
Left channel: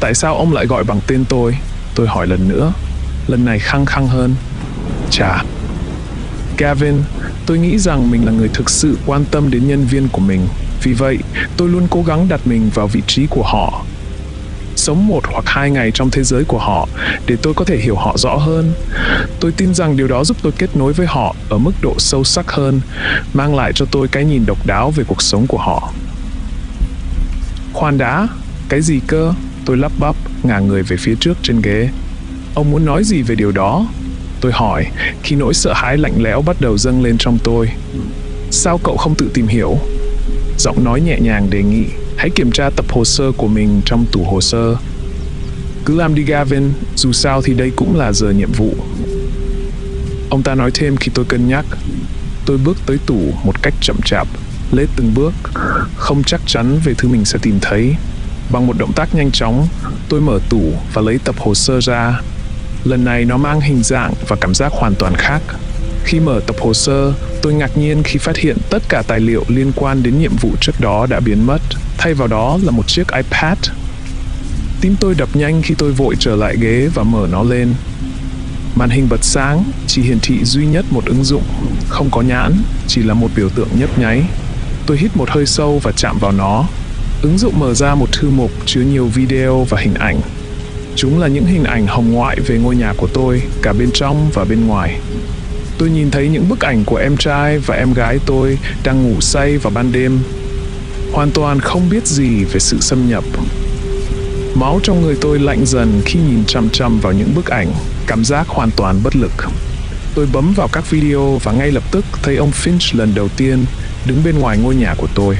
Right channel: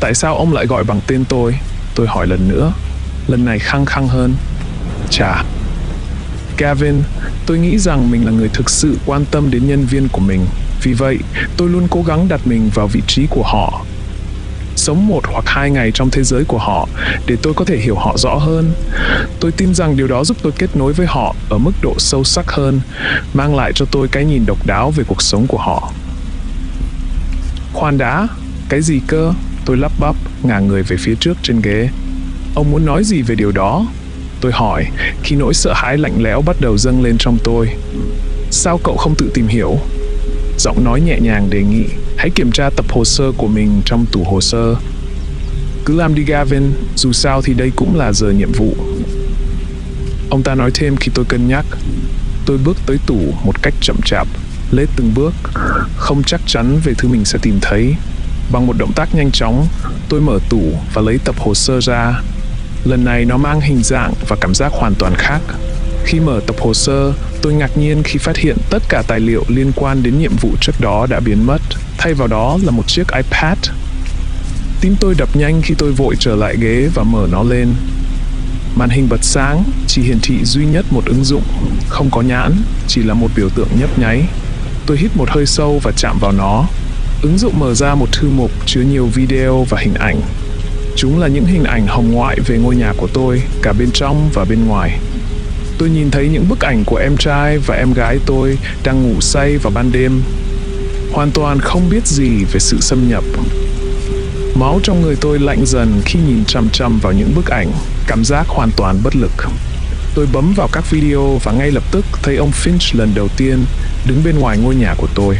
Tại sao ông lại gọi bằng tên tôi? Tôi hỏi lần nữa. Lần này khăng khăng hơn. Chà. Gavin, tôi nghĩ rằng mình là người thực sự quan tâm đến nhân viên của mình. Vì vậy, tôi luôn cố gắng đặt mình vào vị trí của họ. Sống 1 hoặc 2 ngày trong thế giới của họ để tôi có thể hiểu họ rõ hơn. Tôi tin rằng điều đó giúp tôi kết nối với họ ở mức độ sâu sắc hơn, mang lại cho tôi cái nhìn độc đáo về cuộc sống của họ. Khoan đã, cái gì cơ? Tôi lắp bắp, ngả người về phía trước trên ghế. Ông muốn nói gì về điều đó? Tôi hỏi, khi nỗi sợ hãi lạnh lẽo bắt đầu dâng lên trong tôi. Sao cậu không tự tìm hiểu? Giọng nói nhẹ nhàng đề nghị, hãy kiểm tra tập hồ sơ của mình trong tủ hồ sơ. Cứ làm đi Gavin, dù sao thì đây cũng là giờ nhiệm vụ. Ông ta nói thêm khi tôi cân nhắc. Tôi bước tới tủ một cách chậm chạp, lết từng bước, không chắc chắn về thứ mình sẽ tìm thấy. Bằng một động tác nhanh chóng, tôi mở tủ và lấy tập hồ sơ ra. Lần này nó mang hình dạng và cảm giác hoàn toàn khác. Khi mở tập hồ sơ, tôi ngạc nhiên khi phát hiện tất cả tài liệu liên quan đến nhiệm vụ trước đó đã biến mất. Thay vào đó là một chiếc iPad. Tim tôi đập nhanh khi tôi vội trở lại ghế và mở nó lên. Màn hình bật sáng, chỉ hiển thị duy nhất một ứng dụng, không có nhãn, chỉ là một biểu tượng nhấp nháy. Tôi hít một hơi sâu và chạm vào nó. Ứng dụng mở ra một thư mục chứa nhiều video và hình ảnh. Chúng là những hình ảnh hồng ngoại về ngôi nhà của tôi, cả bên trong và bên ngoài. Tôi nhìn thấy những bức ảnh của em trai và em gái tôi đang ngủ say vào ban đêm, hoàn toàn không biết gì về sự xâm nhập. Máu trong người tôi lạnh dần khi nhìn chằm chằm vào những bức ảnh, cảm giác hoàn toàn bất lực. Tôi bấm vào các video và ngay lập tức thấy ông Finch lần đầu tiên đứng bên ngoài ngôi nhà của tôi.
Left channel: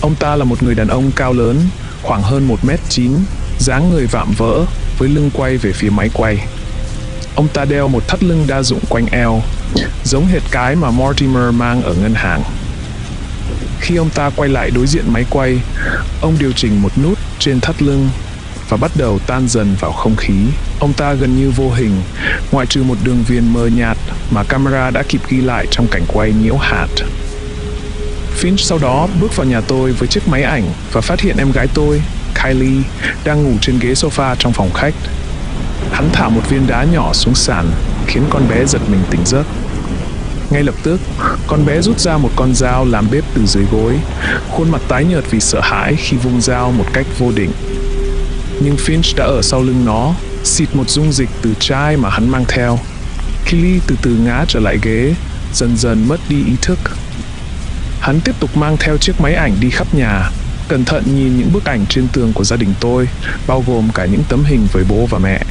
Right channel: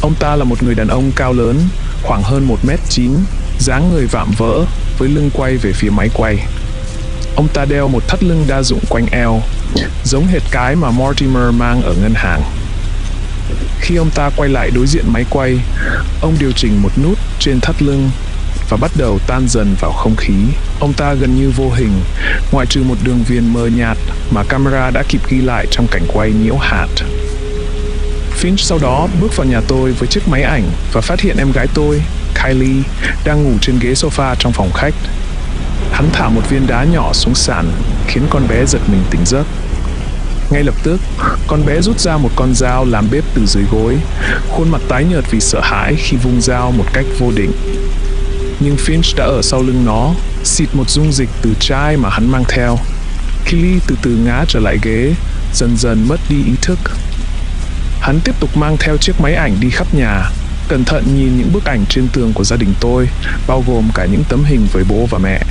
Ông ta là một người đàn ông cao lớn, khoảng hơn 1m9, dáng người vạm vỡ, với lưng quay về phía máy quay. Ông ta đeo một thắt lưng đa dụng quanh eo, giống hệt cái mà Mortimer mang ở ngân hàng. Khi ông ta quay lại đối diện máy quay, ông điều chỉnh một nút trên thắt lưng và bắt đầu tan dần vào không khí. Ông ta gần như vô hình, ngoại trừ một đường viền mờ nhạt mà camera đã kịp ghi lại trong cảnh quay nhiễu hạt. Finch sau đó bước vào nhà tôi với chiếc máy ảnh và phát hiện em gái tôi, Kylie, đang ngủ trên ghế sofa trong phòng khách. Hắn thả một viên đá nhỏ xuống sàn, khiến con bé giật mình tỉnh giấc. Ngay lập tức, con bé rút ra một con dao làm bếp từ dưới gối, khuôn mặt tái nhợt vì sợ hãi khi vung dao một cách vô định. nhưng Finch đã ở sau lưng nó, xịt một dung dịch từ chai mà hắn mang theo. Keely từ từ ngã trở lại ghế, dần dần mất đi ý thức. Hắn tiếp tục mang theo chiếc máy ảnh đi khắp nhà, cẩn thận nhìn những bức ảnh trên tường của gia đình tôi, bao gồm cả những tấm hình với bố và mẹ.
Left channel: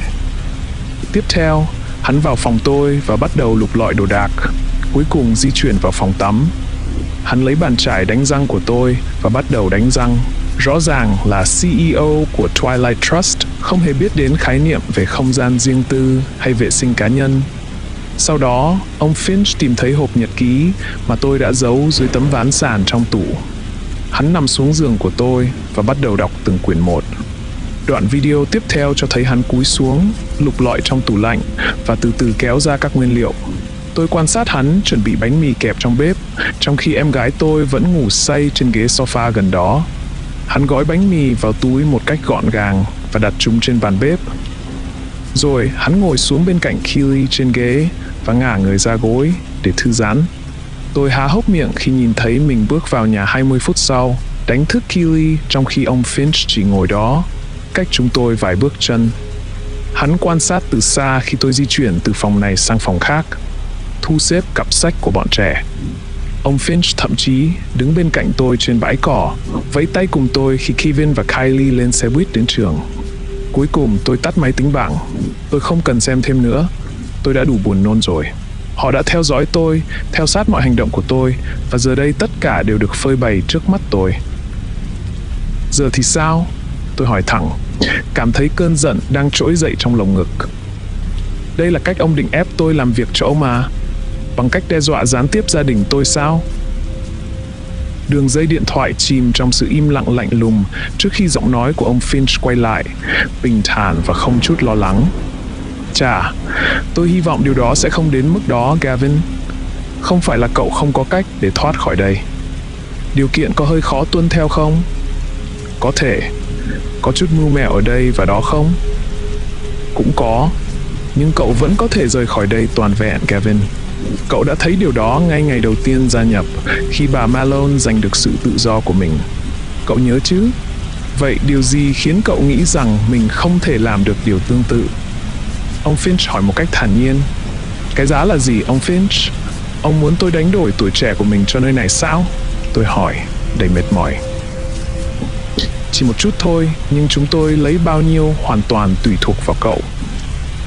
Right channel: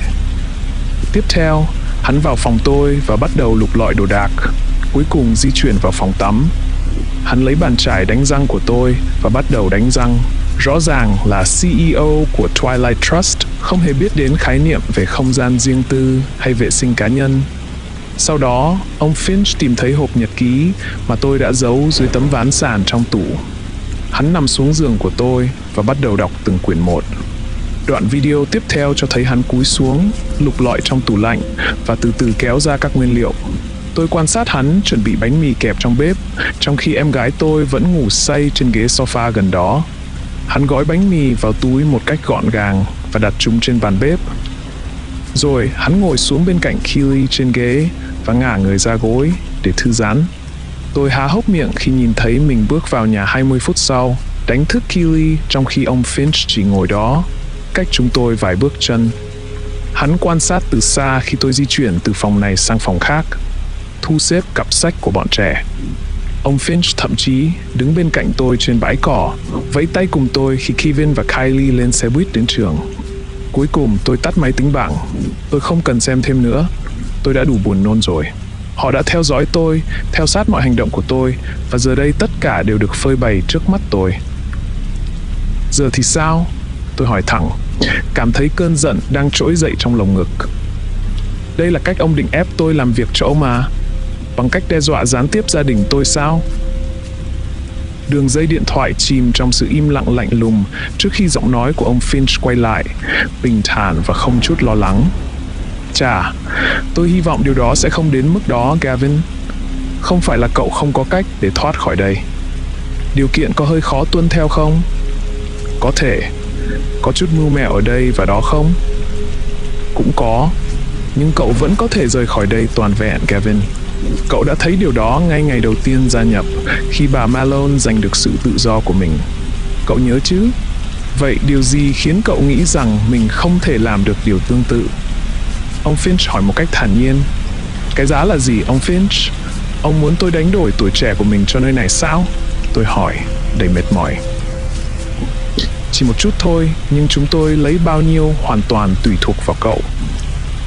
Tiếp theo, hắn vào phòng tôi và bắt đầu lục lọi đồ đạc, cuối cùng di chuyển vào phòng tắm. Hắn lấy bàn chải đánh răng của tôi và bắt đầu đánh răng. Rõ ràng là CEO của Twilight Trust không hề biết đến khái niệm về không gian riêng tư hay vệ sinh cá nhân. Sau đó, ông Finch tìm thấy hộp nhật ký mà tôi đã giấu dưới tấm ván sàn trong tủ. Hắn nằm xuống giường của tôi và bắt đầu đọc từng quyển một. Đoạn video tiếp theo cho thấy hắn cúi xuống, lục lọi trong tủ lạnh và từ từ kéo ra các nguyên liệu. Tôi quan sát hắn chuẩn bị bánh mì kẹp trong bếp, trong khi em gái tôi vẫn ngủ say trên ghế sofa gần đó. Hắn gói bánh mì vào túi một cách gọn gàng và đặt chúng trên bàn bếp. Rồi hắn ngồi xuống bên cạnh Keely trên ghế và ngả người ra gối để thư giãn. Tôi há hốc miệng khi nhìn thấy mình bước vào nhà 20 phút sau, đánh thức Keely trong khi ông Finch chỉ ngồi đó, cách chúng tôi vài bước chân. Hắn quan sát từ xa khi tôi di chuyển từ phòng này sang phòng khác, thu xếp cặp sách của bọn trẻ. Ông Finch thậm chí đứng bên cạnh tôi trên bãi cỏ, vẫy tay cùng tôi khi Kevin và Kylie lên xe buýt đến trường. Cuối cùng tôi tắt máy tính bảng. Tôi không cần xem thêm nữa. Tôi đã đủ buồn nôn rồi. Họ đã theo dõi tôi, theo sát mọi hành động của tôi, và giờ đây tất cả đều được phơi bày trước mắt tôi. Giờ thì sao? Tôi hỏi thẳng, cảm thấy cơn giận đang trỗi dậy trong lồng ngực. Đây là cách ông định ép tôi làm việc cho ông à? Bằng cách đe dọa gián tiếp gia đình tôi sao? Đường dây điện thoại chìm trong sự im lặng lạnh lùng trước khi giọng nói của ông Finch quay lại, bình thản và không chút lo lắng. Chà, tôi hy vọng điều đó sẽ không đến mức đó, Gavin. Không phải là cậu không có cách để thoát khỏi đây. Điều kiện có hơi khó tuân theo không? Có thể. Có chút mưu mẹo ở đây và đó không? Cũng có. Nhưng cậu vẫn có thể rời khỏi đây toàn vẹn, Gavin. Cậu đã thấy điều đó ngay ngày đầu tiên gia nhập, khi bà Malone giành được sự tự do của mình. Cậu nhớ chứ? Vậy điều gì khiến cậu nghĩ rằng mình không thể làm được điều tương tự? Ông Finch hỏi một cách thản nhiên. Cái giá là gì, ông Finch? Ông muốn tôi đánh đổi tuổi trẻ của mình cho nơi này sao? Tôi hỏi, đầy mệt mỏi. Chỉ một chút thôi, nhưng chúng tôi lấy bao nhiêu hoàn toàn tùy thuộc vào cậu.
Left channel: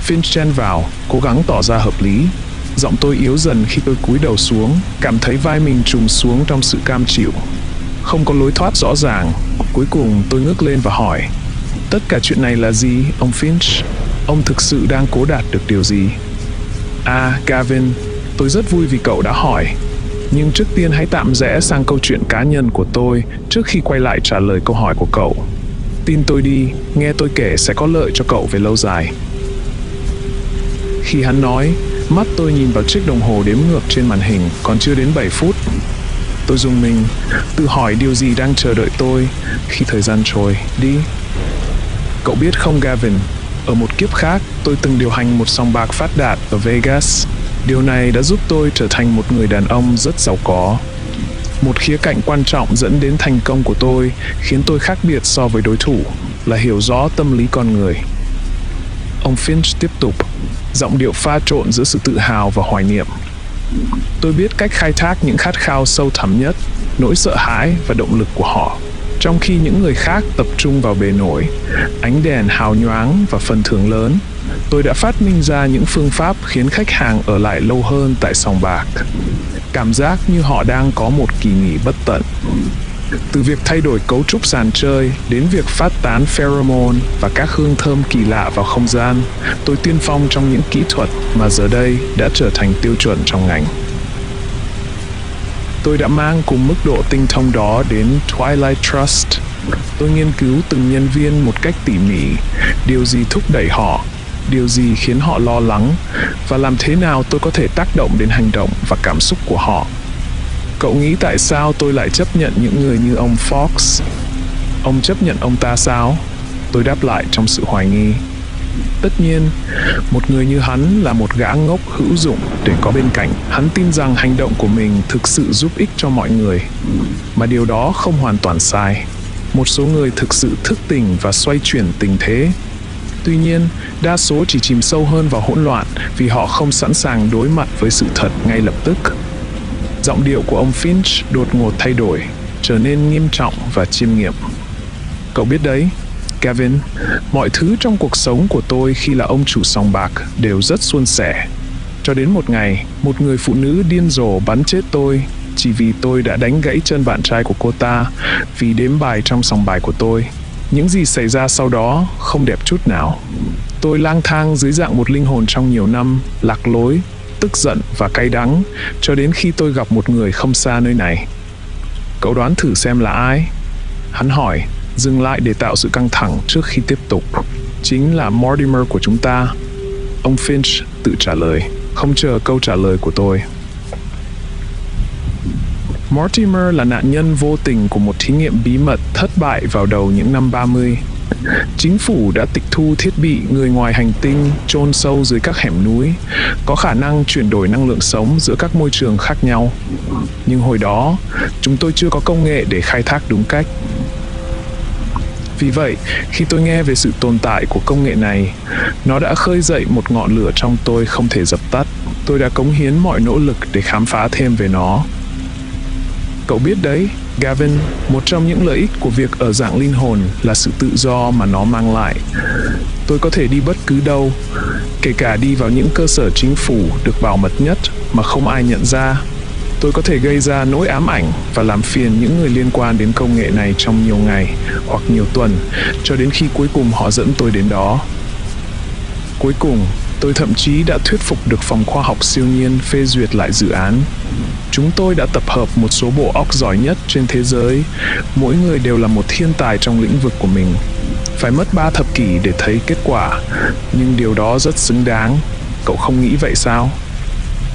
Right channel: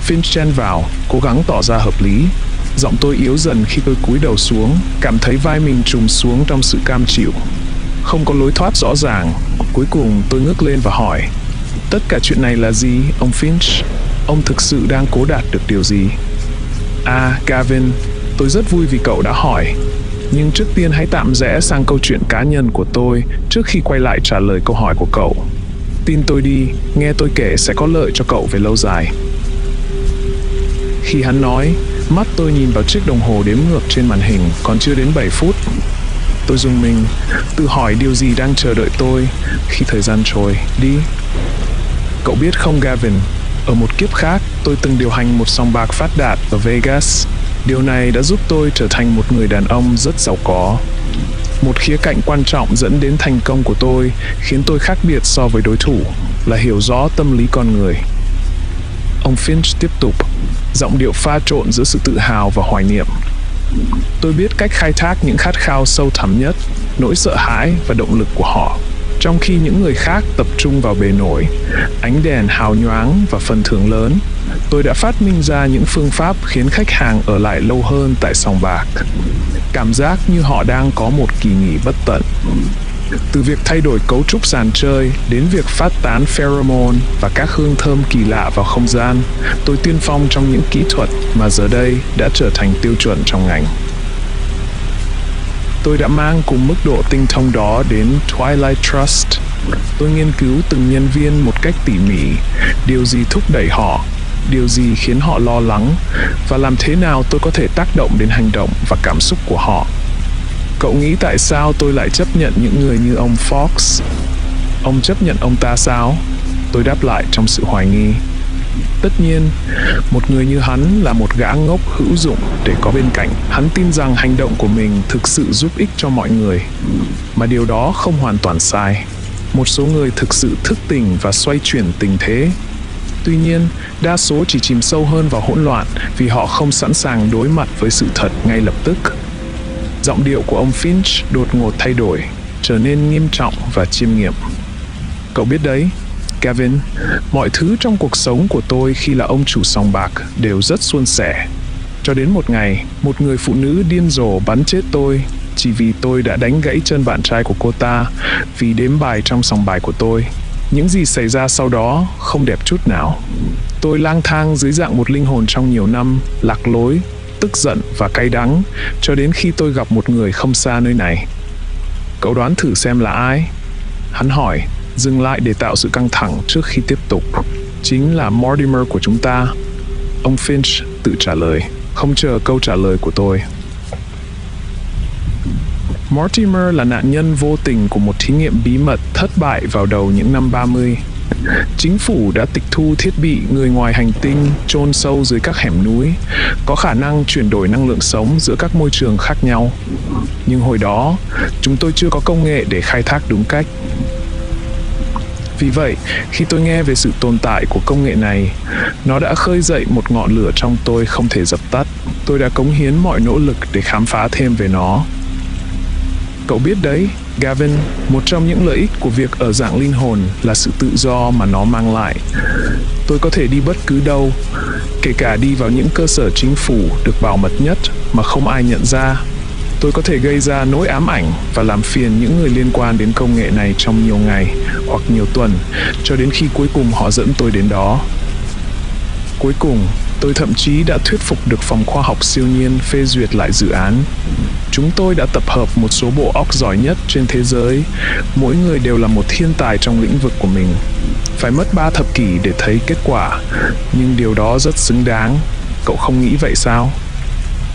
Finch chen vào, cố gắng tỏ ra hợp lý. Giọng tôi yếu dần khi tôi cúi đầu xuống, cảm thấy vai mình trùng xuống trong sự cam chịu. Không có lối thoát rõ ràng. Cuối cùng tôi ngước lên và hỏi, tất cả chuyện này là gì, ông Finch? Ông thực sự đang cố đạt được điều gì? À, Gavin, tôi rất vui vì cậu đã hỏi. Nhưng trước tiên hãy tạm rẽ sang câu chuyện cá nhân của tôi trước khi quay lại trả lời câu hỏi của cậu. Tin tôi đi, nghe tôi kể sẽ có lợi cho cậu về lâu dài. Khi hắn nói, mắt tôi nhìn vào chiếc đồng hồ đếm ngược trên màn hình, còn chưa đến 7 phút. Tôi rùng mình, tự hỏi điều gì đang chờ đợi tôi khi thời gian trôi đi. Cậu biết không, Gavin, ở một kiếp khác, tôi từng điều hành một sòng bạc phát đạt ở Vegas. Điều này đã giúp tôi trở thành một người đàn ông rất giàu có. Một khía cạnh quan trọng dẫn đến thành công của tôi khiến tôi khác biệt so với đối thủ là hiểu rõ tâm lý con người. Ông Finch tiếp tục, giọng điệu pha trộn giữa sự tự hào và hoài niệm. Tôi biết cách khai thác những khát khao sâu thẳm nhất, nỗi sợ hãi và động lực của họ, trong khi những người khác tập trung vào bề nổi, ánh đèn hào nhoáng và phần thưởng lớn. Tôi đã phát minh ra những phương pháp khiến khách hàng ở lại lâu hơn tại sòng bạc. Cảm giác như họ đang có một kỳ nghỉ bất tận. Từ việc thay đổi cấu trúc sàn chơi đến việc phát tán pheromone và các hương thơm kỳ lạ vào không gian, tôi tiên phong trong những kỹ thuật mà giờ đây đã trở thành tiêu chuẩn trong ngành. Tôi đã mang cùng mức độ tinh thông đó đến Twilight Trust. Tôi nghiên cứu từng nhân viên một cách tỉ mỉ, điều gì thúc đẩy họ, điều gì khiến họ lo lắng, và làm thế nào tôi có thể tác động đến hành động và cảm xúc của họ. Cậu nghĩ tại sao tôi lại chấp nhận những người như ông Fox? Ông chấp nhận ông ta sao? Tôi đáp lại trong sự hoài nghi. Tất nhiên, một người như hắn là một gã ngốc hữu dụng để có bên cạnh. Hắn tin rằng hành động của mình thực sự giúp ích cho mọi người, mà điều đó không hoàn toàn sai. Một số người thực sự thức tỉnh và xoay chuyển tình thế. Tuy nhiên, đa số chỉ chìm sâu hơn vào hỗn loạn vì họ không sẵn sàng đối mặt với sự thật ngay lập tức. Giọng điệu của ông Finch đột ngột thay đổi, trở nên nghiêm trọng và chiêm nghiệm. Cậu biết đấy, Gavin, mọi thứ trong cuộc sống của tôi khi là ông chủ sòng bạc đều rất suôn sẻ. Cho đến một ngày, một người phụ nữ điên rồ bắn chết tôi chỉ vì tôi đã đánh gãy chân bạn trai của cô ta vì đếm bài trong sòng bài của tôi. Những gì xảy ra sau đó không đẹp chút nào. Tôi lang thang dưới dạng một linh hồn trong nhiều năm, lạc lối, tức giận và cay đắng, cho đến khi tôi gặp một người không xa nơi này. Cậu đoán thử xem là ai? Hắn hỏi, dừng lại để tạo sự căng thẳng trước khi tiếp tục. Chính là Mortimer của chúng ta. Ông Finch tự trả lời, không chờ câu trả lời của tôi. Mortimer là nạn nhân vô tình của một thí nghiệm bí mật thất bại vào đầu những năm 30. Chính phủ đã tịch thu thiết bị người ngoài hành tinh chôn sâu dưới các hẻm núi, có khả năng chuyển đổi năng lượng sống giữa các môi trường khác nhau. Nhưng hồi đó, chúng tôi chưa có công nghệ để khai thác đúng cách. Vì vậy, khi tôi nghe về sự tồn tại của công nghệ này, nó đã khơi dậy một ngọn lửa trong tôi không thể dập tắt. Tôi đã cống hiến mọi nỗ lực để khám phá thêm về nó. Cậu biết đấy, Gavin, một trong những lợi ích của việc ở dạng linh hồn là sự tự do mà nó mang lại. Tôi có thể đi bất cứ đâu, kể cả đi vào những cơ sở chính phủ được bảo mật nhất mà không ai nhận ra. Tôi có thể gây ra nỗi ám ảnh và làm phiền những người liên quan đến công nghệ này trong nhiều ngày hoặc nhiều tuần, cho đến khi cuối cùng họ dẫn tôi đến đó. Cuối cùng, tôi thậm chí đã thuyết phục được phòng khoa học siêu nhiên phê duyệt lại dự án. Chúng tôi đã tập hợp một số bộ óc giỏi nhất trên thế giới, mỗi người đều là một thiên tài trong lĩnh vực của mình. Phải mất 3 thập kỷ để thấy kết quả, nhưng điều đó rất xứng đáng. Cậu không nghĩ vậy sao?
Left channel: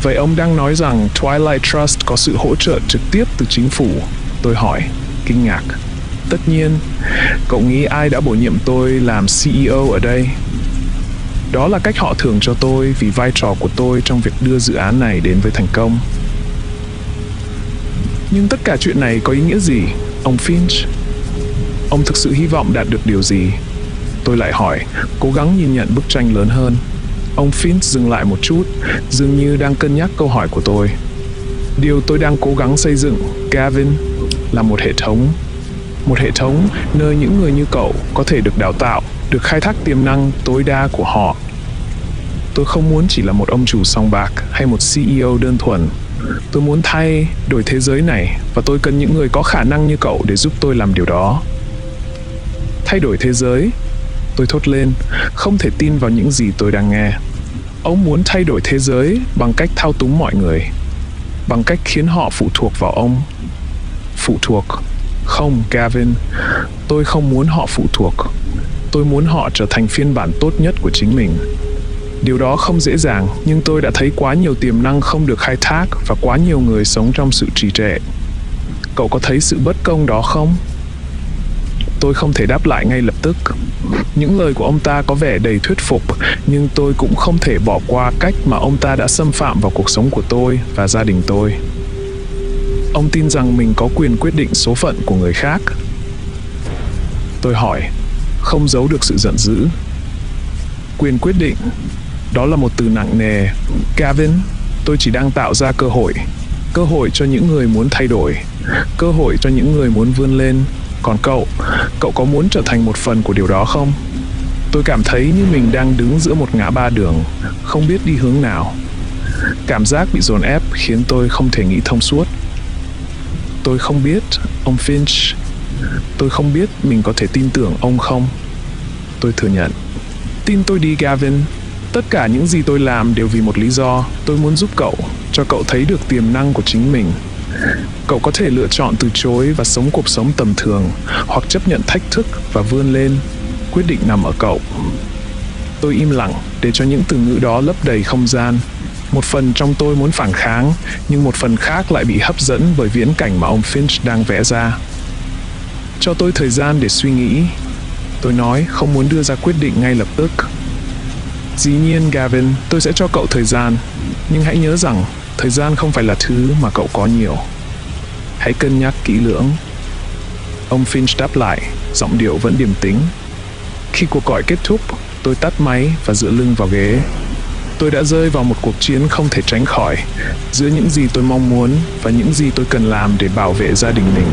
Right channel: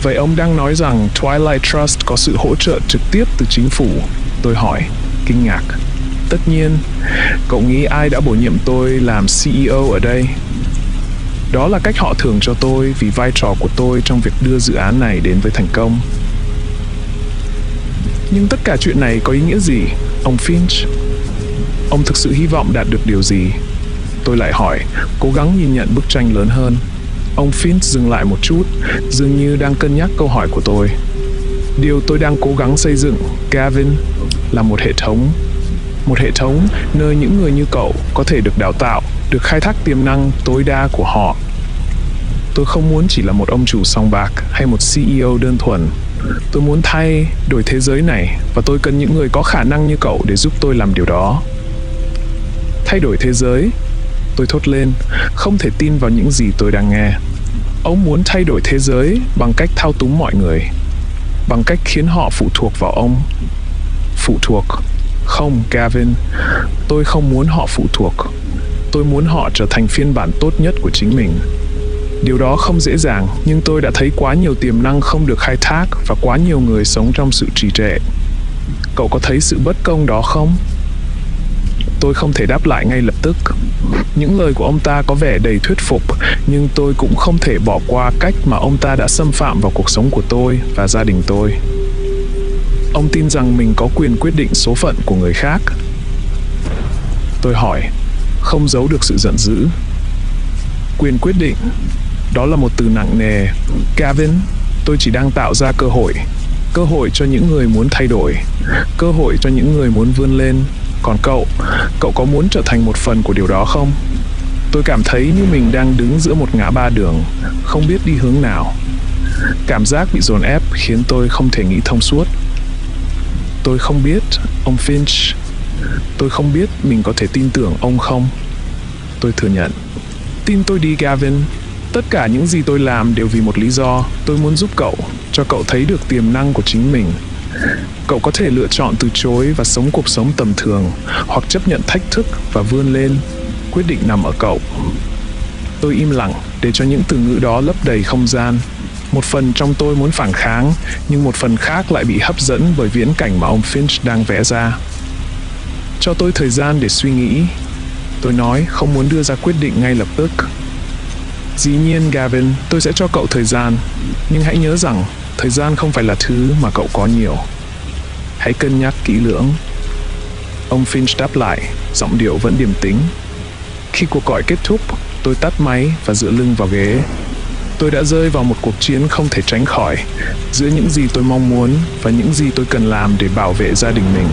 Vậy ông đang nói rằng Twilight Trust có sự hỗ trợ trực tiếp từ chính phủ? Tôi hỏi, kinh ngạc. Tất nhiên, cậu nghĩ ai đã bổ nhiệm tôi làm CEO ở đây? Đó là cách họ thưởng cho tôi vì vai trò của tôi trong việc đưa dự án này đến với thành công. Nhưng tất cả chuyện này có ý nghĩa gì, ông Finch? Ông thực sự hy vọng đạt được điều gì? Tôi lại hỏi, cố gắng nhìn nhận bức tranh lớn hơn. Ông Finch dừng lại một chút, dường như đang cân nhắc câu hỏi của tôi. Điều tôi đang cố gắng xây dựng, Gavin, là một hệ thống. Một hệ thống nơi những người như cậu có thể được đào tạo, được khai thác tiềm năng tối đa của họ. Tôi không muốn chỉ là một ông chủ sòng bạc hay một CEO đơn thuần. Tôi muốn thay đổi thế giới này và tôi cần những người có khả năng như cậu để giúp tôi làm điều đó. Thay đổi thế giới? Tôi thốt lên, không thể tin vào những gì tôi đang nghe. Ông muốn thay đổi thế giới bằng cách thao túng mọi người, bằng cách khiến họ phụ thuộc vào ông. Phụ thuộc? Không, Gavin, tôi không muốn họ phụ thuộc. Tôi muốn họ trở thành phiên bản tốt nhất của chính mình. Điều đó không dễ dàng, nhưng tôi đã thấy quá nhiều tiềm năng không được khai thác và quá nhiều người sống trong sự trì trệ. Cậu có thấy sự bất công đó không? Tôi không thể đáp lại ngay lập tức. Những lời của ông ta có vẻ đầy thuyết phục, nhưng tôi cũng không thể bỏ qua cách mà ông ta đã xâm phạm vào cuộc sống của tôi và gia đình tôi. Ông tin rằng mình có quyền quyết định số phận của người khác. Tôi hỏi, không giấu được sự giận dữ. Quyền quyết định, đó là một từ nặng nề. Gavin, tôi chỉ đang tạo ra cơ hội cho những người muốn thay đổi, cơ hội cho những người muốn vươn lên. Còn cậu có muốn trở thành một phần của điều đó không? Tôi cảm thấy như mình đang đứng giữa một ngã ba đường, không biết đi hướng nào. Cảm giác bị dồn ép khiến tôi không thể nghĩ thông suốt. Tôi không biết, ông Finch. Tôi không biết mình có thể tin tưởng ông không. Tôi thừa nhận. Tin tôi đi, Gavin. Tất cả những gì tôi làm đều vì một lý do. Tôi muốn giúp cậu, cho cậu thấy được tiềm năng của chính mình. Cậu có thể lựa chọn từ chối và sống cuộc sống tầm thường, hoặc chấp nhận thách thức và vươn lên. Quyết định nằm ở cậu. Tôi im lặng để cho những từ ngữ đó lấp đầy không gian. Một phần trong tôi muốn phản kháng, nhưng một phần khác lại bị hấp dẫn bởi viễn cảnh mà ông Finch đang vẽ ra. Cho tôi thời gian để suy nghĩ. Tôi nói không muốn đưa ra quyết định ngay lập tức. Dĩ nhiên, Gavin, tôi sẽ cho cậu thời gian. Nhưng hãy nhớ rằng, thời gian không phải là thứ mà cậu có nhiều. Hãy cân nhắc kỹ lưỡng. Ông Finch đáp lại, giọng điệu vẫn điềm tĩnh. Khi cuộc gọi kết thúc, tôi tắt máy và dựa lưng vào ghế. Tôi đã rơi vào một cuộc chiến không thể tránh khỏi, giữa những gì tôi mong muốn và những gì tôi cần làm để bảo vệ gia đình mình.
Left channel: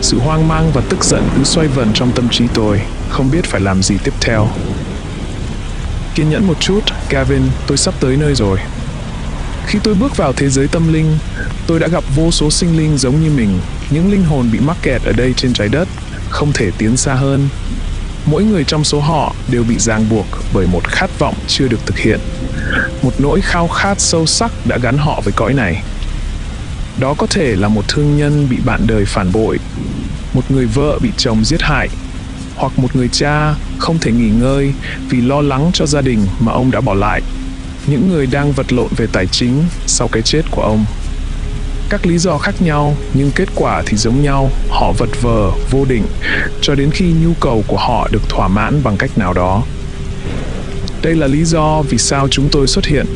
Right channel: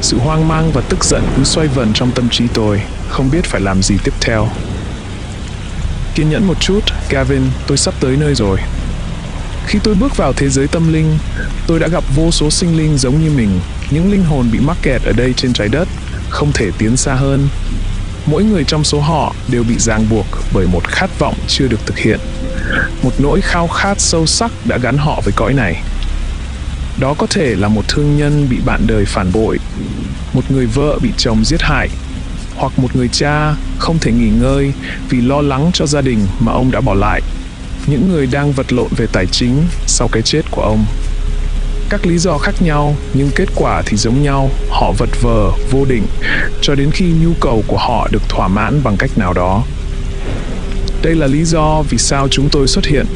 Sự hoang mang và tức giận cứ xoay vần trong tâm trí tôi, không biết phải làm gì tiếp theo. Kiên nhẫn một chút, Gavin, tôi sắp tới nơi rồi. Khi tôi bước vào thế giới tâm linh, tôi đã gặp vô số sinh linh giống như mình, những linh hồn bị mắc kẹt ở đây trên trái đất, không thể tiến xa hơn. Mỗi người trong số họ đều bị ràng buộc bởi một khát vọng chưa được thực hiện, một nỗi khao khát sâu sắc đã gắn họ với cõi này. Đó có thể là một thương nhân bị bạn đời phản bội, một người vợ bị chồng giết hại, hoặc một người cha không thể nghỉ ngơi vì lo lắng cho gia đình mà ông đã bỏ lại. Những người đang vật lộn về tài chính sau cái chết của ông. Các lý do khác nhau, nhưng kết quả thì giống nhau, họ vật vờ, vô định, cho đến khi nhu cầu của họ được thỏa mãn bằng cách nào đó. Đây là lý do vì sao chúng tôi xuất hiện.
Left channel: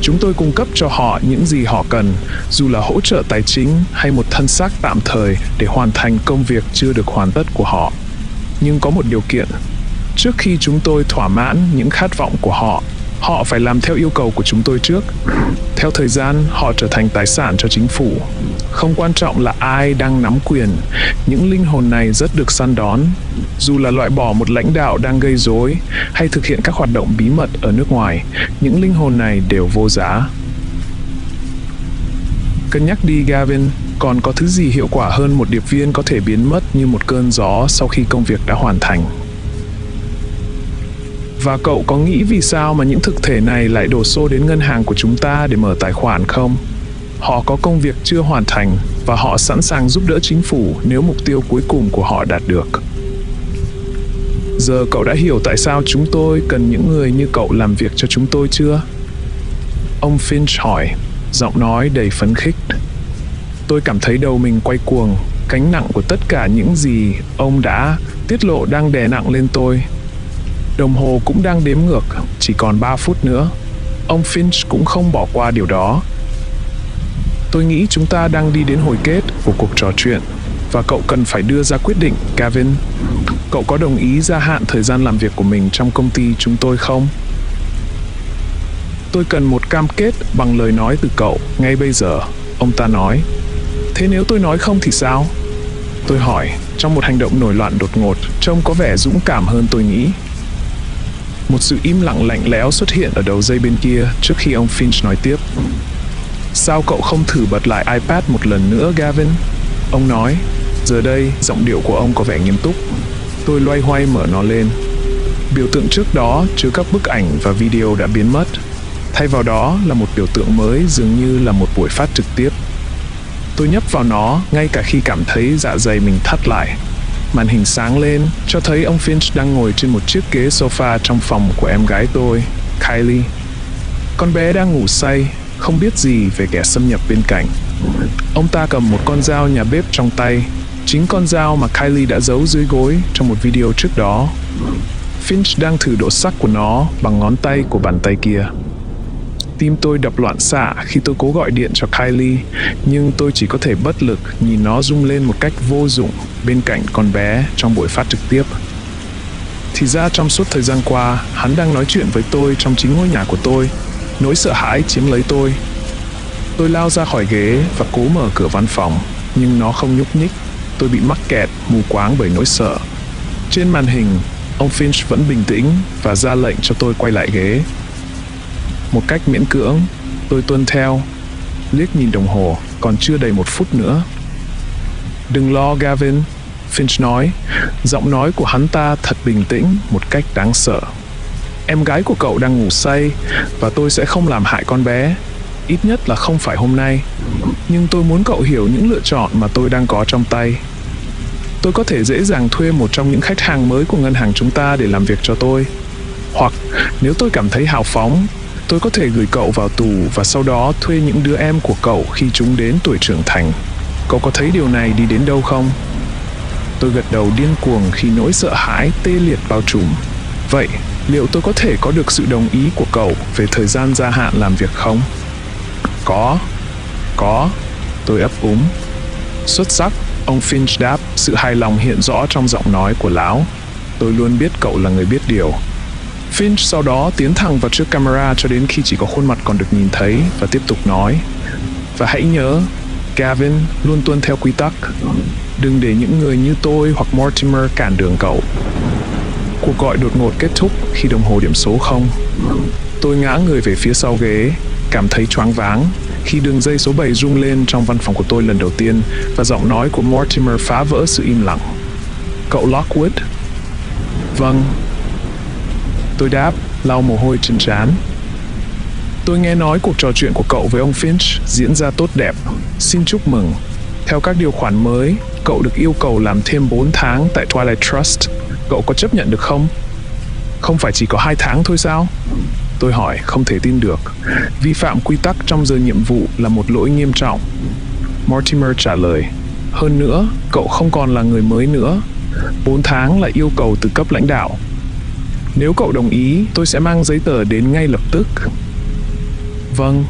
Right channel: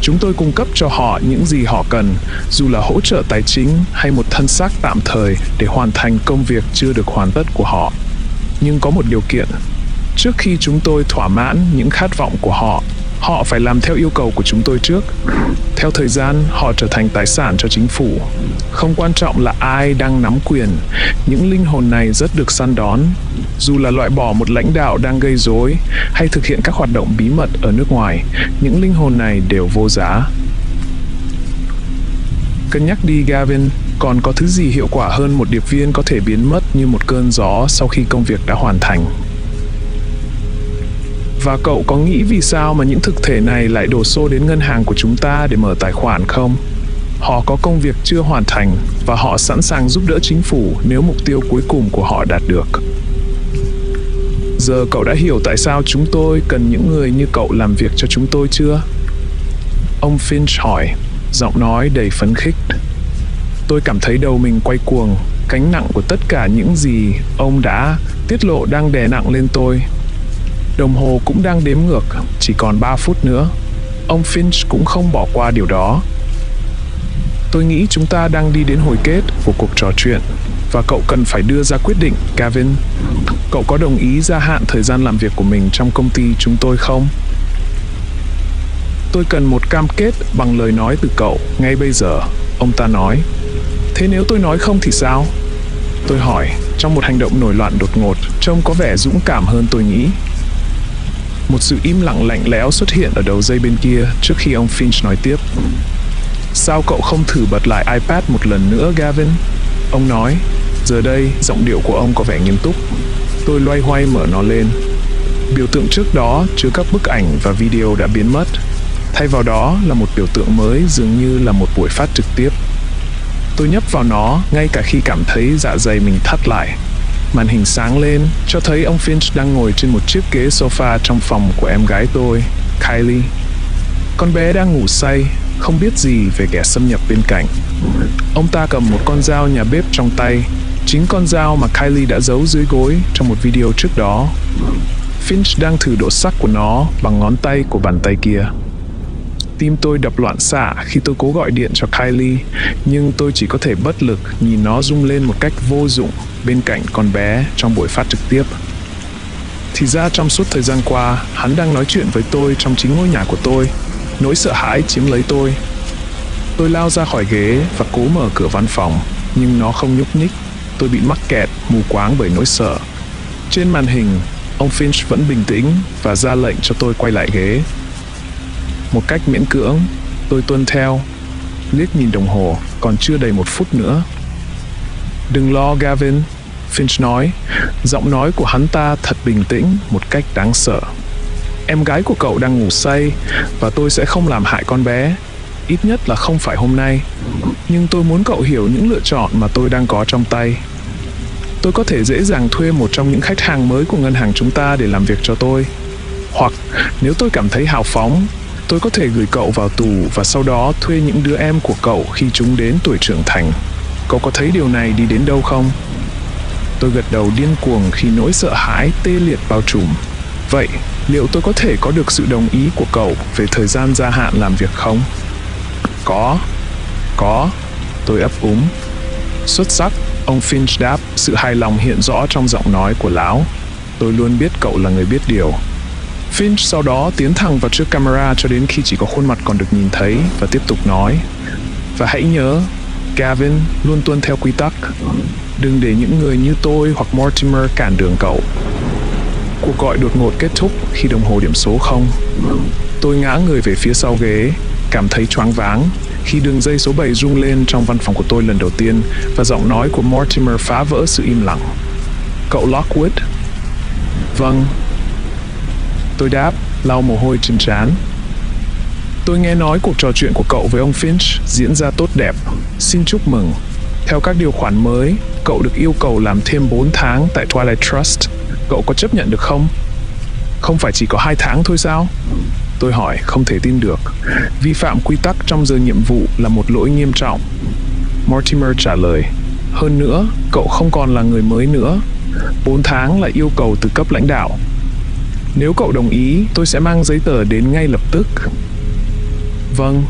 Chúng tôi cung cấp cho họ những gì họ cần, dù là hỗ trợ tài chính hay một thân xác tạm thời để hoàn thành công việc chưa được hoàn tất của họ. Nhưng có một điều kiện. Trước khi chúng tôi thỏa mãn những khát vọng của họ, họ phải làm theo yêu cầu của chúng tôi trước. Theo thời gian, họ trở thành tài sản cho chính phủ. Không quan trọng là ai đang nắm quyền, những linh hồn này rất được săn đón. Dù là loại bỏ một lãnh đạo đang gây rối hay thực hiện các hoạt động bí mật ở nước ngoài, những linh hồn này đều vô giá. Cân nhắc đi, Gavin, còn có thứ gì hiệu quả hơn một điệp viên có thể biến mất như một cơn gió sau khi công việc đã hoàn thành? Và cậu có nghĩ vì sao mà những thực thể này lại đổ xô đến ngân hàng của chúng ta để mở tài khoản không? Họ có công việc chưa hoàn thành và họ sẵn sàng giúp đỡ chính phủ nếu mục tiêu cuối cùng của họ đạt được. Giờ cậu đã hiểu tại sao chúng tôi cần những người như cậu làm việc cho chúng tôi chưa? Ông Finch hỏi, giọng nói đầy phấn khích. Tôi cảm thấy đầu mình quay cuồng, gánh nặng của tất cả những gì ông đã tiết lộ đang đè nặng lên tôi. Đồng hồ cũng đang đếm ngược, chỉ còn 3 phút nữa. Ông Finch cũng không bỏ qua điều đó. Tôi nghĩ chúng ta đang đi đến hồi kết của cuộc trò chuyện, và cậu cần phải đưa ra quyết định, Gavin. Cậu có đồng ý gia hạn thời gian làm việc của mình trong công ty chúng tôi không? Tôi cần một cam kết bằng lời nói từ cậu ngay bây giờ, ông ta nói. Thế nếu tôi nói không thì sao? Tôi hỏi, trong một hành động nổi loạn đột ngột, trông có vẻ dũng cảm hơn tôi nghĩ. Một sự im lặng lạnh lẽo xuất hiện ở đầu dây bên kia trước khi ông Finch nói tiếp. Sao cậu không thử bật lại iPad một lần nữa, Gavin? Ông nói. Giờ đây, giọng điệu của ông có vẻ nghiêm túc. Tôi loay hoay mở nó lên. Biểu tượng trước đó chứa các bức ảnh và video đã biến mất. Thay vào đó là một biểu tượng mới, dường như là một buổi phát trực tiếp. Tôi nhấp vào nó ngay cả khi cảm thấy dạ dày mình thắt lại. Màn hình sáng lên, cho thấy ông Finch đang ngồi trên một chiếc ghế sofa trong phòng của em gái tôi, Kylie. Con bé đang ngủ say, không biết gì về kẻ xâm nhập bên cạnh. Ông ta cầm một con dao nhà bếp trong tay, chính con dao mà Kylie đã giấu dưới gối trong một video trước đó. Finch đang thử độ sắc của nó bằng ngón tay của bàn tay kia. Tim tôi đập loạn xạ khi tôi cố gọi điện cho Kylie, nhưng tôi chỉ có thể bất lực nhìn nó rung lên một cách vô dụng bên cạnh con bé trong buổi phát trực tiếp. Thì ra trong suốt thời gian qua, hắn đang nói chuyện với tôi trong chính ngôi nhà của tôi. Nỗi sợ hãi chiếm lấy tôi. Tôi lao ra khỏi ghế và cố mở cửa văn phòng, nhưng nó không nhúc nhích. Tôi bị mắc kẹt, mù quáng bởi nỗi sợ. Trên màn hình, ông Finch vẫn bình tĩnh và ra lệnh cho tôi quay lại ghế. Một cách miễn cưỡng, tôi tuân theo. Liếc nhìn đồng hồ, còn chưa đầy 1 phút nữa. Đừng lo, Gavin, Finch nói. Giọng nói của hắn ta thật bình tĩnh, một cách đáng sợ. Em gái của cậu đang ngủ say, và tôi sẽ không làm hại con bé. Ít nhất là không phải hôm nay. Nhưng tôi muốn cậu hiểu những lựa chọn mà tôi đang có trong tay. Tôi có thể dễ dàng thuê một trong những khách hàng mới của ngân hàng chúng ta để làm việc cho tôi. Hoặc, nếu tôi cảm thấy hào phóng, tôi có thể gửi cậu vào tù và sau đó thuê những đứa em của cậu khi chúng đến tuổi trưởng thành. Cậu có thấy điều này đi đến đâu không? Tôi gật đầu điên cuồng khi nỗi sợ hãi tê liệt bao trùm. Vậy, liệu tôi có thể có được sự đồng ý của cậu về thời gian gia hạn làm việc không? Có, tôi ấp úng. Xuất sắc, Ông Finch đáp, sự hài lòng hiện rõ trong giọng nói của lão. Tôi luôn biết cậu là người biết điều. Finch sau đó tiến thẳng vào trước camera cho đến khi chỉ có khuôn mặt còn được nhìn thấy và tiếp tục nói. Và hãy nhớ, Gavin luôn tuân theo quy tắc. Đừng để những người như tôi hoặc Mortimer cản đường cậu. Cuộc gọi đột ngột kết thúc khi đồng hồ điểm số 0. Tôi ngã người về phía sau ghế, cảm thấy choáng váng khi đường dây số 7 rung lên trong văn phòng của tôi lần đầu tiên và giọng nói của Mortimer phá vỡ sự im lặng. Cậu Lockwood? Vâng. Tôi đáp, lau mồ hôi trên trán. Tôi nghe nói cuộc trò chuyện của cậu với ông Finch diễn ra tốt đẹp. Xin chúc mừng. Theo các điều khoản mới, cậu được yêu cầu làm thêm 4 tháng tại Twilight Trust. Cậu có chấp nhận được không? Không phải chỉ có 2 tháng thôi sao? Tôi hỏi, không thể tin được. Vi phạm quy tắc trong giờ nhiệm vụ là một lỗi nghiêm trọng. Mortimer trả lời, hơn nữa, cậu không còn là người mới nữa. 4 tháng là yêu cầu từ cấp lãnh đạo. Nếu cậu đồng ý, tôi sẽ mang giấy tờ đến ngay lập tức. Vâng,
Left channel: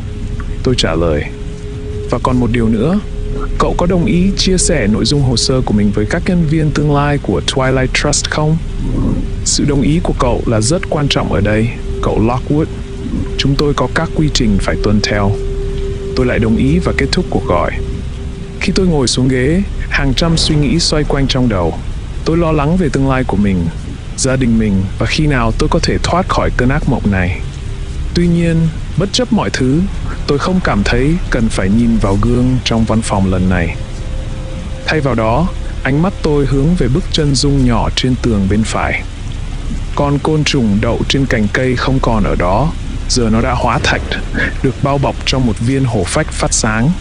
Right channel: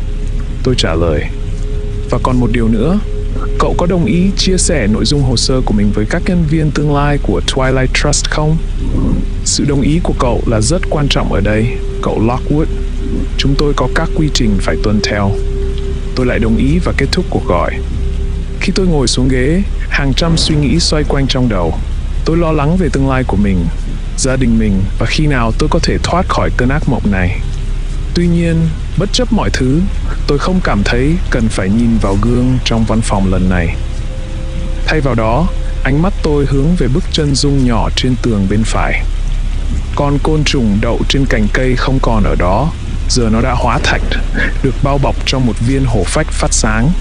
tôi trả lời. Và còn một điều nữa, cậu có đồng ý chia sẻ nội dung hồ sơ của mình với các nhân viên tương lai của Twilight Trust không? Sự đồng ý của cậu là rất quan trọng ở đây, cậu Lockwood. Chúng tôi có các quy trình phải tuân theo. Tôi lại đồng ý và kết thúc cuộc gọi. Khi tôi ngồi xuống ghế, hàng trăm suy nghĩ xoay quanh trong đầu. Tôi lo lắng về tương lai của mình, gia đình mình và khi nào tôi có thể thoát khỏi cơn ác mộng này. Tuy nhiên, bất chấp mọi thứ, tôi không cảm thấy cần phải nhìn vào gương trong văn phòng lần này. Thay vào đó, ánh mắt tôi hướng về bức chân dung nhỏ trên tường bên phải. Con côn trùng đậu trên cành cây không còn ở đó, giờ nó đã hóa thạch, được bao bọc trong một viên hổ phách phát sáng.